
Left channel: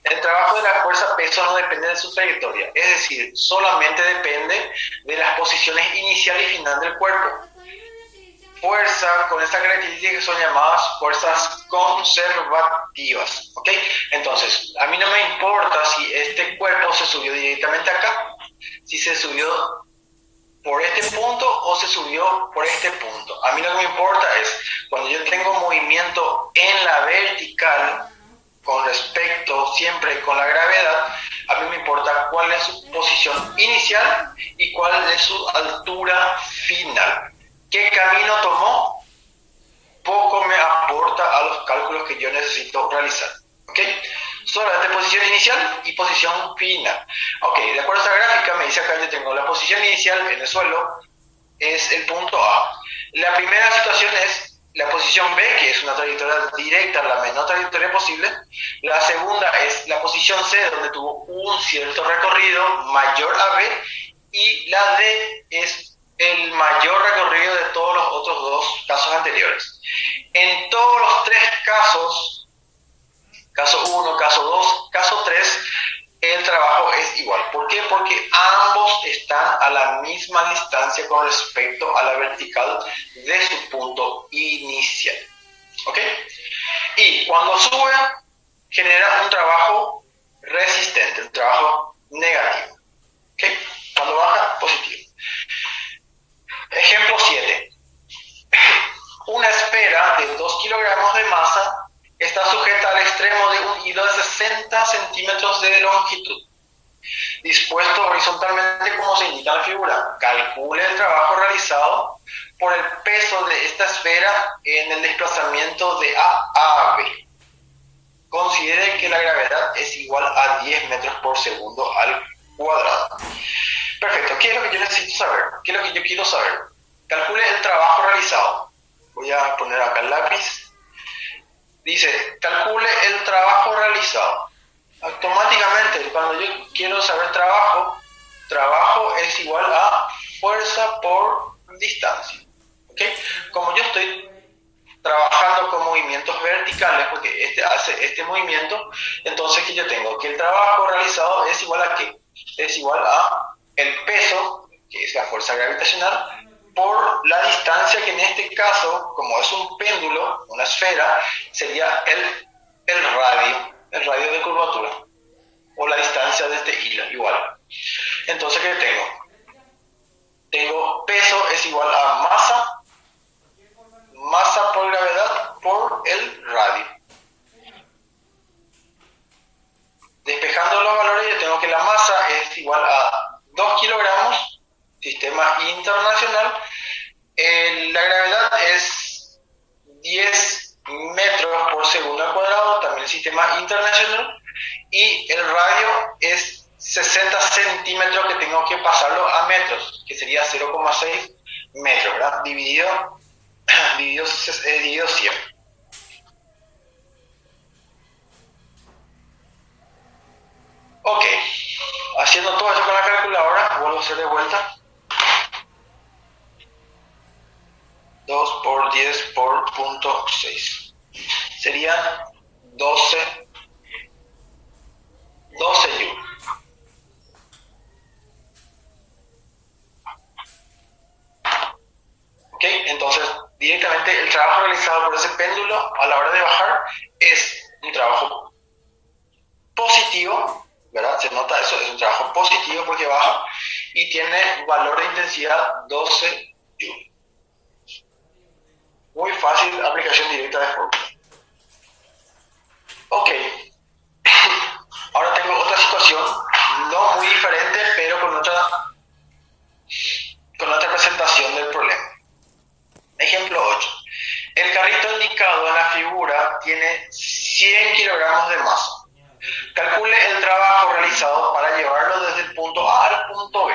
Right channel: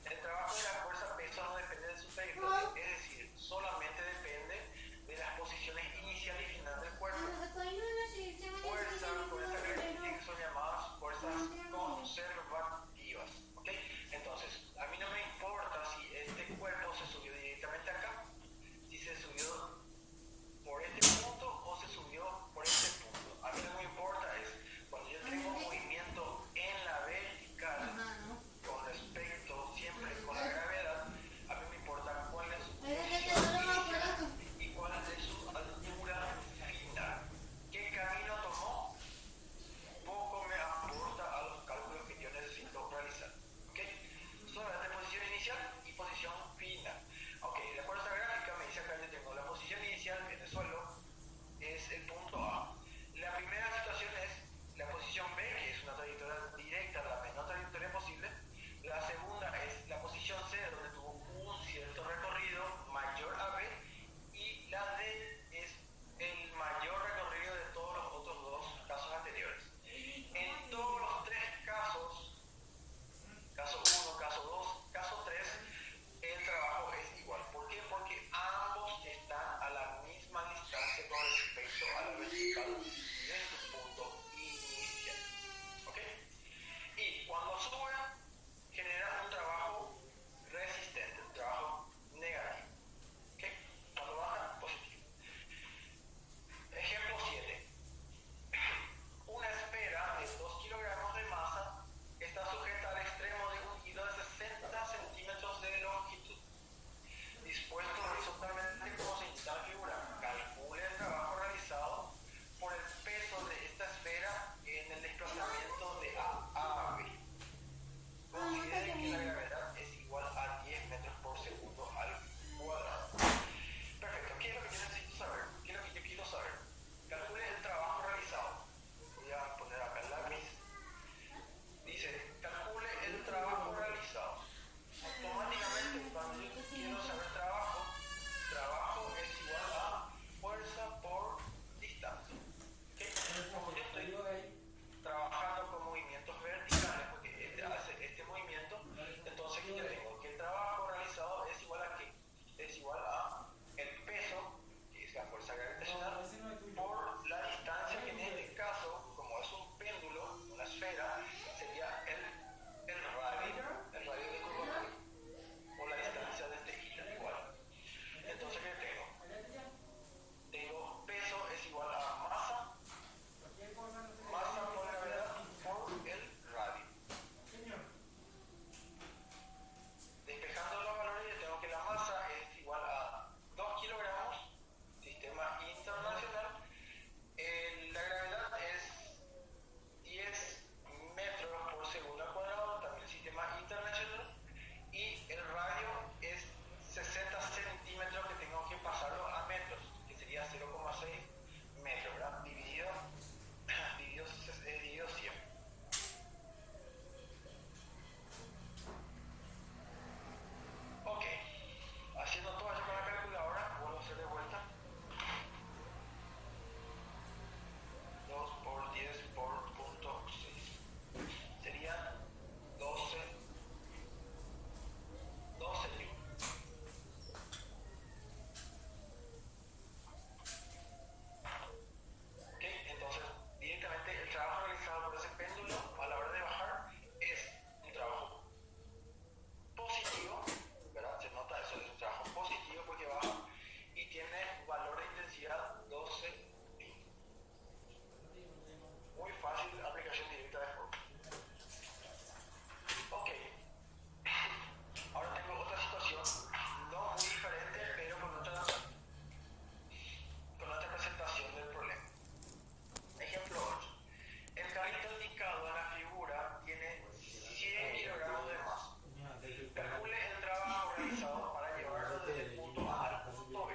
El trabajo de la fuerza peso no depende de su trayectoria, es decir, solamente depende de las posiciones inicial y final del cuerpo. Fuerza con esta característica que son llamadas fuerzas conservativas, ¿ok? Entonces, a mí no me importa si este cuerpo se subió directamente acá, si se subió por este punto o se subió por este punto. A mí lo que me importa es cuando yo tengo movimiento en la vertical con respecto siempre con la gravedad, a mí me importa cuál es su posición inicial y cuál es su altura final. ¿Qué camino tomó? Poco me aporta a los cálculos que yo necesito realizar. ¿Ok? Solamente posición inicial y posición final. Ok, de acuerdo a esta gráfica me dice acá yo tengo la posición inicial en el suelo, es el punto A. La primera situación es la posición B, que es una trayectoria directa, la menor trayectoria posible. La segunda es la posición C, donde tuvo un cierto recorrido mayor a B. Y la D es el mayor recorrido de todos los otros dos casos anteriores. En todos los tres casos, caso 1, caso 2, caso 3, el trabajo es igual. ¿Por qué? Porque ambos están a la misma distancia con respecto a la vertical de su punto inicial. ¿Ok? Y cuando sube, genera un trabajo resistente, un trabajo negativo. ¿Ok? Cuando baja, positivo. Ejemplo 7. Una esfera de 2 kilogramos de masa está sujeta al extremo de un hilo de 60 centímetros de longitud, dispuesto horizontalmente como se indica en la figura. Calcule el trabajo realizado por el peso de esta esfera en el desplazamiento de A a B. Considere que la gravedad es igual a 10 metros por segundo al cuadrado. Perfecto, ¿qué es lo que yo necesito saber? ¿Qué es lo que yo quiero saber? Calcule el trabajo realizado. Voy a poner acá el lápiz. Dice, calcule el trabajo realizado. Automáticamente, cuando yo quiero saber trabajo es igual a fuerza por distancia. ¿Okay? Como yo estoy trabajando con movimientos verticales, porque este hace este movimiento, entonces que yo tengo que el trabajo realizado es igual a ¿qué? Es igual a el peso, que es la fuerza gravitacional, por la distancia que en este caso, como es un péndulo, una esfera, sería el radio de curvatura, o la distancia de este hilo, igual. Entonces, ¿qué tengo? Tengo peso es igual a masa por gravedad por el radio. Despejando los valores, yo tengo que la masa es igual a 2 kilogramos, sistema internacional. La gravedad es 10 metros por segundo al cuadrado, también sistema internacional. Y el radio es 60 centímetros que tengo que pasarlo a metros, que sería 0,6 metros, ¿verdad? Dividido 100. Ok, haciendo todo eso con la calculadora, vuelvo a hacer de vuelta. 2 por 10 por punto 6. Serían 12 joules. ¿Ok? Entonces, directamente el trabajo realizado por ese péndulo a la hora de bajar es un trabajo positivo, ¿verdad? Se nota eso, es un trabajo positivo porque baja y tiene valor de intensidad 12 joules. Muy fácil, aplicación directa de fórmula. Ok. Ahora tengo otra situación, no muy diferente, pero con otra presentación del problema. Ejemplo 8. El carrito indicado en la figura tiene 100 kilogramos de masa. Calcule el trabajo realizado para llevarlo desde el punto A al punto B.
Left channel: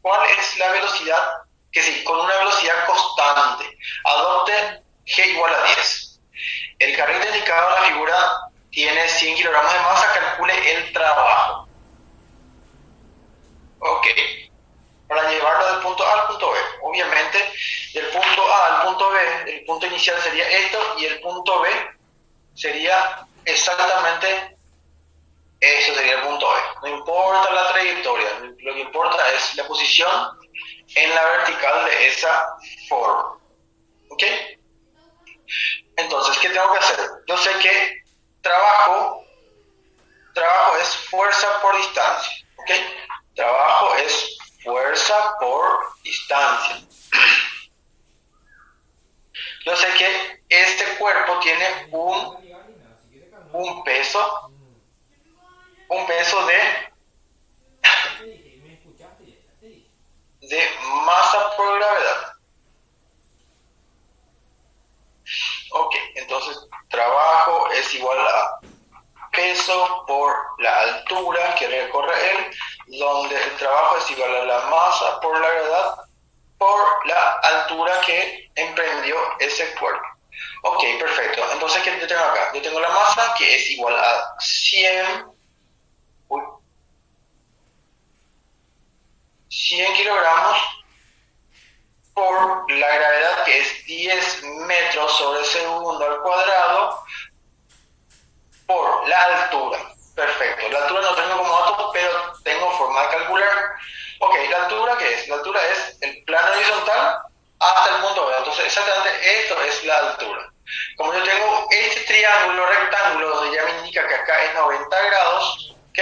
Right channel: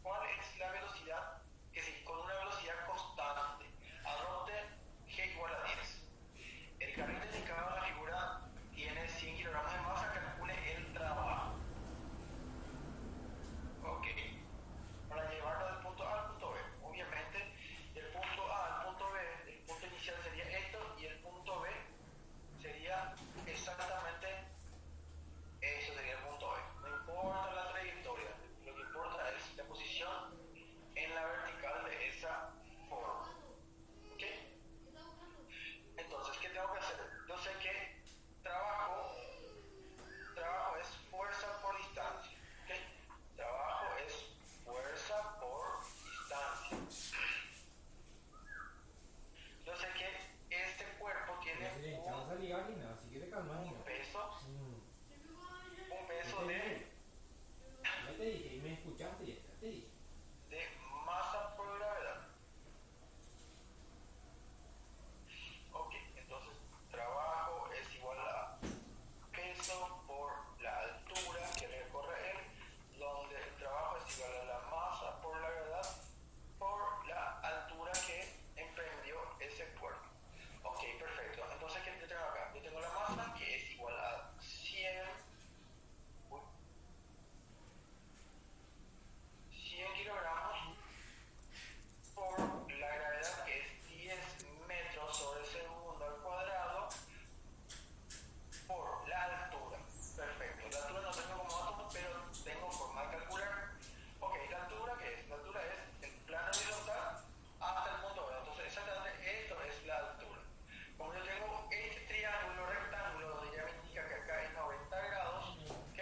¿Cuál es la velocidad? Que sí, con una velocidad constante. Adopte G igual a 10. El carrito indicado en la figura tiene 100 kilogramos de masa, calcule el trabajo. Ok. Para llevarlo del punto A al punto B. Obviamente, del punto A al punto B, el punto inicial sería esto y el punto B sería exactamente eso, sería el punto B. No importa la trayectoria, lo que importa es la posición en la vertical de esa forma. ¿Ok? Entonces, ¿qué tengo que hacer? Yo sé que trabajo es fuerza por distancia. ¿Ok? Trabajo es fuerza por distancia. Yo sé que este cuerpo tiene un peso, un peso Ya te dije, me escuchaste, ya te dije. de masa por gravedad. Ok, entonces trabajo es igual a peso por la altura que recorre él, donde el trabajo es igual a la masa por la gravedad por la altura que emprendió ese cuerpo. Ok, perfecto. Entonces, ¿qué yo tengo acá? Yo tengo la masa que es igual a 100 kilogramos por la gravedad que es 10 metros sobre segundo al cuadrado por la altura. Perfecto. La altura no tengo como dato, pero tengo forma de calcular. Ok, ¿la altura qué es? La altura es el plano horizontal hasta el punto B. Entonces, exactamente esto es la altura. Como yo tengo este triángulo rectángulo donde ya me indica que acá es 90 grados, ¿ok?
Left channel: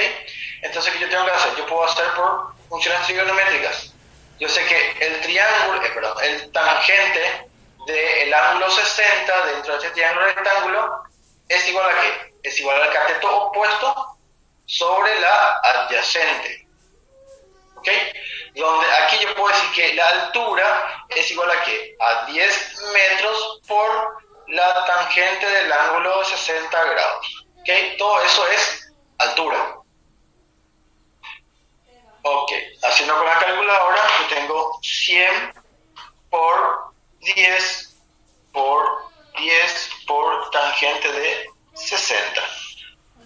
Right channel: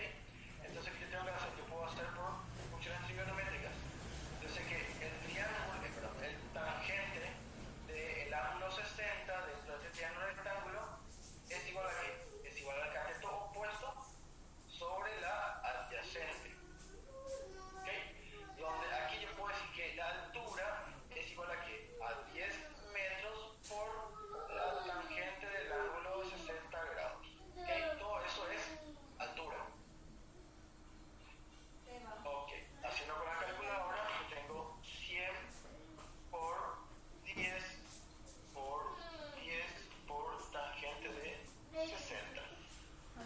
Entonces, ¿qué yo tengo que hacer? Yo puedo hacer por funciones trigonométricas. Yo sé que el triángulo, el tangente del ángulo 60 dentro de este triángulo rectángulo es igual a ¿qué? Es igual al cateto opuesto sobre la adyacente. ¿Ok? Donde aquí yo puedo decir que la altura es igual a ¿qué? A 10 metros por la tangente del ángulo de 60 grados. ¿Ok? Todo eso es altura. Ok, haciendo con la calculadora, yo tengo 100 por 10 por 10 por tangente de 60.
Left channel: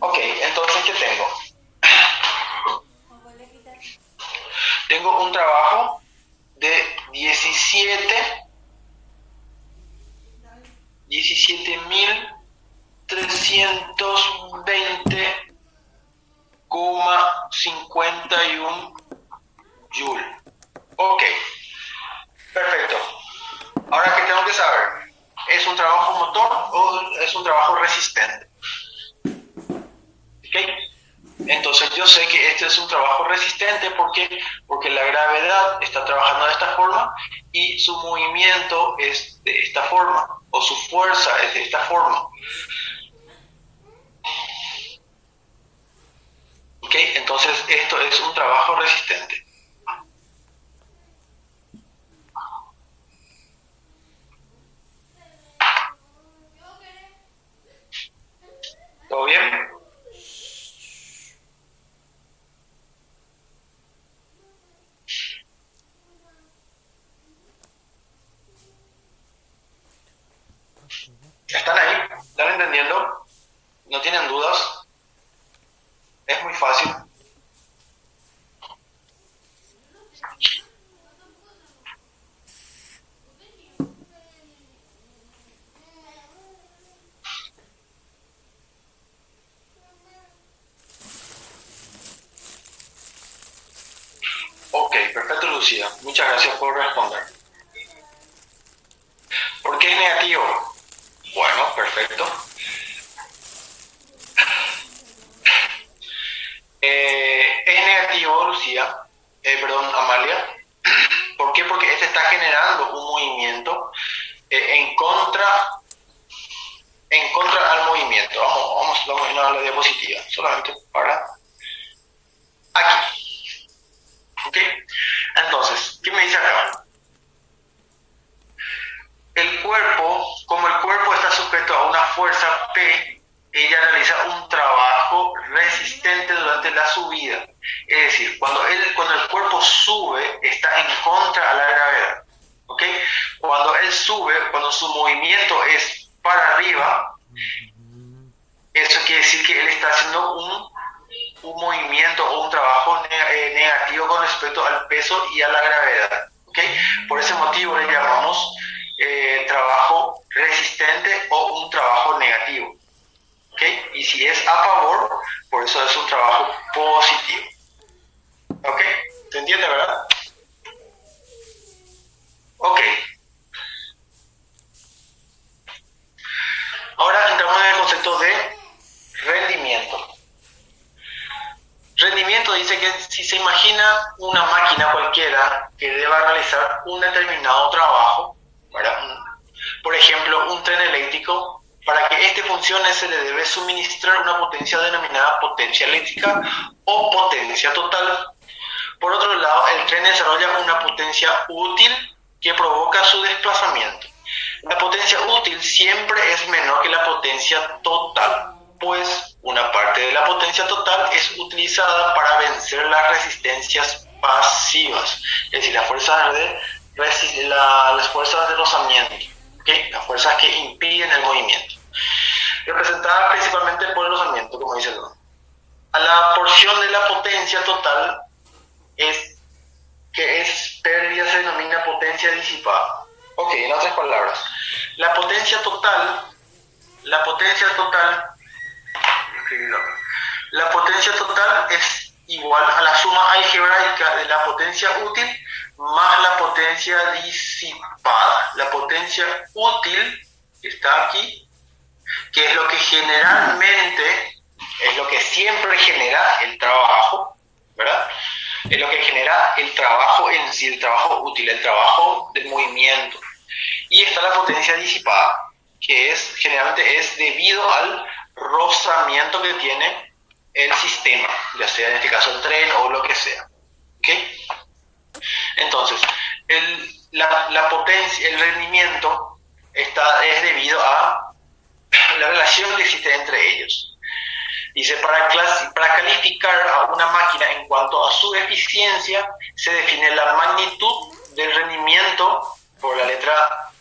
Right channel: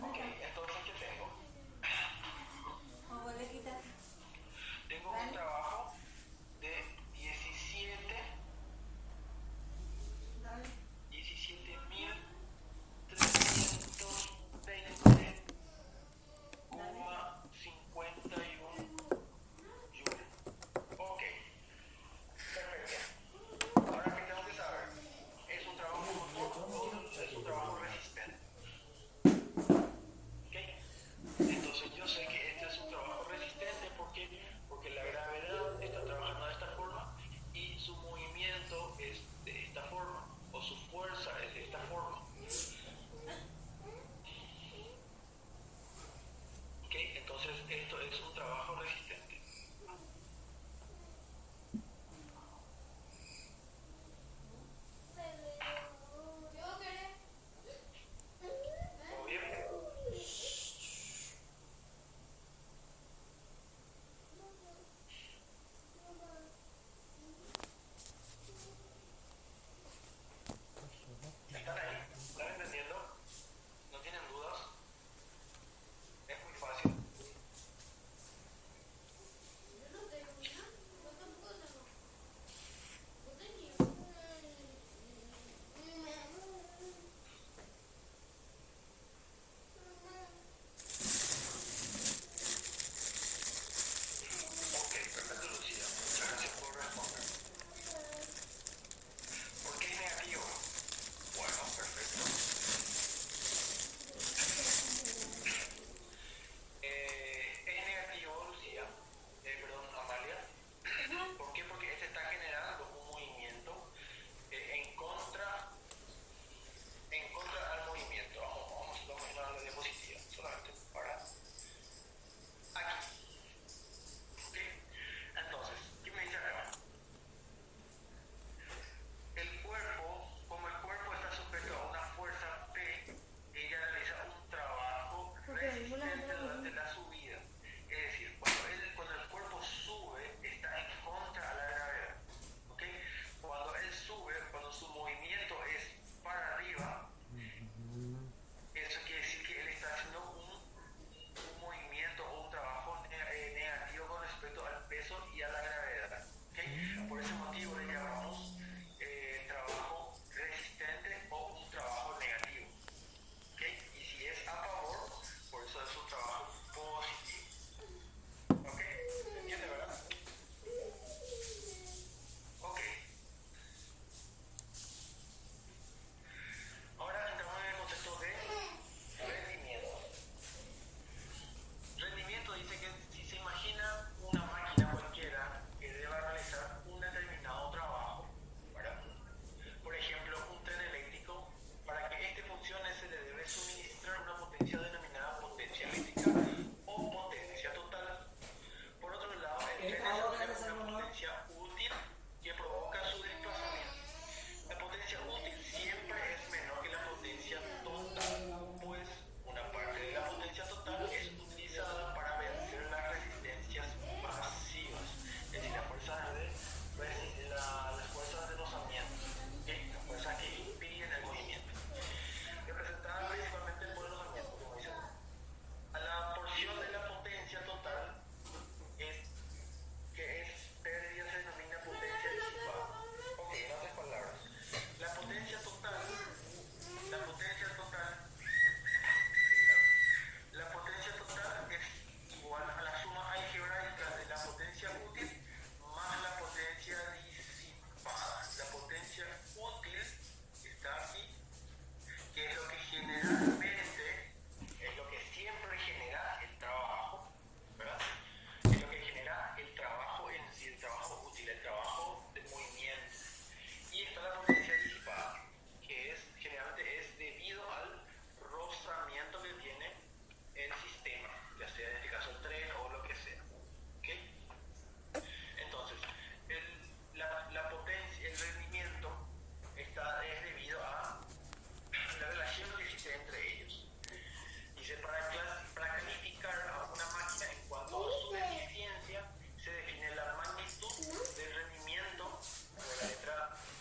Ok, entonces, ¿qué tengo? Tengo un trabajo de 17.320,51 joule. Ok, perfecto. Ahora, ¿qué tengo que saber? ¿Es un trabajo motor o es un trabajo resistente? ¿Ok? Entonces yo sé que este es un trabajo resistente porque la gravedad está trabajando de esta forma y su movimiento es de esta forma, o su fuerza es de esta forma. ¿Ok? Entonces esto es un trabajo resistente. ¿Todo bien? ¿Están ahí? ¿Están entendiendo? ¿No tienen dudas? Es muy fácil. Ok, perfecto, Lucía. Muchas gracias por responder. ¿Por qué es negativo? Bueno, perfecto. Es negativo, Lucía, perdón, Amalia. ¿Por qué? Porque este está generando un movimiento en contra al movimiento. Vamos a ir a la diapositiva, solamente para aquí. ¿Ok? Entonces, ¿qué me dice acá? El cuerpo, como el cuerpo está sujeto a una fuerza P, ella realiza un trabajo resistente durante la subida. Es decir, cuando el cuerpo sube, está en contra a la gravedad. ¿Ok? Cuando él sube, cuando su movimiento es para arriba, eso quiere decir que él está haciendo un movimiento o un trabajo negativo con respecto al peso y a la gravedad. ¿Ok? Por ese motivo le llamamos trabajo resistente o un trabajo negativo. ¿Ok? Y si es a favor, por eso es un trabajo positivo. ¿Ok? ¿Se entiende, verdad? Ok. Ahora entramos en el concepto de rendimiento. Rendimiento dice que si se imagina una máquina cualquiera que deba realizar un determinado trabajo, ¿verdad? Por ejemplo, un tren eléctrico, para que este funcione se le debe suministrar una potencia denominada potencia eléctrica o potencia total. Por otro lado, el tren desarrolla una potencia útil que provoca su desplazamiento. La potencia útil siempre es menor que la potencia total, pues una parte de la potencia total es utilizada para vencer las resistencias pasivas, es decir, las fuerzas de rozamiento, ¿okay? Las fuerzas que impiden el movimiento, representadas principalmente por el rozamiento, como dice el nombre. A la porción de la potencia total que es pérdida se denomina potencia disipada. Ok, en otras palabras, la potencia total es igual a la suma algebraica de la potencia útil más la potencia disipada. La potencia útil, que está aquí, que es lo que generalmente, es lo que siempre genera el trabajo, ¿verdad? Es lo que genera el trabajo en sí, el trabajo útil, el trabajo del movimiento. Y está la potencia disipada, que generalmente es debido al rozamiento que tiene el sistema, ya sea en este caso el tren o lo que sea. ¿Okay? Entonces, la potencia, el rendimiento es debido a la relación que existe entre ellos. Dice, para calificar a una máquina en cuanto a su eficiencia, se define la magnitud del rendimiento por la letra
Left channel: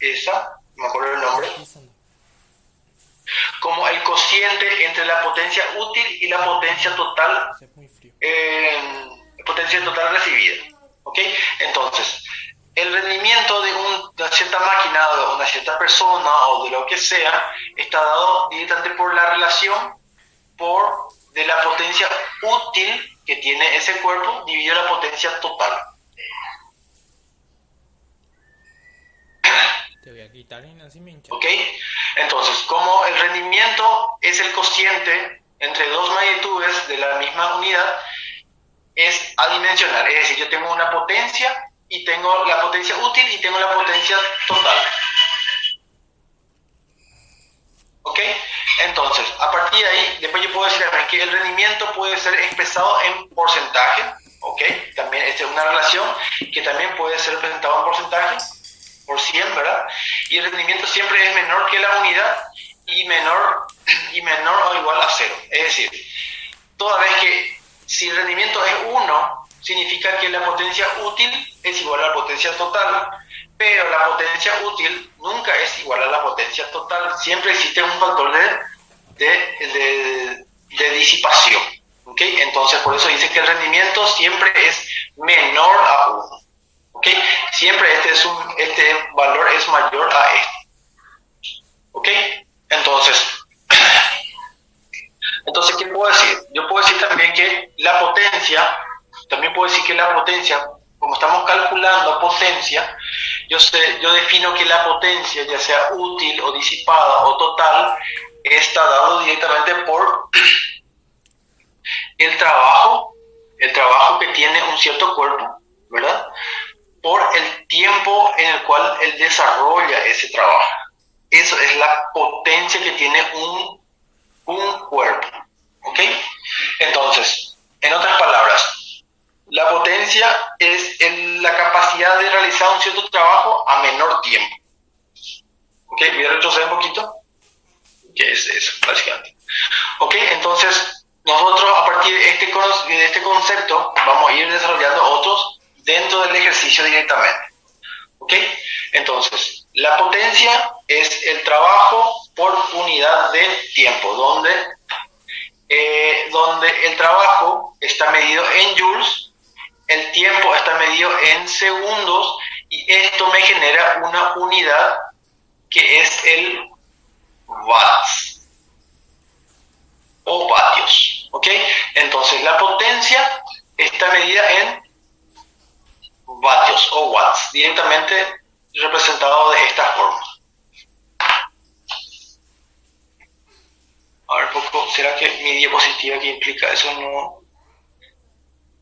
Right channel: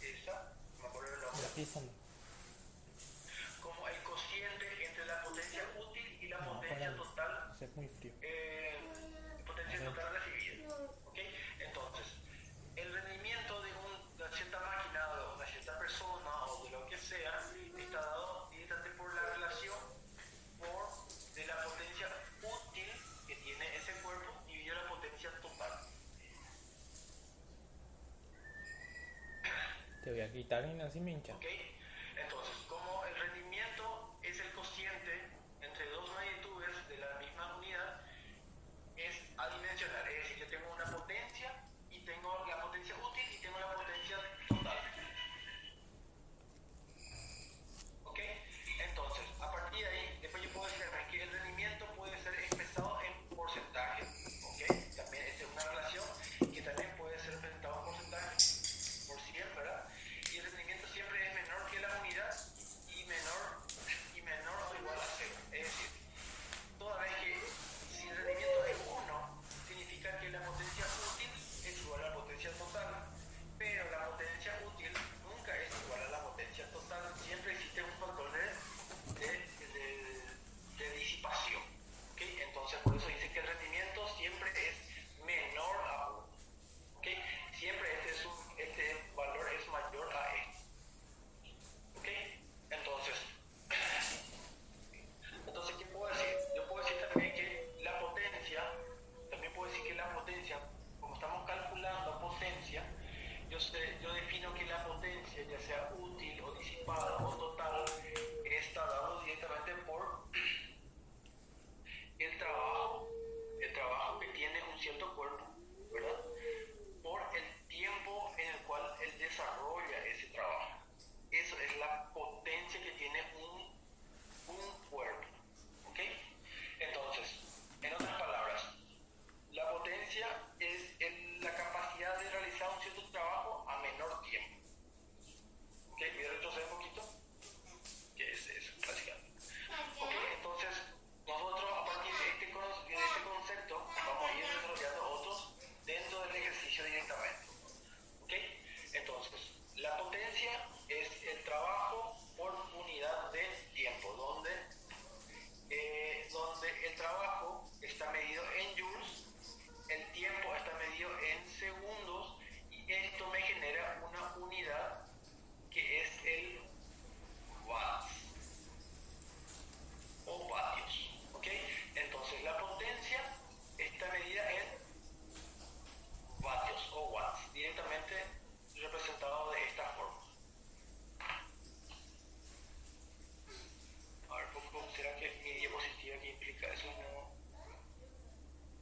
esa, no me acuerdo el nombre, como el cociente entre la potencia útil y la potencia total, recibida. ¿Okay? Entonces, el rendimiento de una cierta máquina, de una cierta persona o de lo que sea, está dado directamente por la relación de la potencia útil que tiene ese cuerpo dividido la potencia total. Te voy a quitar y así me hincha. ¿Ok? Entonces, como el rendimiento es el cociente entre dos magnitudes de la misma unidad, es adimensional. Es decir, yo tengo una potencia y tengo la potencia útil y tengo la potencia total. ¿Ok? Entonces, a partir de ahí, después yo puedo decir también que el rendimiento puede ser expresado en porcentaje. ¿Ok? También esta es una relación que también puede ser representado en porcentaje, por 100, ¿verdad? Y el rendimiento siempre es menor que la unidad y menor o igual a 0. Es decir, toda vez que si el rendimiento es 1, significa que la potencia útil es igual a la potencia total, pero la potencia útil nunca es igual a la potencia total. Siempre existe un factor de disipación. ¿Okay? Entonces, por eso dice que el rendimiento siempre es menor a 1. ¿Okay? Siempre este valor es mayor a este. ¿Ok? Entonces, ¿qué puedo decir? Yo puedo decir también que la potencia, como estamos calculando potencia, yo defino que la potencia, ya sea útil o disipada o total, está dado directamente por el trabajo que tiene un cierto cuerpo, ¿verdad? Por el tiempo en el cual él desarrolla ese trabajo. Eso es la potencia que tiene un cuerpo. ¿Ok? Entonces, en otras palabras, la potencia es la capacidad de realizar un cierto trabajo a menor tiempo. ¿Ok? Voy a retroceder un poquito. ¿Qué es eso, básicamente? ¿Ok? Entonces, nosotros a partir de este concepto vamos a ir desarrollando otros dentro del ejercicio directamente. ¿Ok? Entonces, la potencia es el trabajo por unidad de tiempo, donde el trabajo está medido en joules, el tiempo está medido en segundos, y esto me genera una unidad que es el watts o vatios. ¿Ok? Entonces, la potencia está medida en vatios o watts, directamente representado de esta forma. A ver, poco, ¿será que mi diapositiva que implica eso no?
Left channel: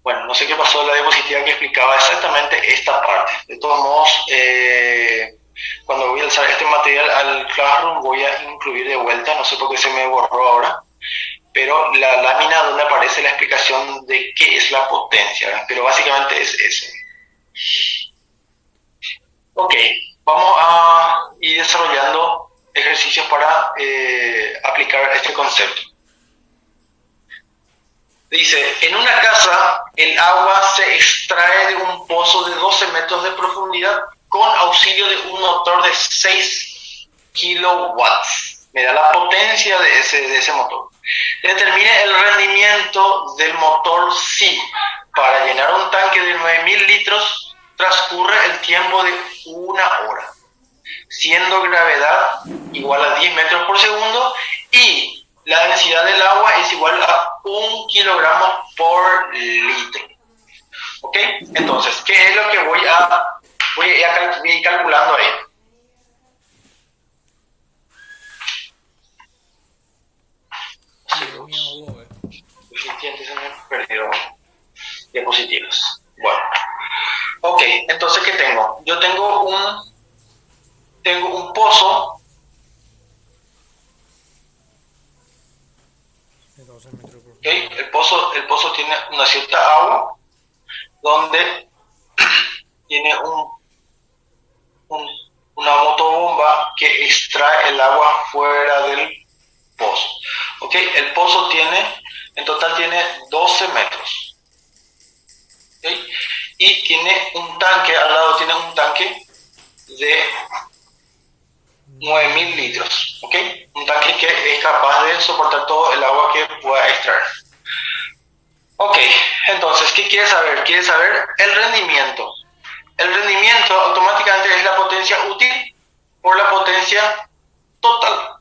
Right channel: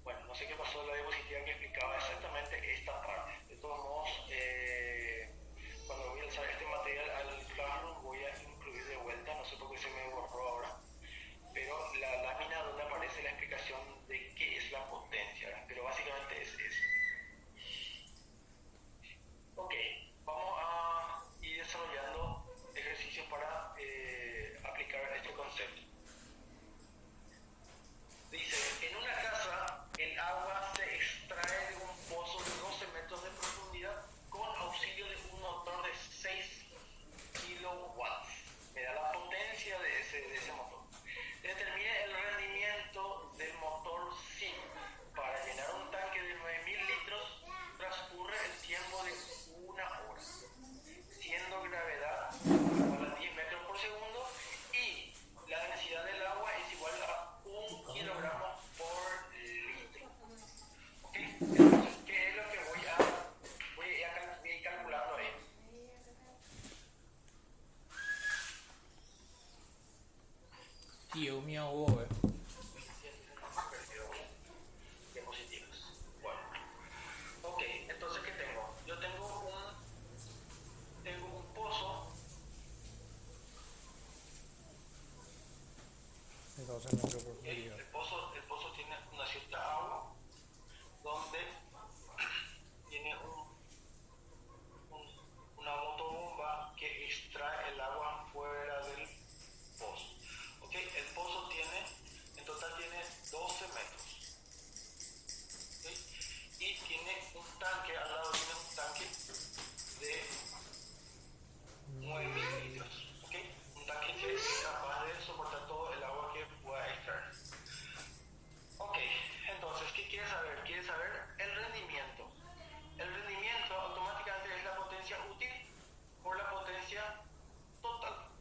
Bueno, no sé qué pasó en la diapositiva que explicaba exactamente esta parte. De todos modos, cuando voy a alzar este material al Classroom voy a incluir de vuelta, no sé por qué se me borró ahora, pero la lámina donde aparece la explicación de qué es la potencia, ¿verdad? Pero básicamente es eso. Ok, vamos a ir desarrollando ejercicios para aplicar este concepto. Dice, en una casa el agua se extrae de un pozo de 12 metros de profundidad con auxilio de un motor de 6 kilowatts. Me da la potencia de ese motor. Determine el rendimiento del motor si para llenar un tanque de 9.000 litros transcurre el tiempo de 1 hora, siendo gravedad igual a 10 metros por segundo y la densidad del agua es igual a 1 kilogramo por litro. ¿Ok? Entonces, ¿qué es lo que voy a ir calculando ahí? Dios mío, Hugo, Se me perdió diapositivas. Bueno. Ok, entonces, ¿qué tengo? Yo tengo un pozo de 12 metros por ¿okay? El pozo tiene una cierta agua donde tiene una motobomba que extrae el agua fuera del pozo. ¿Okay? El pozo en total tiene 12 metros. ¿Okay? Y tiene un tanque, al lado tiene un tanque de 9.000 litros. ¿Okay? Un tanque que es capaz de soportar todo el agua que pueda extraer. Ok, entonces, ¿qué quiere saber? Quiere saber el rendimiento. El rendimiento automáticamente es la potencia útil por la potencia total.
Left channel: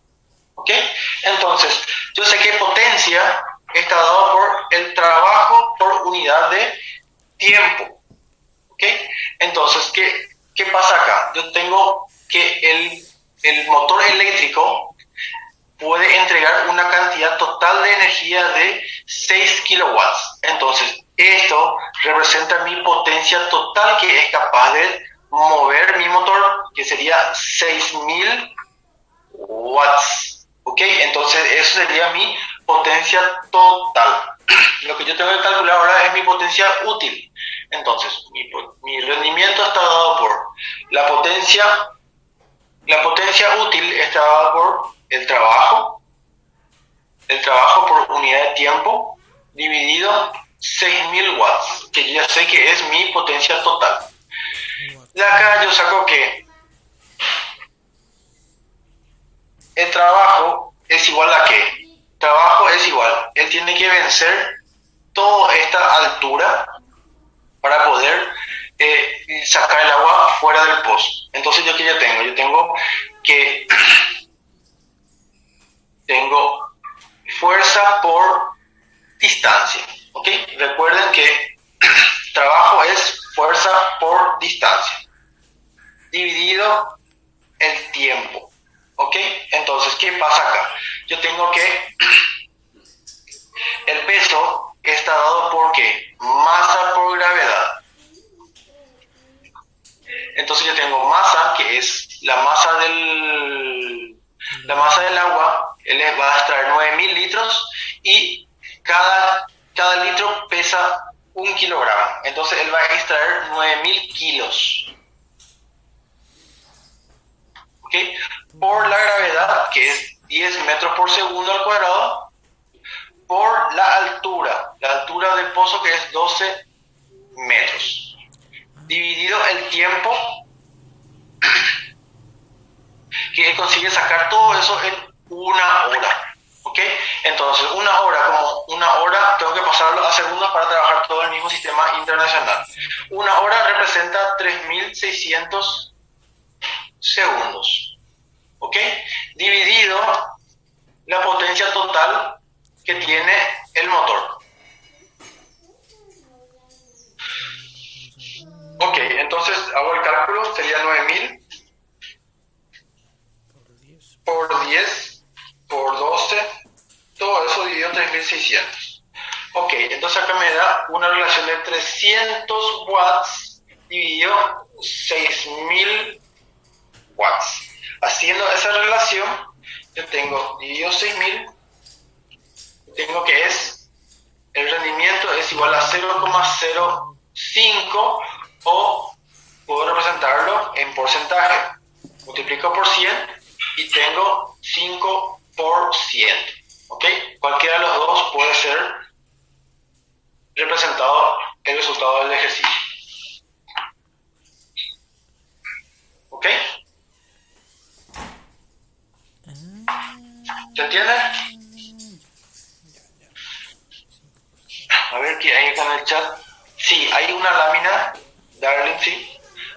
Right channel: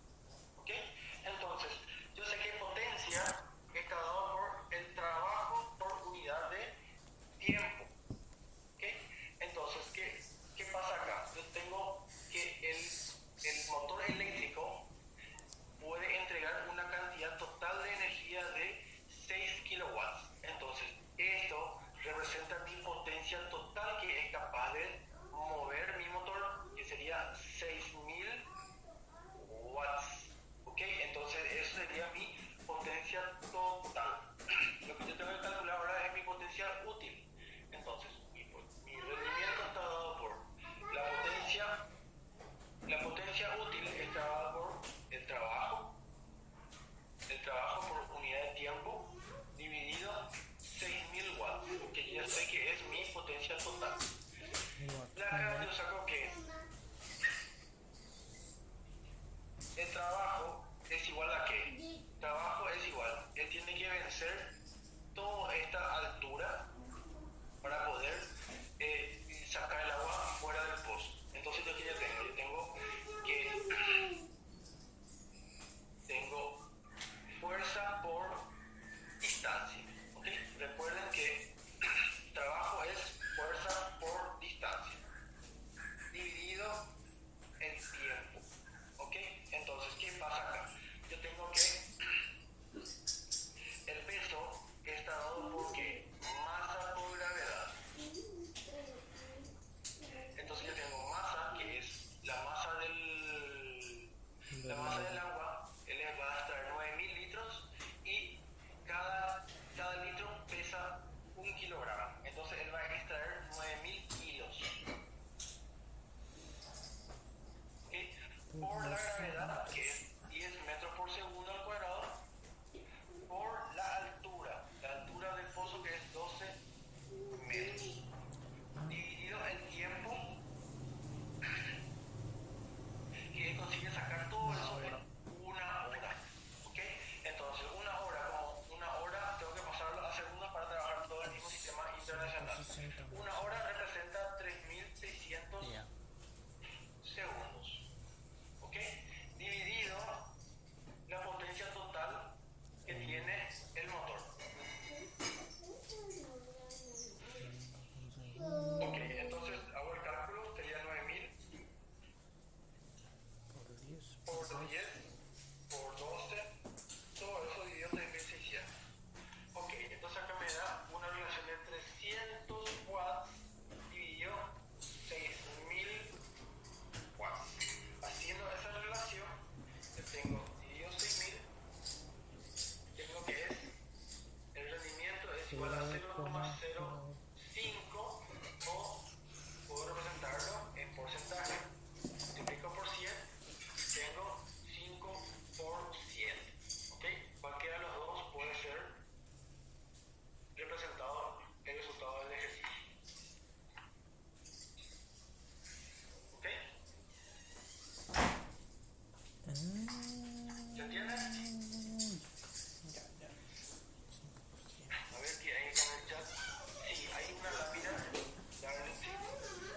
¿Ok? Entonces, yo sé que potencia está dado por el trabajo por unidad de tiempo. ¿Ok? Entonces, ¿qué pasa acá? Yo tengo que el motor eléctrico puede entregar una cantidad total de energía de 6 kilowatts. Entonces, esto representa mi potencia total que es capaz de mover mi motor, que sería 6.000 watts. ¿Ok? Entonces, eso sería mi potencia total. Lo que yo tengo que calcular ahora es mi potencia útil. Entonces, mi rendimiento está dado por la potencia útil está dada por el trabajo por unidad de tiempo dividido 6.000 watts, que ya sé que es mi potencia total. De acá yo saco que el trabajo es igual a qué. Trabajo es igual, él tiene que vencer toda esta altura para poder sacar el agua fuera del pozo. Entonces, ¿yo qué ya tengo? Yo tengo que tengo fuerza por distancia. ¿Ok? Recuerden que trabajo es fuerza por distancia dividido el tiempo. ¿Ok? Entonces, ¿qué pasa acá? Yo tengo que el peso está dado por ¿qué? Masa por gravedad. Entonces yo tengo masa, que es la masa del agua, él va a extraer 9.000 litros y cada litro pesa 1 kilogramo. Entonces él va a extraer 9.000 kilos. ¿Okay? Por la gravedad, que es 10 metros por segundo al cuadrado, por la altura del pozo, que es 12 metros, dividido el tiempo que consigue sacar todo eso en 1 hora. ¿Ok? Entonces, 1 hora, como 1 hora, tengo que pasarlo a segundos para trabajar todo el mismo sistema internacional. 1 hora representa 3.600 segundos. ¿Ok? Dividido la potencia total que tiene el motor. Ok, entonces hago el cálculo, sería 9.000 por 10 por 12, todo eso dividido 3.600. Ok, entonces acá me da una relación de 300 watts dividido 6000 watts. Haciendo esa relación, yo tengo dividido 6000, tengo que es, el rendimiento es igual a 0,05 o puedo representarlo en porcentaje. Multiplico por 100 y tengo 5%. ¿Ok? Cualquiera de los dos puede ser representado el resultado del ejercicio. ¿Ok? ¿Se entiende? A ver qué hay acá en el chat. Sí, hay una lámina, Darling, sí.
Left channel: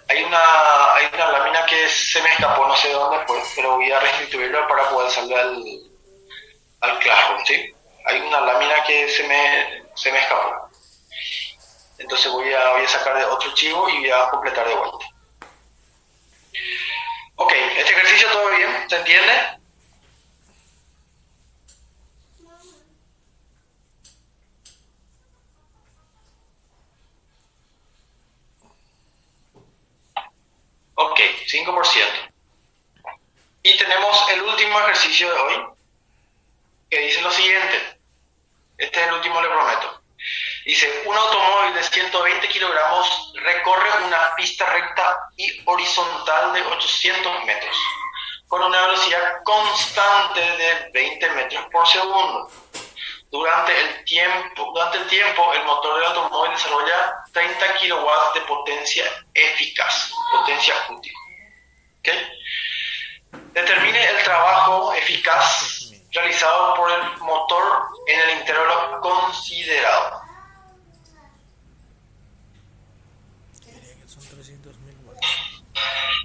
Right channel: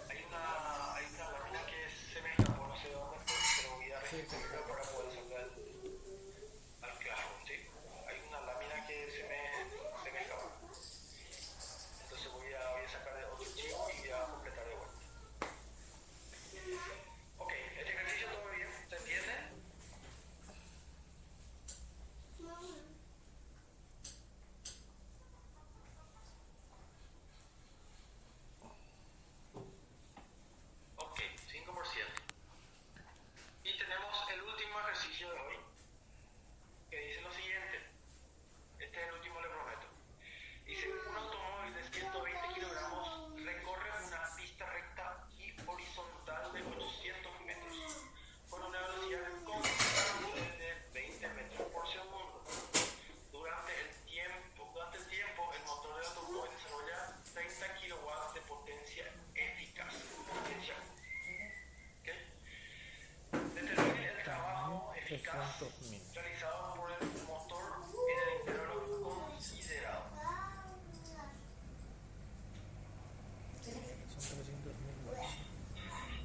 Hay una lámina que se me escapó, no sé de dónde fue, pero voy a restituirla para poder salir al Classroom, ¿sí? Hay una lámina que se me escapó. Entonces voy a sacar de otro archivo y voy a completar de vuelta. Ok, este ejercicio todo bien, ¿se entiende? Ok, 5%. Y tenemos el último ejercicio de hoy, que dice lo siguiente. Este es el último, le prometo. Dice, un automóvil de 120 kilogramos recorre una pista recta y horizontal de 800 metros, con una velocidad constante de 20 metros por segundo. Durante el tiempo, el motor del automóvil desarrolla 30 kilowatts de potencia eficaz, potencia útil. ¿Okay? Determine el trabajo eficaz realizado por el motor en el intervalo considerado.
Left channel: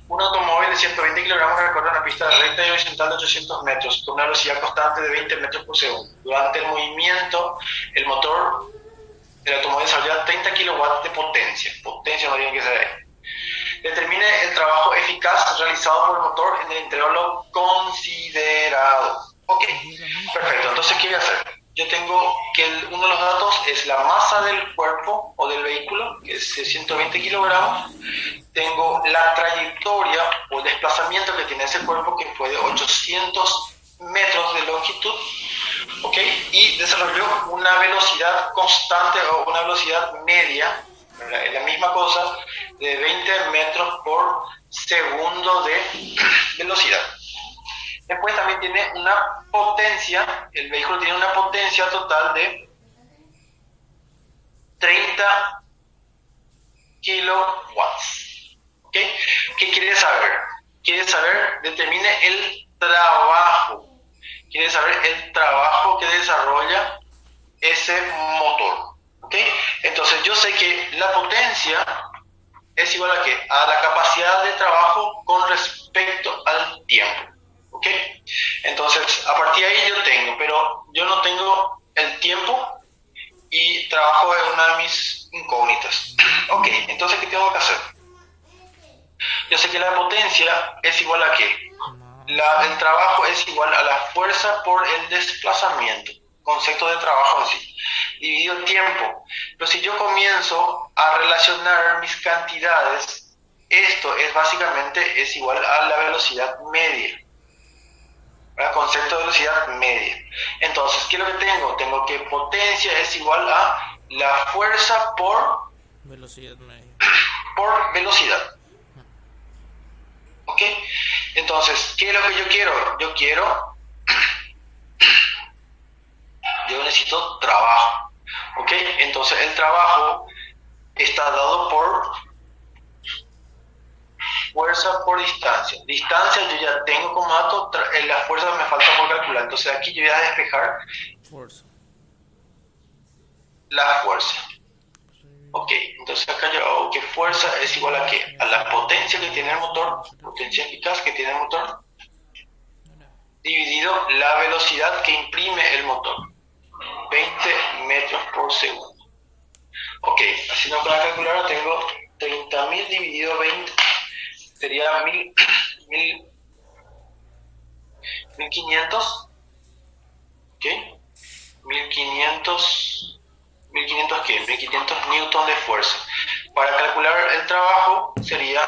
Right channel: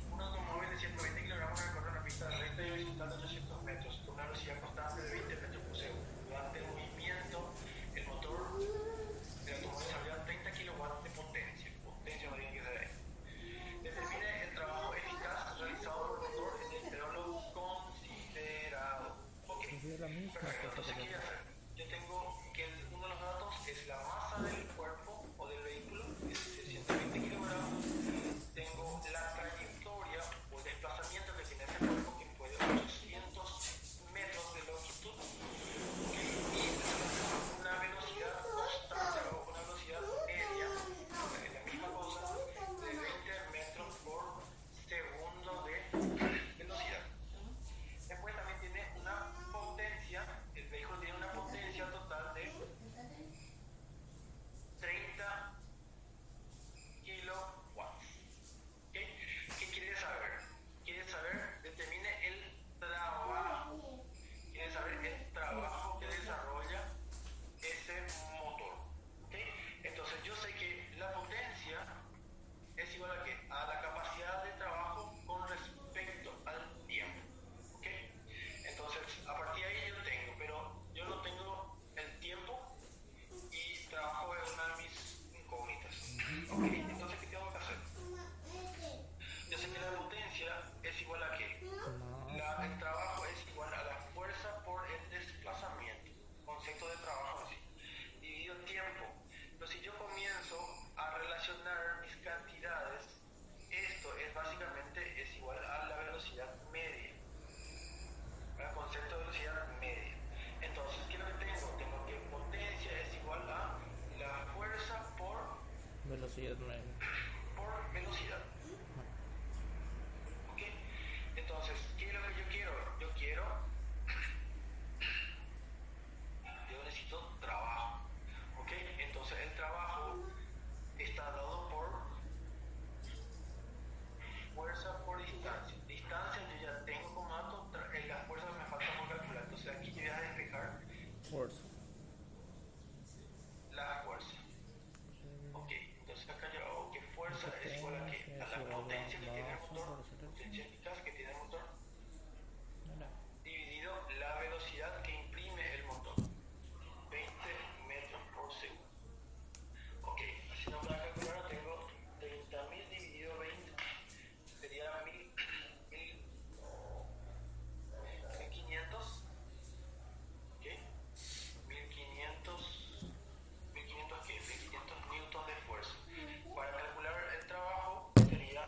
Un automóvil de 120 kilogramos recorre una pista recta y horizontal de 800 metros con una velocidad constante de 20 metros por segundo. Durante el movimiento, el motor del automóvil desarrolla 30 kilowatts de potencia. Potencia no tiene que ser ahí. Determine el trabajo eficaz realizado por el motor en el intervalo considerado. Ok, perfecto. Entonces, ¿qué voy a hacer? Yo tengo que uno de los datos es la masa del cuerpo o del vehículo, que es 120 kilogramos. Tengo la trayectoria o el desplazamiento que tiene ese cuerpo, que fue de 800 metros de longitud. ¿Ok? Y desarrolló una velocidad constante o una velocidad media, es la misma cosa, de 20 metros por segundo de velocidad. Después también tiene una potencia, el vehículo tiene una potencia total de 30 kilowatts. ¿Okay? ¿Qué quiere saber? Quiere saber, determine el trabajo. Quiere saber el trabajo que desarrolla ese motor. ¿Okay? Entonces yo sé que la potencia es igual a ¿qué? A la capacidad de trabajo con respecto al tiempo. ¿Ok? Entonces, a partir de ahí yo tengo, pero yo no tengo el tiempo y trabajo es una de mis incógnitas. Ok, entonces, ¿qué tengo que hacer? Yo sé que la potencia es igual a ¿qué? El trabajo es igual a la fuerza por el desplazamiento, concepto de trabajo en sí, dividido el tiempo. Pero si yo comienzo a relacionar mis cantidades, esto es básicamente es igual a la velocidad media. ¿Verdad? Concepto de velocidad media. Entonces, ¿qué es lo que tengo? Tengo que potencia es igual a la fuerza por Velocidad media. por velocidad. ¿Ok? Entonces, ¿qué es lo que yo quiero? Yo necesito trabajo. ¿Ok? Entonces, el trabajo está dado por fuerza por distancia. Distancia yo ya tengo como dato, la fuerza me falta por calcular. Entonces aquí yo voy a despejar Fuerza. la fuerza. Ok, entonces acá yo hago que fuerza es igual a ¿qué? A la potencia que tiene el motor, potencia eficaz que tiene el motor, dividido la velocidad que imprime el motor, 20 metros por segundo. Ok, haciendo con la calculadora tengo 30.000 dividido 20, sería 1500, ¿ok? 1500 1500 ¿qué? 1500 newton de fuerza. Para calcular el trabajo sería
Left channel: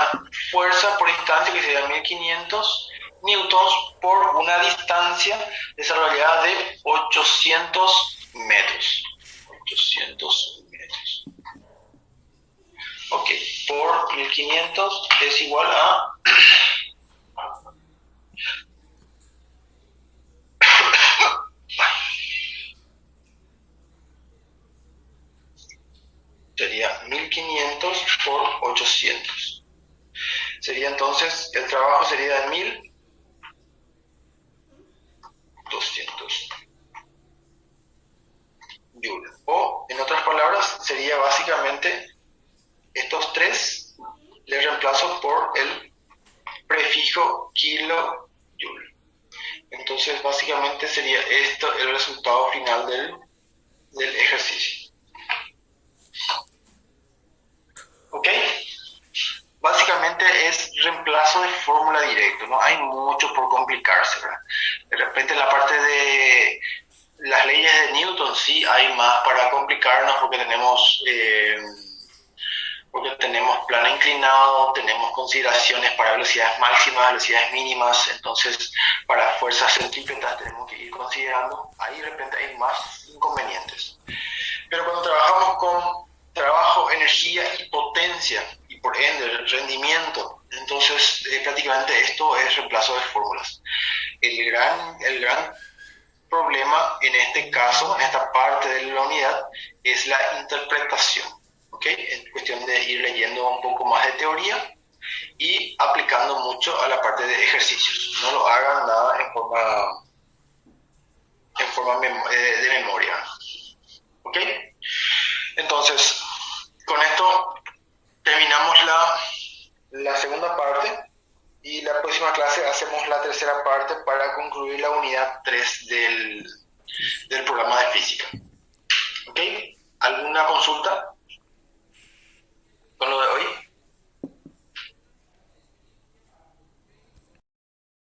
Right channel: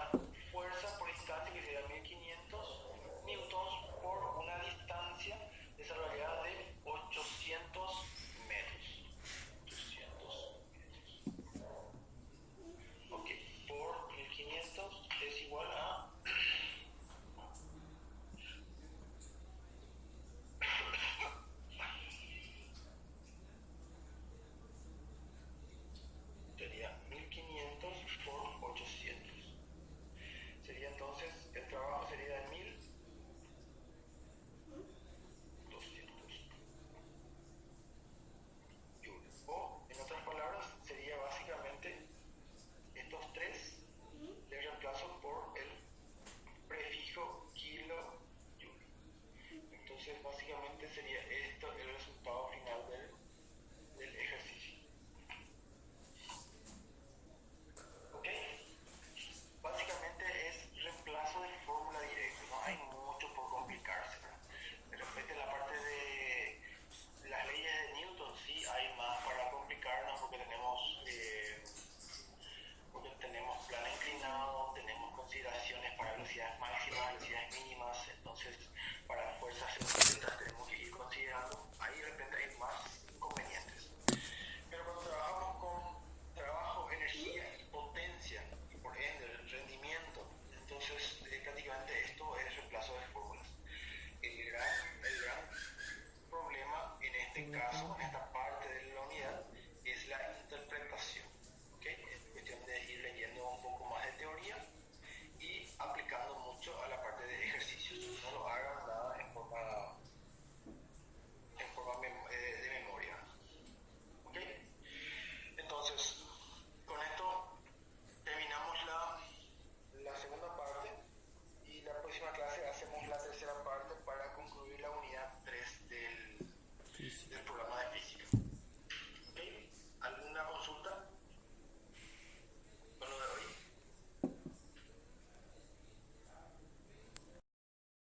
fuerza por distancia, que sería 1500 newtons por una distancia desarrollada de 800 metros. 800 metros. Ok, por 1500 es igual a sería 1500 por 800. Sería entonces, el trabajo sería de 1200 joules. O, en otras palabras, sería básicamente estos tres, les reemplazo por el prefijo kilojoule. Entonces, básicamente sería esto el resultado final del ejercicio. ¿Ok? Básicamente es reemplazo de fórmula directa, no hay mucho por complicarse, ¿verdad? De repente la parte de las leyes de Newton sí hay más para complicarnos porque tenemos plano inclinado, tenemos consideraciones para velocidades máximas, velocidades mínimas, entonces para fuerzas centrípetas tenemos que ir considerando, ahí de repente hay más inconvenientes. Pero cuando trabajamos con trabajo, energía y potencia, y por ende rendimiento, entonces prácticamente esto es reemplazo de fórmulas. El gran problema en este caso, en esta parte de la unidad, es la interpretación, ¿ok? Es cuestión de ir leyendo un poco más de teoría y aplicando mucho a la parte de ejercicios. No lo hagan nada en forma de memoria, ¿ok? Entonces, con esto terminamos la segunda parte y la próxima clase hacemos la tercera parte para concluir la unidad 3 del programa de física.